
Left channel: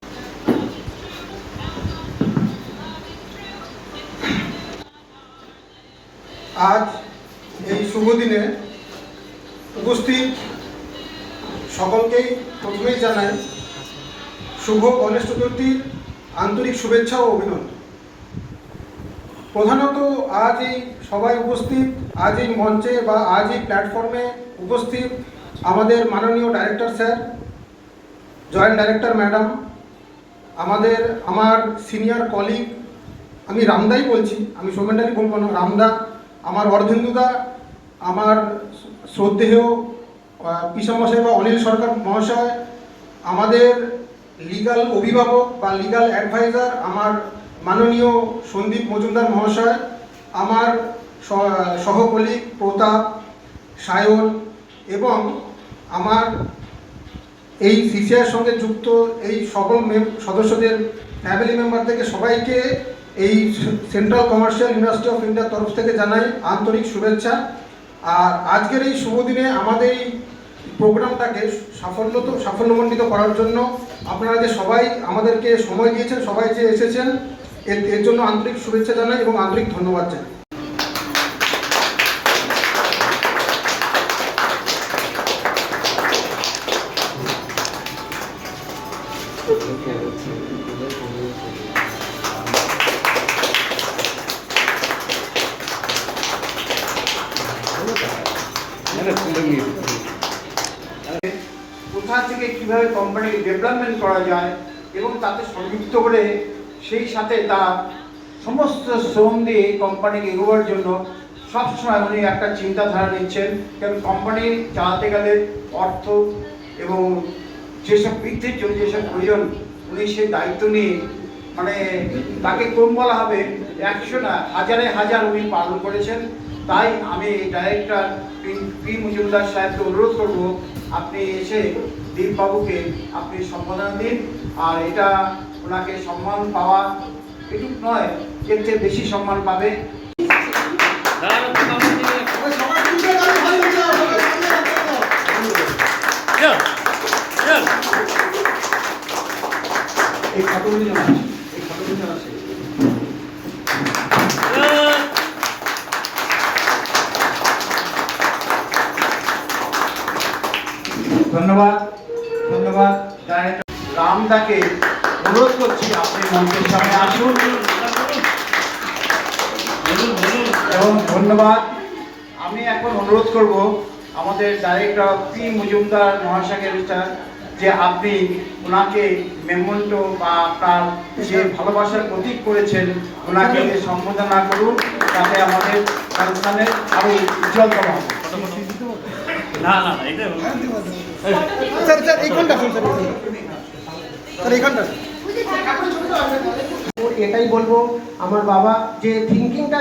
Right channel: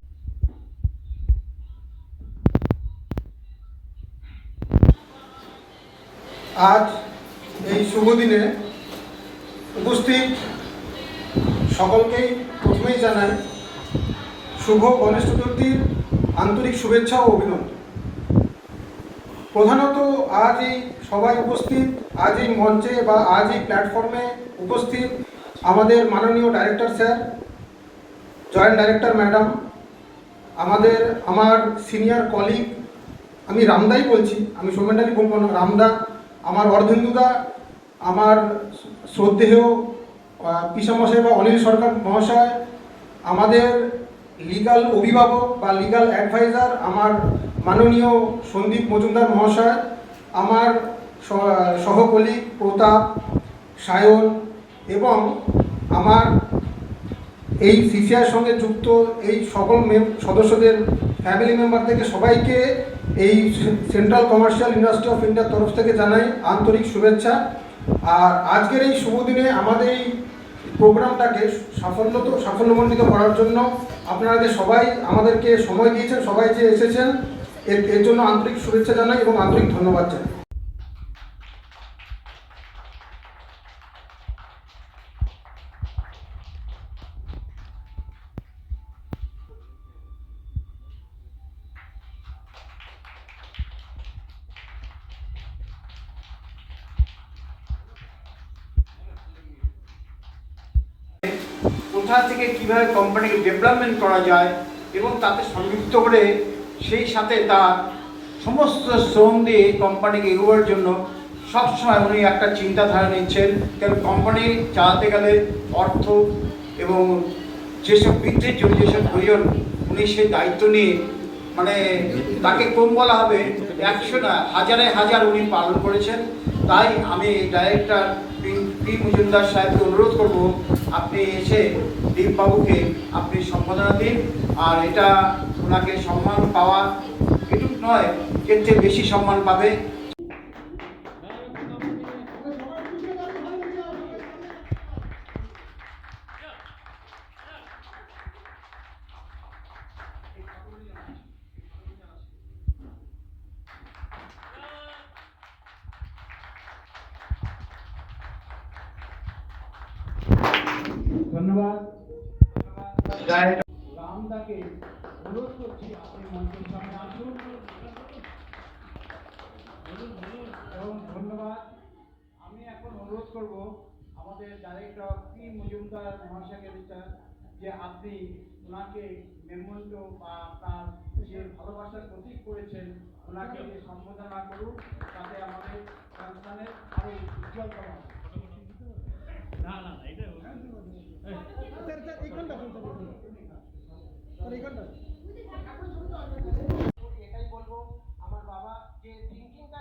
আজ এই শুভ দিনে উপস্থিত সকলকেই প্রথমেই জানাই শুভ গণেশ চতুর্থীর আন্তরিক শুভেচ্ছা ও অভিনন্দন। প্রধানত আজ এই সবাই উপস্থিত, আজ এই মঞ্চে বা আজ এই প্ল্যাটফর্মে উপস্থিত আমাদের মাননীয় director sir, joint director madam, আমার সিনিয়র কলিগ, আমি রামদাই বলছি, আমি সোমেন্টালি বলবো না, রামদা, আমার অর্ধেন্দুদা, আমার শ্রদ্ধেয় পিসামশাই বা অনিল সরকার মহাশয়, আমাদের লিগাল অভিভাবক বা লিগাল অ্যাডভাইজার আমার মাননীয় সন্দীপ মজুমদার মহাশয়, আমার সহকলিগ প্রতাপ, সায়ন এবং আমার এই সিসিআইয়ের সঙ্গে যুক্ত এই সকল সদস্যদের ফ্যামিলি মেম্বার থেকে সবাইকে এই সেন্ট্রাল কমার্শিয়াল ইউনিভার্সিটি অফ ইন্ডিয়ার তরফ থেকে জানাই আন্তরিক শুভেচ্ছা। আর আজকের এই শুভ দিনে আমাদের এই প্রোগ্রামটাকে সাফল্যমণ্ডিত করার জন্য আপনারা যে সবাই আমাদেরকে সময় দিয়েছেন, সবাই যে এসেছেন, এর জন্য আন্তরিক শুভেচ্ছা জানাই এবং আন্তরিক ধন্যবাদ জানাই। কোথা থেকে কিভাবে কোম্পানিকে ডেভেলপমেন্ট করা যায় এবং তাতে সংযুক্ত করে সেই সাথে তার সমস্ত শ্রম দিয়ে কোম্পানিকে এগোবার জন্য সবসময় উনি একটা চিন্তাধারা নিচ্ছেন। কারণ কোম্পানি চালাতে গেলে অর্থ এবং যেসব বৃদ্ধির জন্য যেসব প্রয়োজন উনি সেই দায়িত্ব নিয়ে, মানে তাকে কম বলা হবে, 100 না হাজারে হাজার উনি পালন করেছেন। তাই আমি ডাইরেক্টর পি মজুমদার সাহেবকে অনুরোধ করব, আপনি এসে দীপবাবুকে আপনি সম্বোধনা দিন। আর এটা ওনাকে সম্মান পাওয়া এটুকু নয়, এর চেয়ে বেশি সম্মান পাবে। এই ফটোগুলি যেন আছে, এই ফটোগুলি যেন আছে। ধন্যবাদ, ধন্যবাদ। রামদাকে অনুরোধ করছি আপনি মঞ্চের সামনে আসুন এবং ধন্যবাদ। আমি এখন অনুরোধ করব আমাদের ডাইরেক্টর পি মজুমদার মহাশয়কে যে আপনি ওনাকে মেমন্টো বা আপনার যে ভালোবাসার প্রতীক করেছেন ওনাকে সম্বোধনা করুন, তাতে আমাদের অনুষ্ঠানের আরো উজ্জ্বলতম হবে। না না এটা এটাই বলবো, আমার বাবা যে থিঙ্কিংটা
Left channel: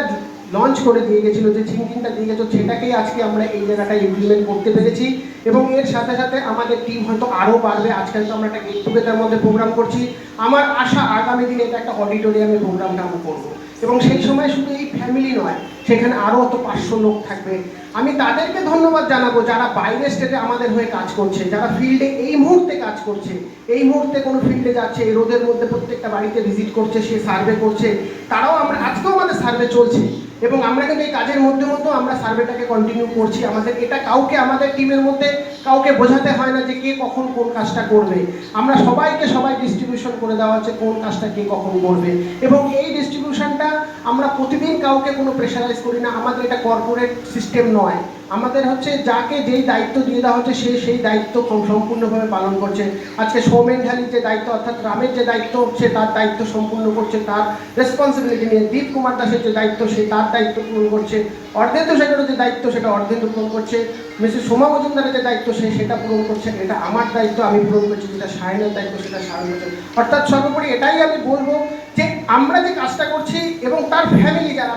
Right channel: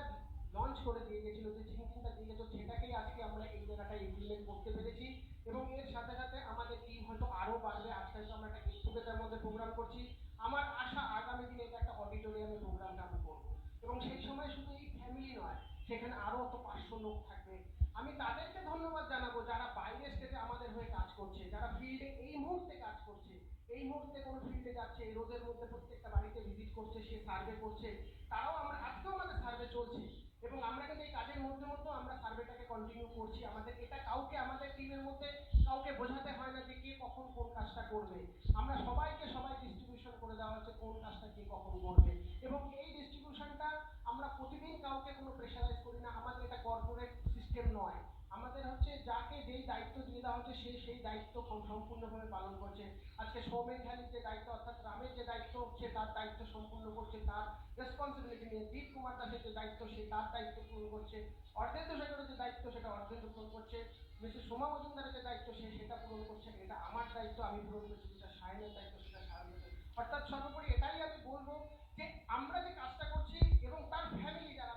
লঞ্চ করে দিয়ে গেছিল, যে থিঙ্কিংটা দিয়ে গেছিল, সেটাকেই আজকে আমরা এই জায়গাটায় ইমপ্লিমেন্ট করতে পেরেছি। এবং এর সাথে সাথে আমাদের টিম হয়তো আরও বাড়বে। আজকাল তো আমরা একটা গেট টুগেদার মধ্যে প্রোগ্রাম করছি, আমার আশা আগামী দিনে এটা একটা অডিটোরিয়ামে প্রোগ্রামটা আমরা করবো, এবং সেই সময় শুধু এই ফ্যামিলি নয়, সেখানে আরও তো 500 লোক থাকবে। আমি তাদেরকে ধন্যবাদ জানাবো যারা বাইরে স্টেটে আমাদের হয়ে কাজ করছে, যারা ফিল্ডে এই মুহূর্তে কাজ করছে, এই মুহূর্তে কোনো ফিল্ডে যাচ্ছে, এই রোদের মধ্যে প্রত্যেকটা বাড়িতে ভিজিট করছে, সে সার্ভে করছে। তারাও আজকেও আমাদের সার্ভে চলছে, এবং আমরা কিন্তু এই কাজের মধ্যে আমরা সার্ভেটাকে কন্টিনিউ করছি। আমাদের এটা কাউকে আমাদের টিমের মধ্যে কাউকে বোঝাতে হয় না যে কে কখন কোন কাজটা করবে। আমরা সবাই ডিস্ট্রিবিউশন করে দেওয়া হচ্ছে কোন কাজটা কে কখন করবে, এবং এই ডিস্ট্রিবিউশনটা আমরা প্রতিদিন কাউকে কোনো প্রেশারাইজ করি না। আমাদের এটা কর্পোরেট সিস্টেম নয়, আমাদের হচ্ছে যাকে যেই দায়িত্ব দিয়ে দেওয়া হচ্ছে সে সেই দায়িত্ব সম্পূর্ণভাবে পালন করছে। আজকে সৌমেন ঢালির যে দায়িত্ব, অর্থাৎ গ্রামের যে দায়িত্ব, সে তার দায়িত্ব সম্পূর্ণ করছে, তার রেসপন্সিবিলিটি নিয়ে। দীপ কুমার দাসের যে দায়িত্ব, সে তার দায়িত্ব পূরণ করছে। অর্ধেন্দু শেখরের যে দায়িত্ব, সেটা অর্ধেন্দু পূরণ করছে। মিসেস সোমা মজুমদারের যে দায়িত্ব, সেটা পূরণ করছে। এটা আমার দায়িত্ব, আমি পূরণ করছি। যেটা সায়নের দায়িত্ব, সেটা সায়ন করছে। অর্থাৎ সর্বোপরি এটাই আমি বলবো যে আমরা যে কাজটা করছি, এবং তার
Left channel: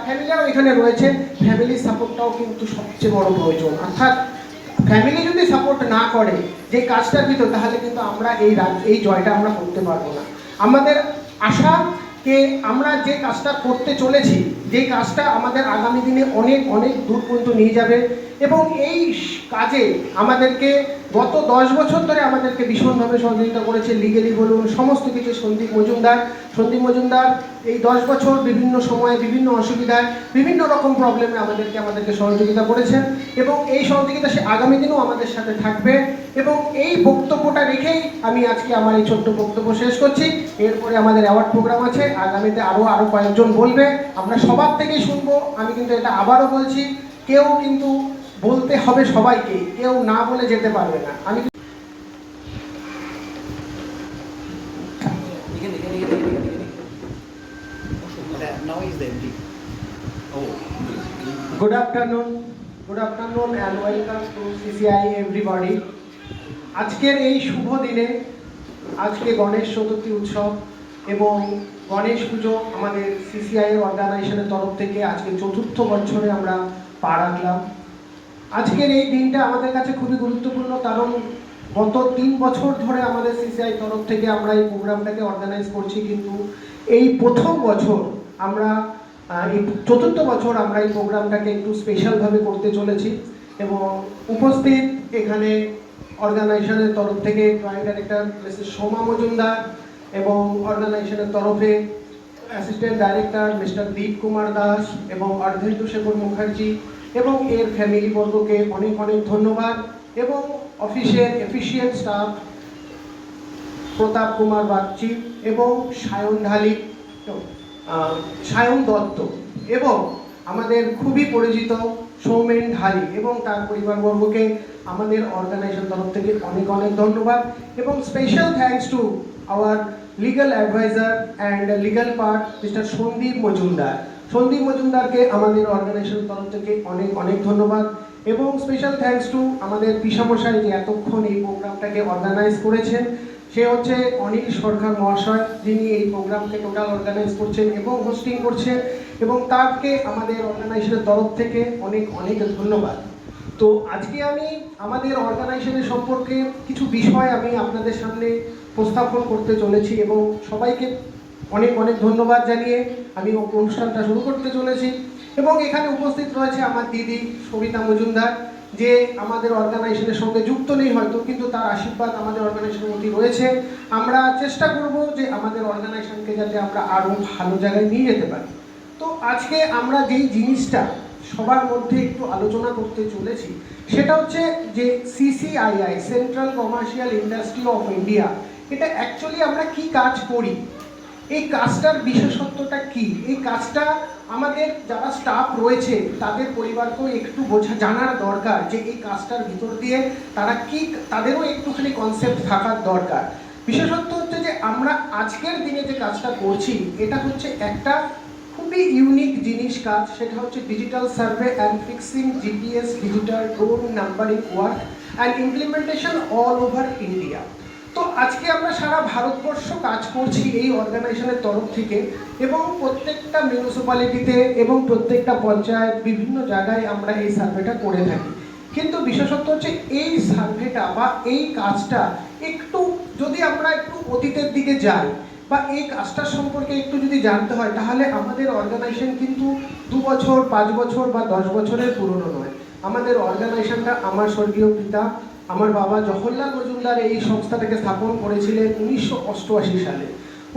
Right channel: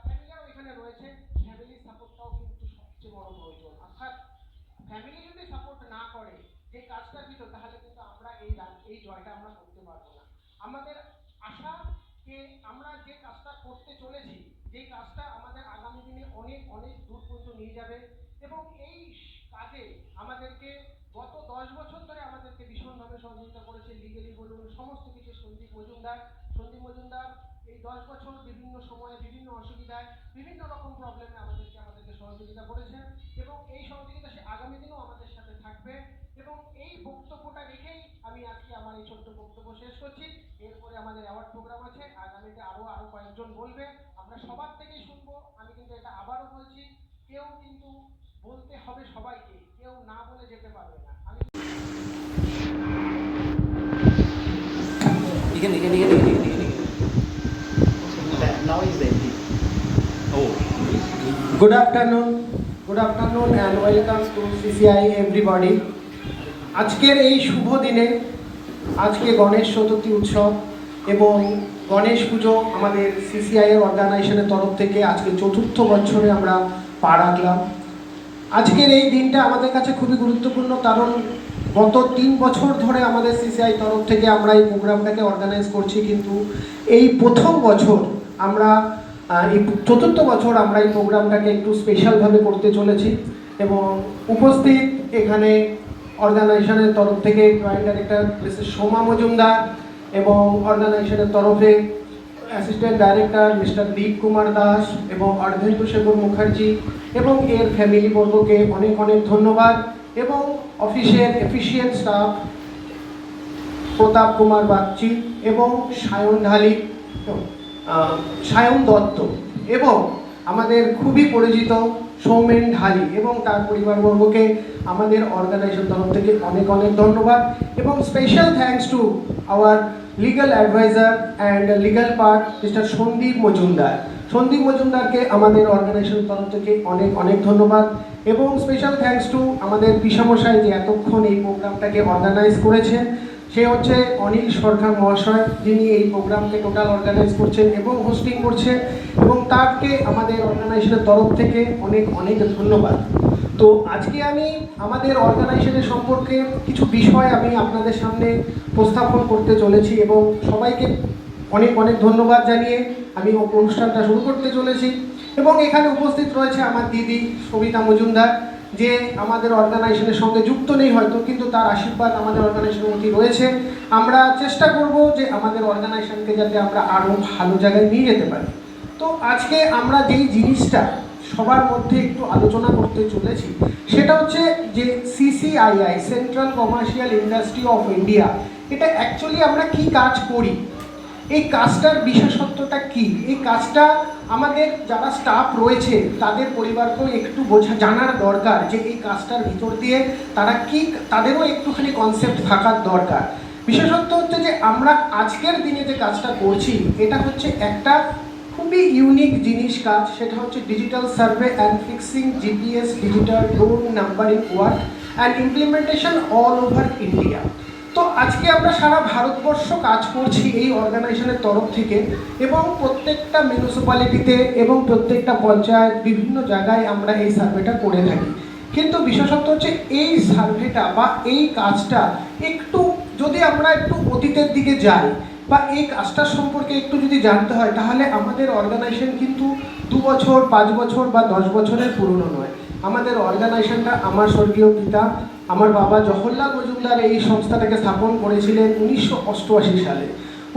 ফ্যামিলিরাও এখানে রয়েছে, ফ্যামিলির সাপোর্টটাও কিন্তু সবচেয়ে বড় প্রয়োজন। অর্থাৎ ফ্যামিলি যদি সাপোর্ট না করে যে কাজটার ভিতর, তাহলে কিন্তু আমরা এই জয়টা আমরা করতে পারবো না। আমাদের আশা যে আমরা যে কাজটা করতে চলেছি, যে কাজটা আমাদের আগামী দিনে অনেক দূর পর্যন্ত নিয়ে যাবে, এবং এই কাজে আমাদেরকে গত 10 বছর ধরে আমাদেরকে ভীষণভাবে সহযোগিতা করেছে, লিগেলি বলুন, সমস্ত কিছু সন্দীপ মজুমদার এই 10 বছর বিভিন্ন সময়ে বিভিন্ন অসুবিধায় বিভিন্ন রকম প্রবলেমে আমাদেরকে সহযোগিতা করেছেন, এবং এই সহযোগিতা সে আগামী দিনেও আমাদের সাথে থাকবে। এবং এই বক্তব্যটা রেখেই আমি আজকে আমার এই ছোট্ট বক্তব্য শেষ করছি। এরপরে আমাদের অ্যাওয়ার্ড প্রোগ্রাম আছে, আগামীতে আরও কয়েকজন বলবে, আমরা সবার থেকেই শুনবো। আমি কিন্তু এটা আবারও বলছি, কেউ কিন্তু বলতে হবে সবাইকে, কেউ না বলে যেতে পারবে না। আমি Good afternoon and welcome to CCI everybody. আজকের এই শুভ দিনে, আজকে গণেশ চতুর্থী উৎসব এবং গণেশ পুজো আমাদের CCI এর অর্গানাইজেশনের তরফ থেকে আজকে 4র্থ বছরে আমরা পা রাখলাম। আজকের এই দিনটা আমাদের কাছে খুবই গুরুত্বপূর্ণ, কারণ গত 3 বছর ধরে আমাদের CCI তরফ থেকে আমরা এই প্রোগ্রামটাকে অর্গানাইজ করছি, কিন্তু এই প্রথম বছর আমরা এই 4র্থ বছর আমরা এই প্রোগ্রামটাকে একটু স্পেশালভাবে করতে চলেছি। এবং উপস্থিত এখানে অর্গানাইজেশনের তরফ থেকে joint director Mrs Soma Majumdar, এবং অর্গানাইজেশনের তরফে অ্যাসিস্ট্যান্ট ডাইরেক্টর মিস্টার দীপ কুমার দাস এবং অর্ধেন্দু শেখর মুখার্জি, এবং এর ফ্যামিলিবর্গকে অনেক ধন্যবাদ। এবং অফিসের এফিসিয়েন্ট স্টাফ প্রতাপ কুমার বাগচি এবং সায়ন দত্ত, এবং আমাদের খুবই পরিচিত সৌমেন ঢালি এবং তার পরিবারবর্গকে আমাদের অর্গানাইজেশন তরফ থেকে অনেক ধন্যবাদ। এবং special thanks to our legal adviser and legal part mister Sandeep মজুমদারকে আমাদের অর্গানাইজেশন তরফ থেকে অনেক ধন্যবাদ। এবং স্পেশাল থ্যাঙ্কস টু আমাদের পিসামশাই যে এতক্ষণ এই প্রোগ্রামটাকে অর্গানাইজ করেছেন, সে হচ্ছে অনিল সরকার মহাশয়, যিনি এই প্রোগ্রামকে টোটাল অর্গানাইজ করছেন এবং হোস্টিং করছেন, এবং তাকে আমাদের অর্গানাইজেশনের তরফ থেকে অনেক ধন্যবাদ। তো আজকে আমি আমাদের অর্গানাইজেশনের সম্পর্কে কিছু বিষয় আমি আপনাদের সামনে উপস্থাপন করতে চলেছি, এবং সবাইকে অনেক ধন্যবাদ জানিয়ে আমি অনুষ্ঠানটা শুরু করতে চলেছি। এবং এখানে উপস্থিত রয়েছে আমার দিদি সবিতা মজুমদার, যে আমাদের অর্গানাইজেশনের সঙ্গে যুক্ত নেই হয়তো, কিন্তু তার আশীর্বাদ আমাদের অর্গানাইজেশনের মধ্যে রয়েছে। আমরা চেষ্টা করব যে আমাদের অর্গানাইজেশনকে যাতে আমরা আরও ভালো জায়গায় নিয়ে যেতে পারি। তো আজকে আমরা যেই জিনিসটা সবার মধ্যে একটু আলোচনা করতে চলেছি, সেটা হচ্ছে যে CCII, central commercial industry of India, এটা অ্যাকচুয়ালি আমরা কি কাজ করি। এই কাজটার বিশেষত্বটা কি, এই কাজটা আমাদের যারা স্টাফ রয়েছে তাদের পরিবারকেও একটু জানার দরকার যে এই কাজটার ভিতর দিয়ে তারা কি, তাদেরও একটুখানি কনসেপ্ট থাকার দরকার। বিশেষত্ব হচ্ছে যে আমরা আজকের দিনে যে কাজটা করছি এটা হচ্ছে একটা খুবই ইউনিক জিনিস কাজ, সেটা হচ্ছে digital survey and fixing GPS digital road numbering work and implementation all over India. তো আজকে আমরা সারা ভারতবর্ষ কাজ করছি এই অর্গানাইজেশনের তরফ থেকে, এবং প্রত্যেকটা মিউনিসিপ্যালিটিতে এবং প্রত্যেকটা পঞ্চায়েত বিভিন্ন জায়গায় আমরা এই সার্ভেটা করে থাকি। কিন্তু বিশেষত হচ্ছে এই সার্ভেটা বা এই কাজটা একটু যদি আমরা একটু অতীতের দিকে যাই বা এই কাজটার সম্পর্কে একটু যদি জানতে হয়, তাহলে আমাদের অর্গানাইজেশন কিন্তু 2 বছর 5 বছর বা 10 বছরের পুরনো নয়। আমাদের অর্গানাইজেশনটা আমার স্বর্গীয় পিতা আমার বাবা জওহরলাল মজুমদার এই সংস্থাটাকে স্থাপন করেছিলেন 1988 সালে।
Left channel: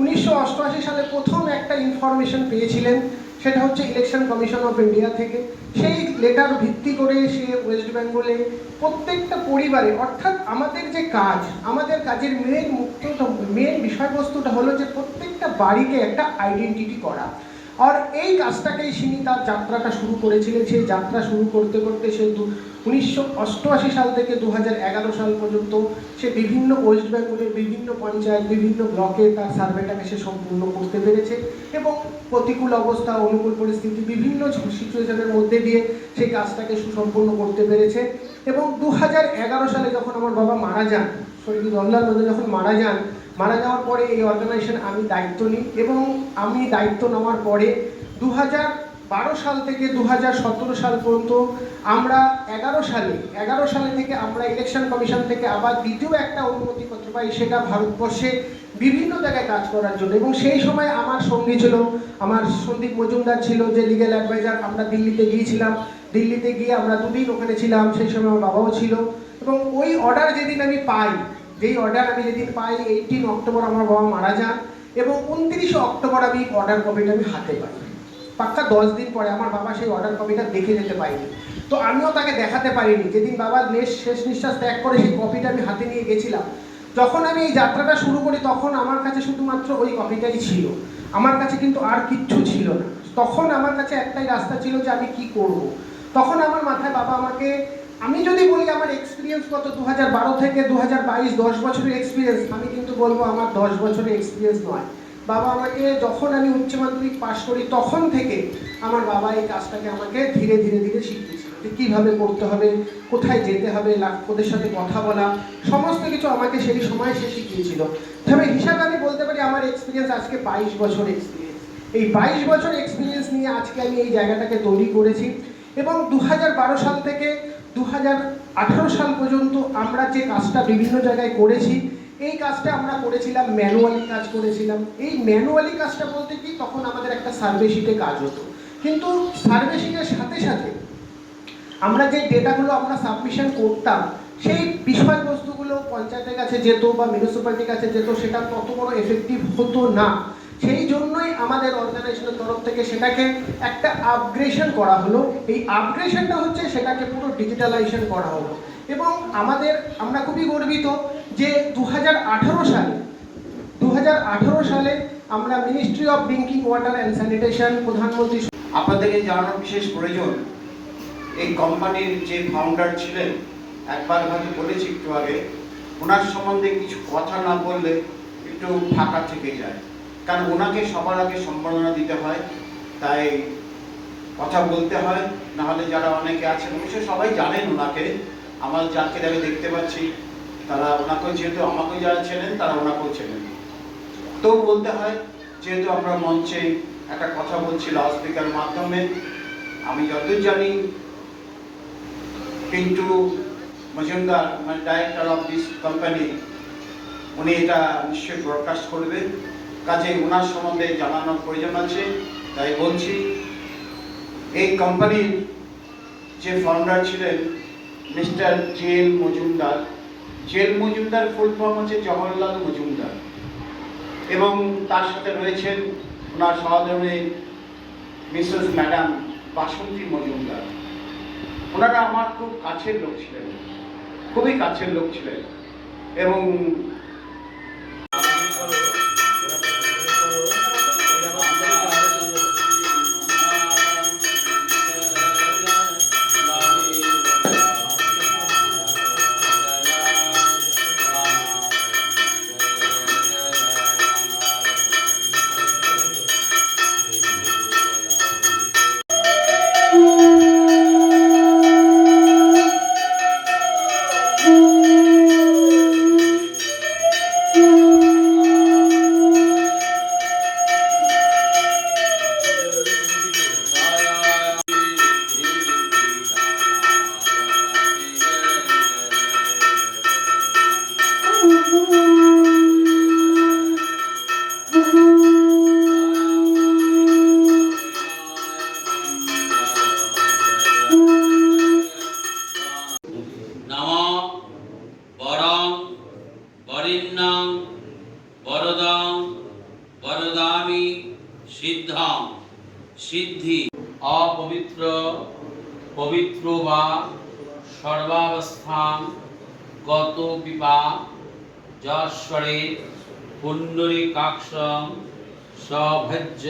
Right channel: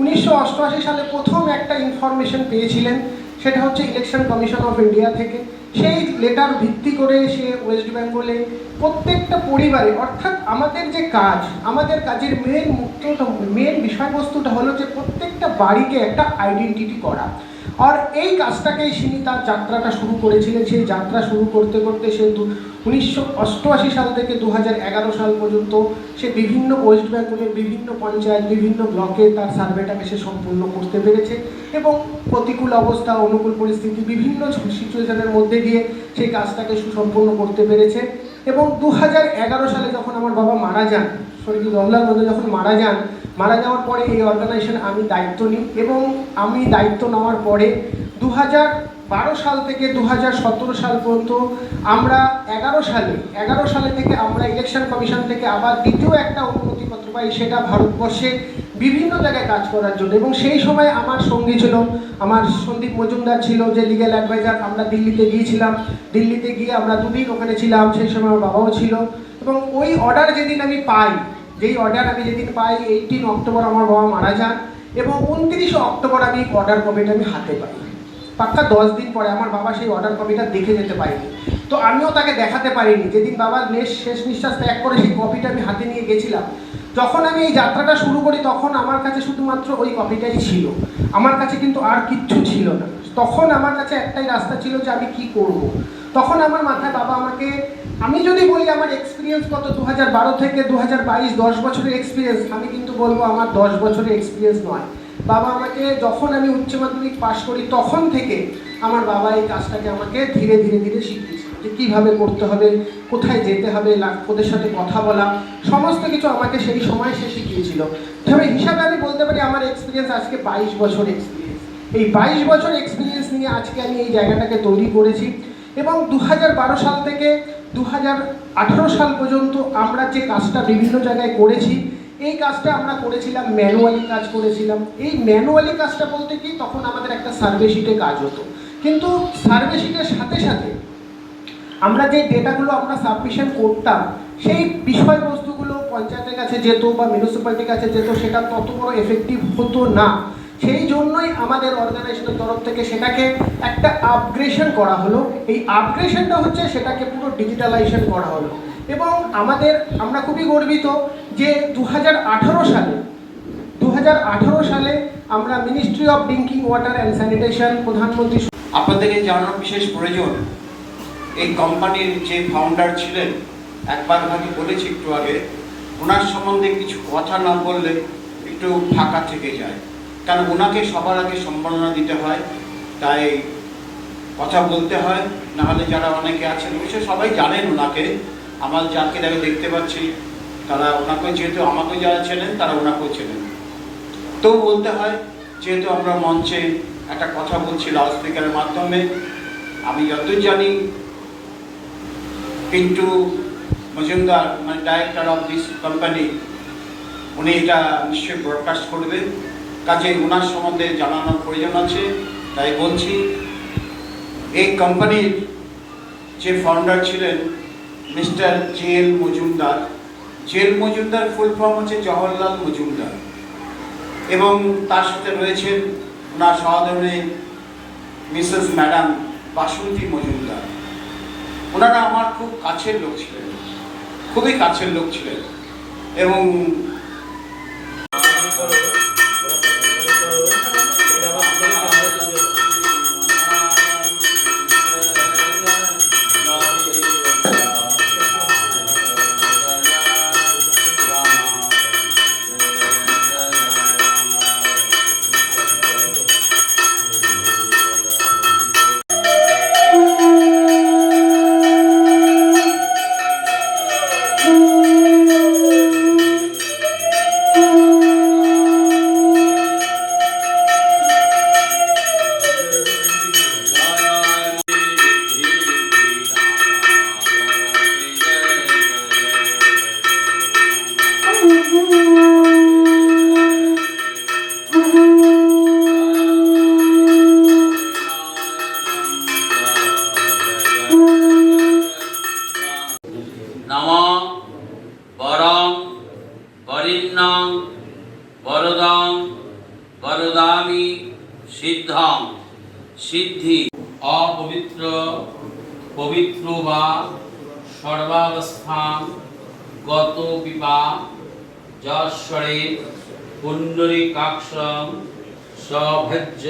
1988 সালে প্রথম একটা ইনফরমেশন পেয়েছিলেন, সেটা হচ্ছে ইলেকশন কমিশন অফ ইন্ডিয়া থেকে। সেই লেটার ভিত্তি করে সে ওয়েস্ট বেঙ্গলে প্রত্যেকটা পরিবারে, অর্থাৎ আমাদের যে কাজ, আমাদের কাজের মেন বিষয়বস্তুটা হলো যে প্রত্যেকটা বাড়িকে একটা আইডেন্টিটি করা। আর এই কাজটাকেই তিনি তার যাত্রাটা শুরু করেছিলেন। সেই যাত্রা শুরু করতে করতে সে 1988 সাল থেকে 2011 সাল পর্যন্ত সে বিভিন্ন ওয়েস্ট বেঙ্গলের বিভিন্ন পঞ্চায়েত, বিভিন্ন ব্লকে তার সার্ভেটাকে সে সম্পূর্ণ করতে পেরেছে, এবং প্রতিকূল অবস্থা, অনুকূল পরিস্থিতি, বিভিন্ন সিচুয়েশনের মধ্যে দিয়ে সেই কাজটাকে সুসম্পন্ন করতে পেরেছে। এবং 2011 সালে যখন আমার বাবা মারা যান, স্বর্গীয় জওহরলাল নেহরু যখন মারা যাওয়ার পরে এই অর্গানাইজেশন আমি দায়িত্ব নিই, এবং আমি দায়িত্ব নেওয়ার পরে 2012 সাল থেকে 2017 সাল পর্যন্ত আমরা 11 সালে থেকে আমরা ইলেকশন কমিশন থেকে আবার দ্বিতীয় একটা অনুমতিপত্র পাই, সেটা ভারতবর্ষে বিভিন্ন জায়গায় কাজ করার জন্য। এবং সেই সময় আমার সঙ্গী ছিল আমার সন্দীপ মজুমদার ছিল, যে লিগ্যাল অ্যাডভাইজার। আমরা দিল্লিতে গিয়েছিলাম, দিল্লিতে গিয়ে আমরা 2 দিন ওখানে ছিলাম, সেই সময় আমার বাবাও ছিল। এবং ওই অর্ডার যেদিন আমি পাই, 18 অক্টোবর আমার বাবা মারা যান, এবং 29 অক্টোবর আমি অর্ডার কপিটা আমি হাতে পাই। পাক্কা 10 দিন পরে আমার বাবা সেই অর্ডার কপিটা দেখে যেতে পারিনি, তো আমিও তাকে দেখাতে পারিনি। যেদিন বাবার শেষ নিঃশ্বাস ত্যাগ করে সেই কপিটা আমি হাতে নিয়ে গেছিলাম। যখন আমি এই যাত্রাটা শুরু করি তখন আমার কাছে শুধুমাত্র ওই কপিটাই ছিল, আমার কাছে কিন্তু আর কিচ্ছু ছিল না। তখন আমার কাছে একটাই রাস্তা ছিল যে আমি কি করব। তখন আমার মাথায় বাবা আমাকে, আমি যদি বলি আমার এক্সপিরিয়েন্স কত 2012 থেকে 2022 10 বছরের এক্সপিরিয়েন্স, আমি কিন্তু বলবো আমার 10 বছরের এক্সপিরিয়েন্স নয়। বাবা আমাকে, যখন আমি উচ্চ মাধ্যমিক পাশ করি তখন থেকে আমার বাবা এই কাজটাকে আমাকে ধীরে ধীরে ধীরে শিখিয়েছিল, যে কীভাবে করতে হবে, কোথায় যেতে হবে, ওদের সাথে কথা বলা, সমস্ত কিছু আমাকে সেই সময় সে শিখিয়েছিল। তবে হিসাবে আমি বলতে পারি আমার এক্সপিরিয়েন্স আজকে 22 বছর এক্সপিরিয়েন্স। এই 22 বছর এক্সপিরিয়েন্স নিয়ে আজকে আমি এই জায়গাটাকে তৈরি করেছি। এবং 2012 সাল থেকে 2018 সাল পর্যন্ত আমরা যে কাজটা বিভিন্ন জায়গায় করেছি, এই কাজটা আমরা করেছিলাম ম্যানুয়ালি কাজ করেছিলাম। এই ম্যানুয়ালি কাজটা বলতে কি, তখন আমাদের একটা সার্ভে শিটে কাজ হতো, কিন্তু সার্ভে শিটের সাথে সাথে আমরা যে ডেটাগুলো আমরা সাবমিশন করতাম, সেই বিষয়বস্তুগুলো পঞ্চায়েতের কাছে যেত বা মিউনিসিপ্যালিটির কাছে যেত, সেটা তত বড় এফেক্টিভ হতো না। সেই জন্যই আমাদের অর্গানাইজেশনের তরফ থেকে সেটাকে একটা আপগ্রেডেশন করা হলো। এই আপগ্রেডেশনটা হচ্ছে সেটাকে পুরো ডিজিটালাইজেশন করা হলো। এবং আমরা খুবই গর্বিত যে 2018 সালে আমরা ministry of drinking water and sanitation, প্রধানমন্ত্রী। আপনাদেরকে জানানো বিশেষ প্রয়োজন, এই কোম্পানির যে ফাউন্ডার ছিলেন, একবার হয়তো বলেছি একটু আগে, ওনার সম্বন্ধে কিছু কথা না বললে একটু ফাঁকা থেকে যায়, কারণ ওনাকে সবার আগে সম্মাননা দিতে হয়, তাই কথা বলতে হয়। নাহলে যারা অনেকে আছেন, অবশ্যই সবাই জানেন ওনাকে, আমার যাকে দেখতে পাচ্ছি তারা ওনাকেও, যেহেতু আমাকেও যারা চেনেন তারা ওনাকেও চেনেন, তো বলতে হয়। যেহেতু আমরা মঞ্চে একটা কথা বলছি লাউডস্পিকারের মাধ্যমে, আমি যতই জানি পিন্টু মজুমদার, মানে ডাইরেক্টর অফ দিস কোম্পানি, উনি এটা নিশ্চয়ই ব্রডকাস্ট করবেন, কাজে ওনার সম্বন্ধে জানানোর প্রয়োজন আছে, তাই বলছি। এই কোম্পানির যে ফাউন্ডার ছিলেন mister JL Majumdar. JL Majumdar full form হচ্ছে জওহরলাল মজুমদার, এবং তার সাথে রয়েছেন ওনার সহধর্মী মিসেস ম্যাডাম বাসন্তী মজুমদার। ওনারা আমার খুব কাছের লোক ছিলেন, খুবই কাছের লোক ছিলেন। এবং দদামি সিদ্ধাং সিদ্ধি অপবিত্র পবিত্র বা সর্বাবস্থান গত পিপা যশ্বরে পুণ্ডরীকাক্ষং সভজ্য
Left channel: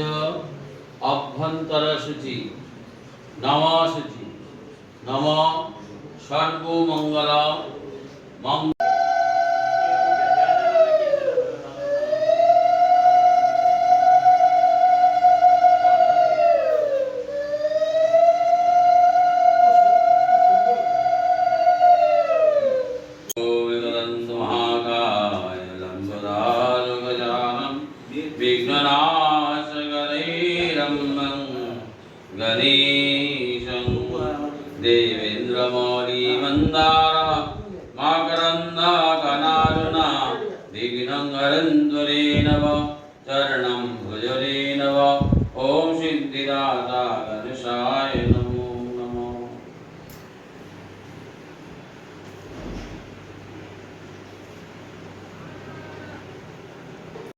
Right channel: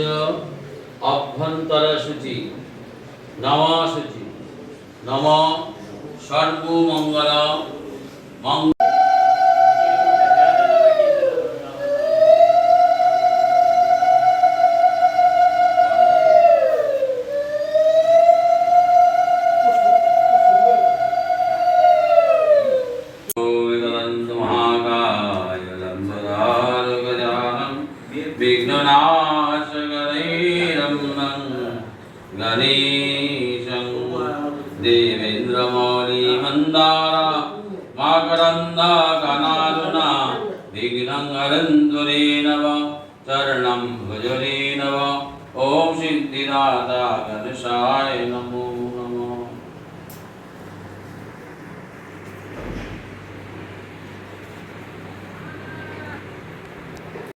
অভ্যন্তর শুচি নমশুচি নম সর্বমঙ্গল মঙ্গল। गणेशं देवेन्द्रमौली मन्दार माकरन्दा गणारुणा विघ्नं हरन्तुरे नव चरणं भुजरे नव ॐ सिद्धिदाता गणेशाय नमो।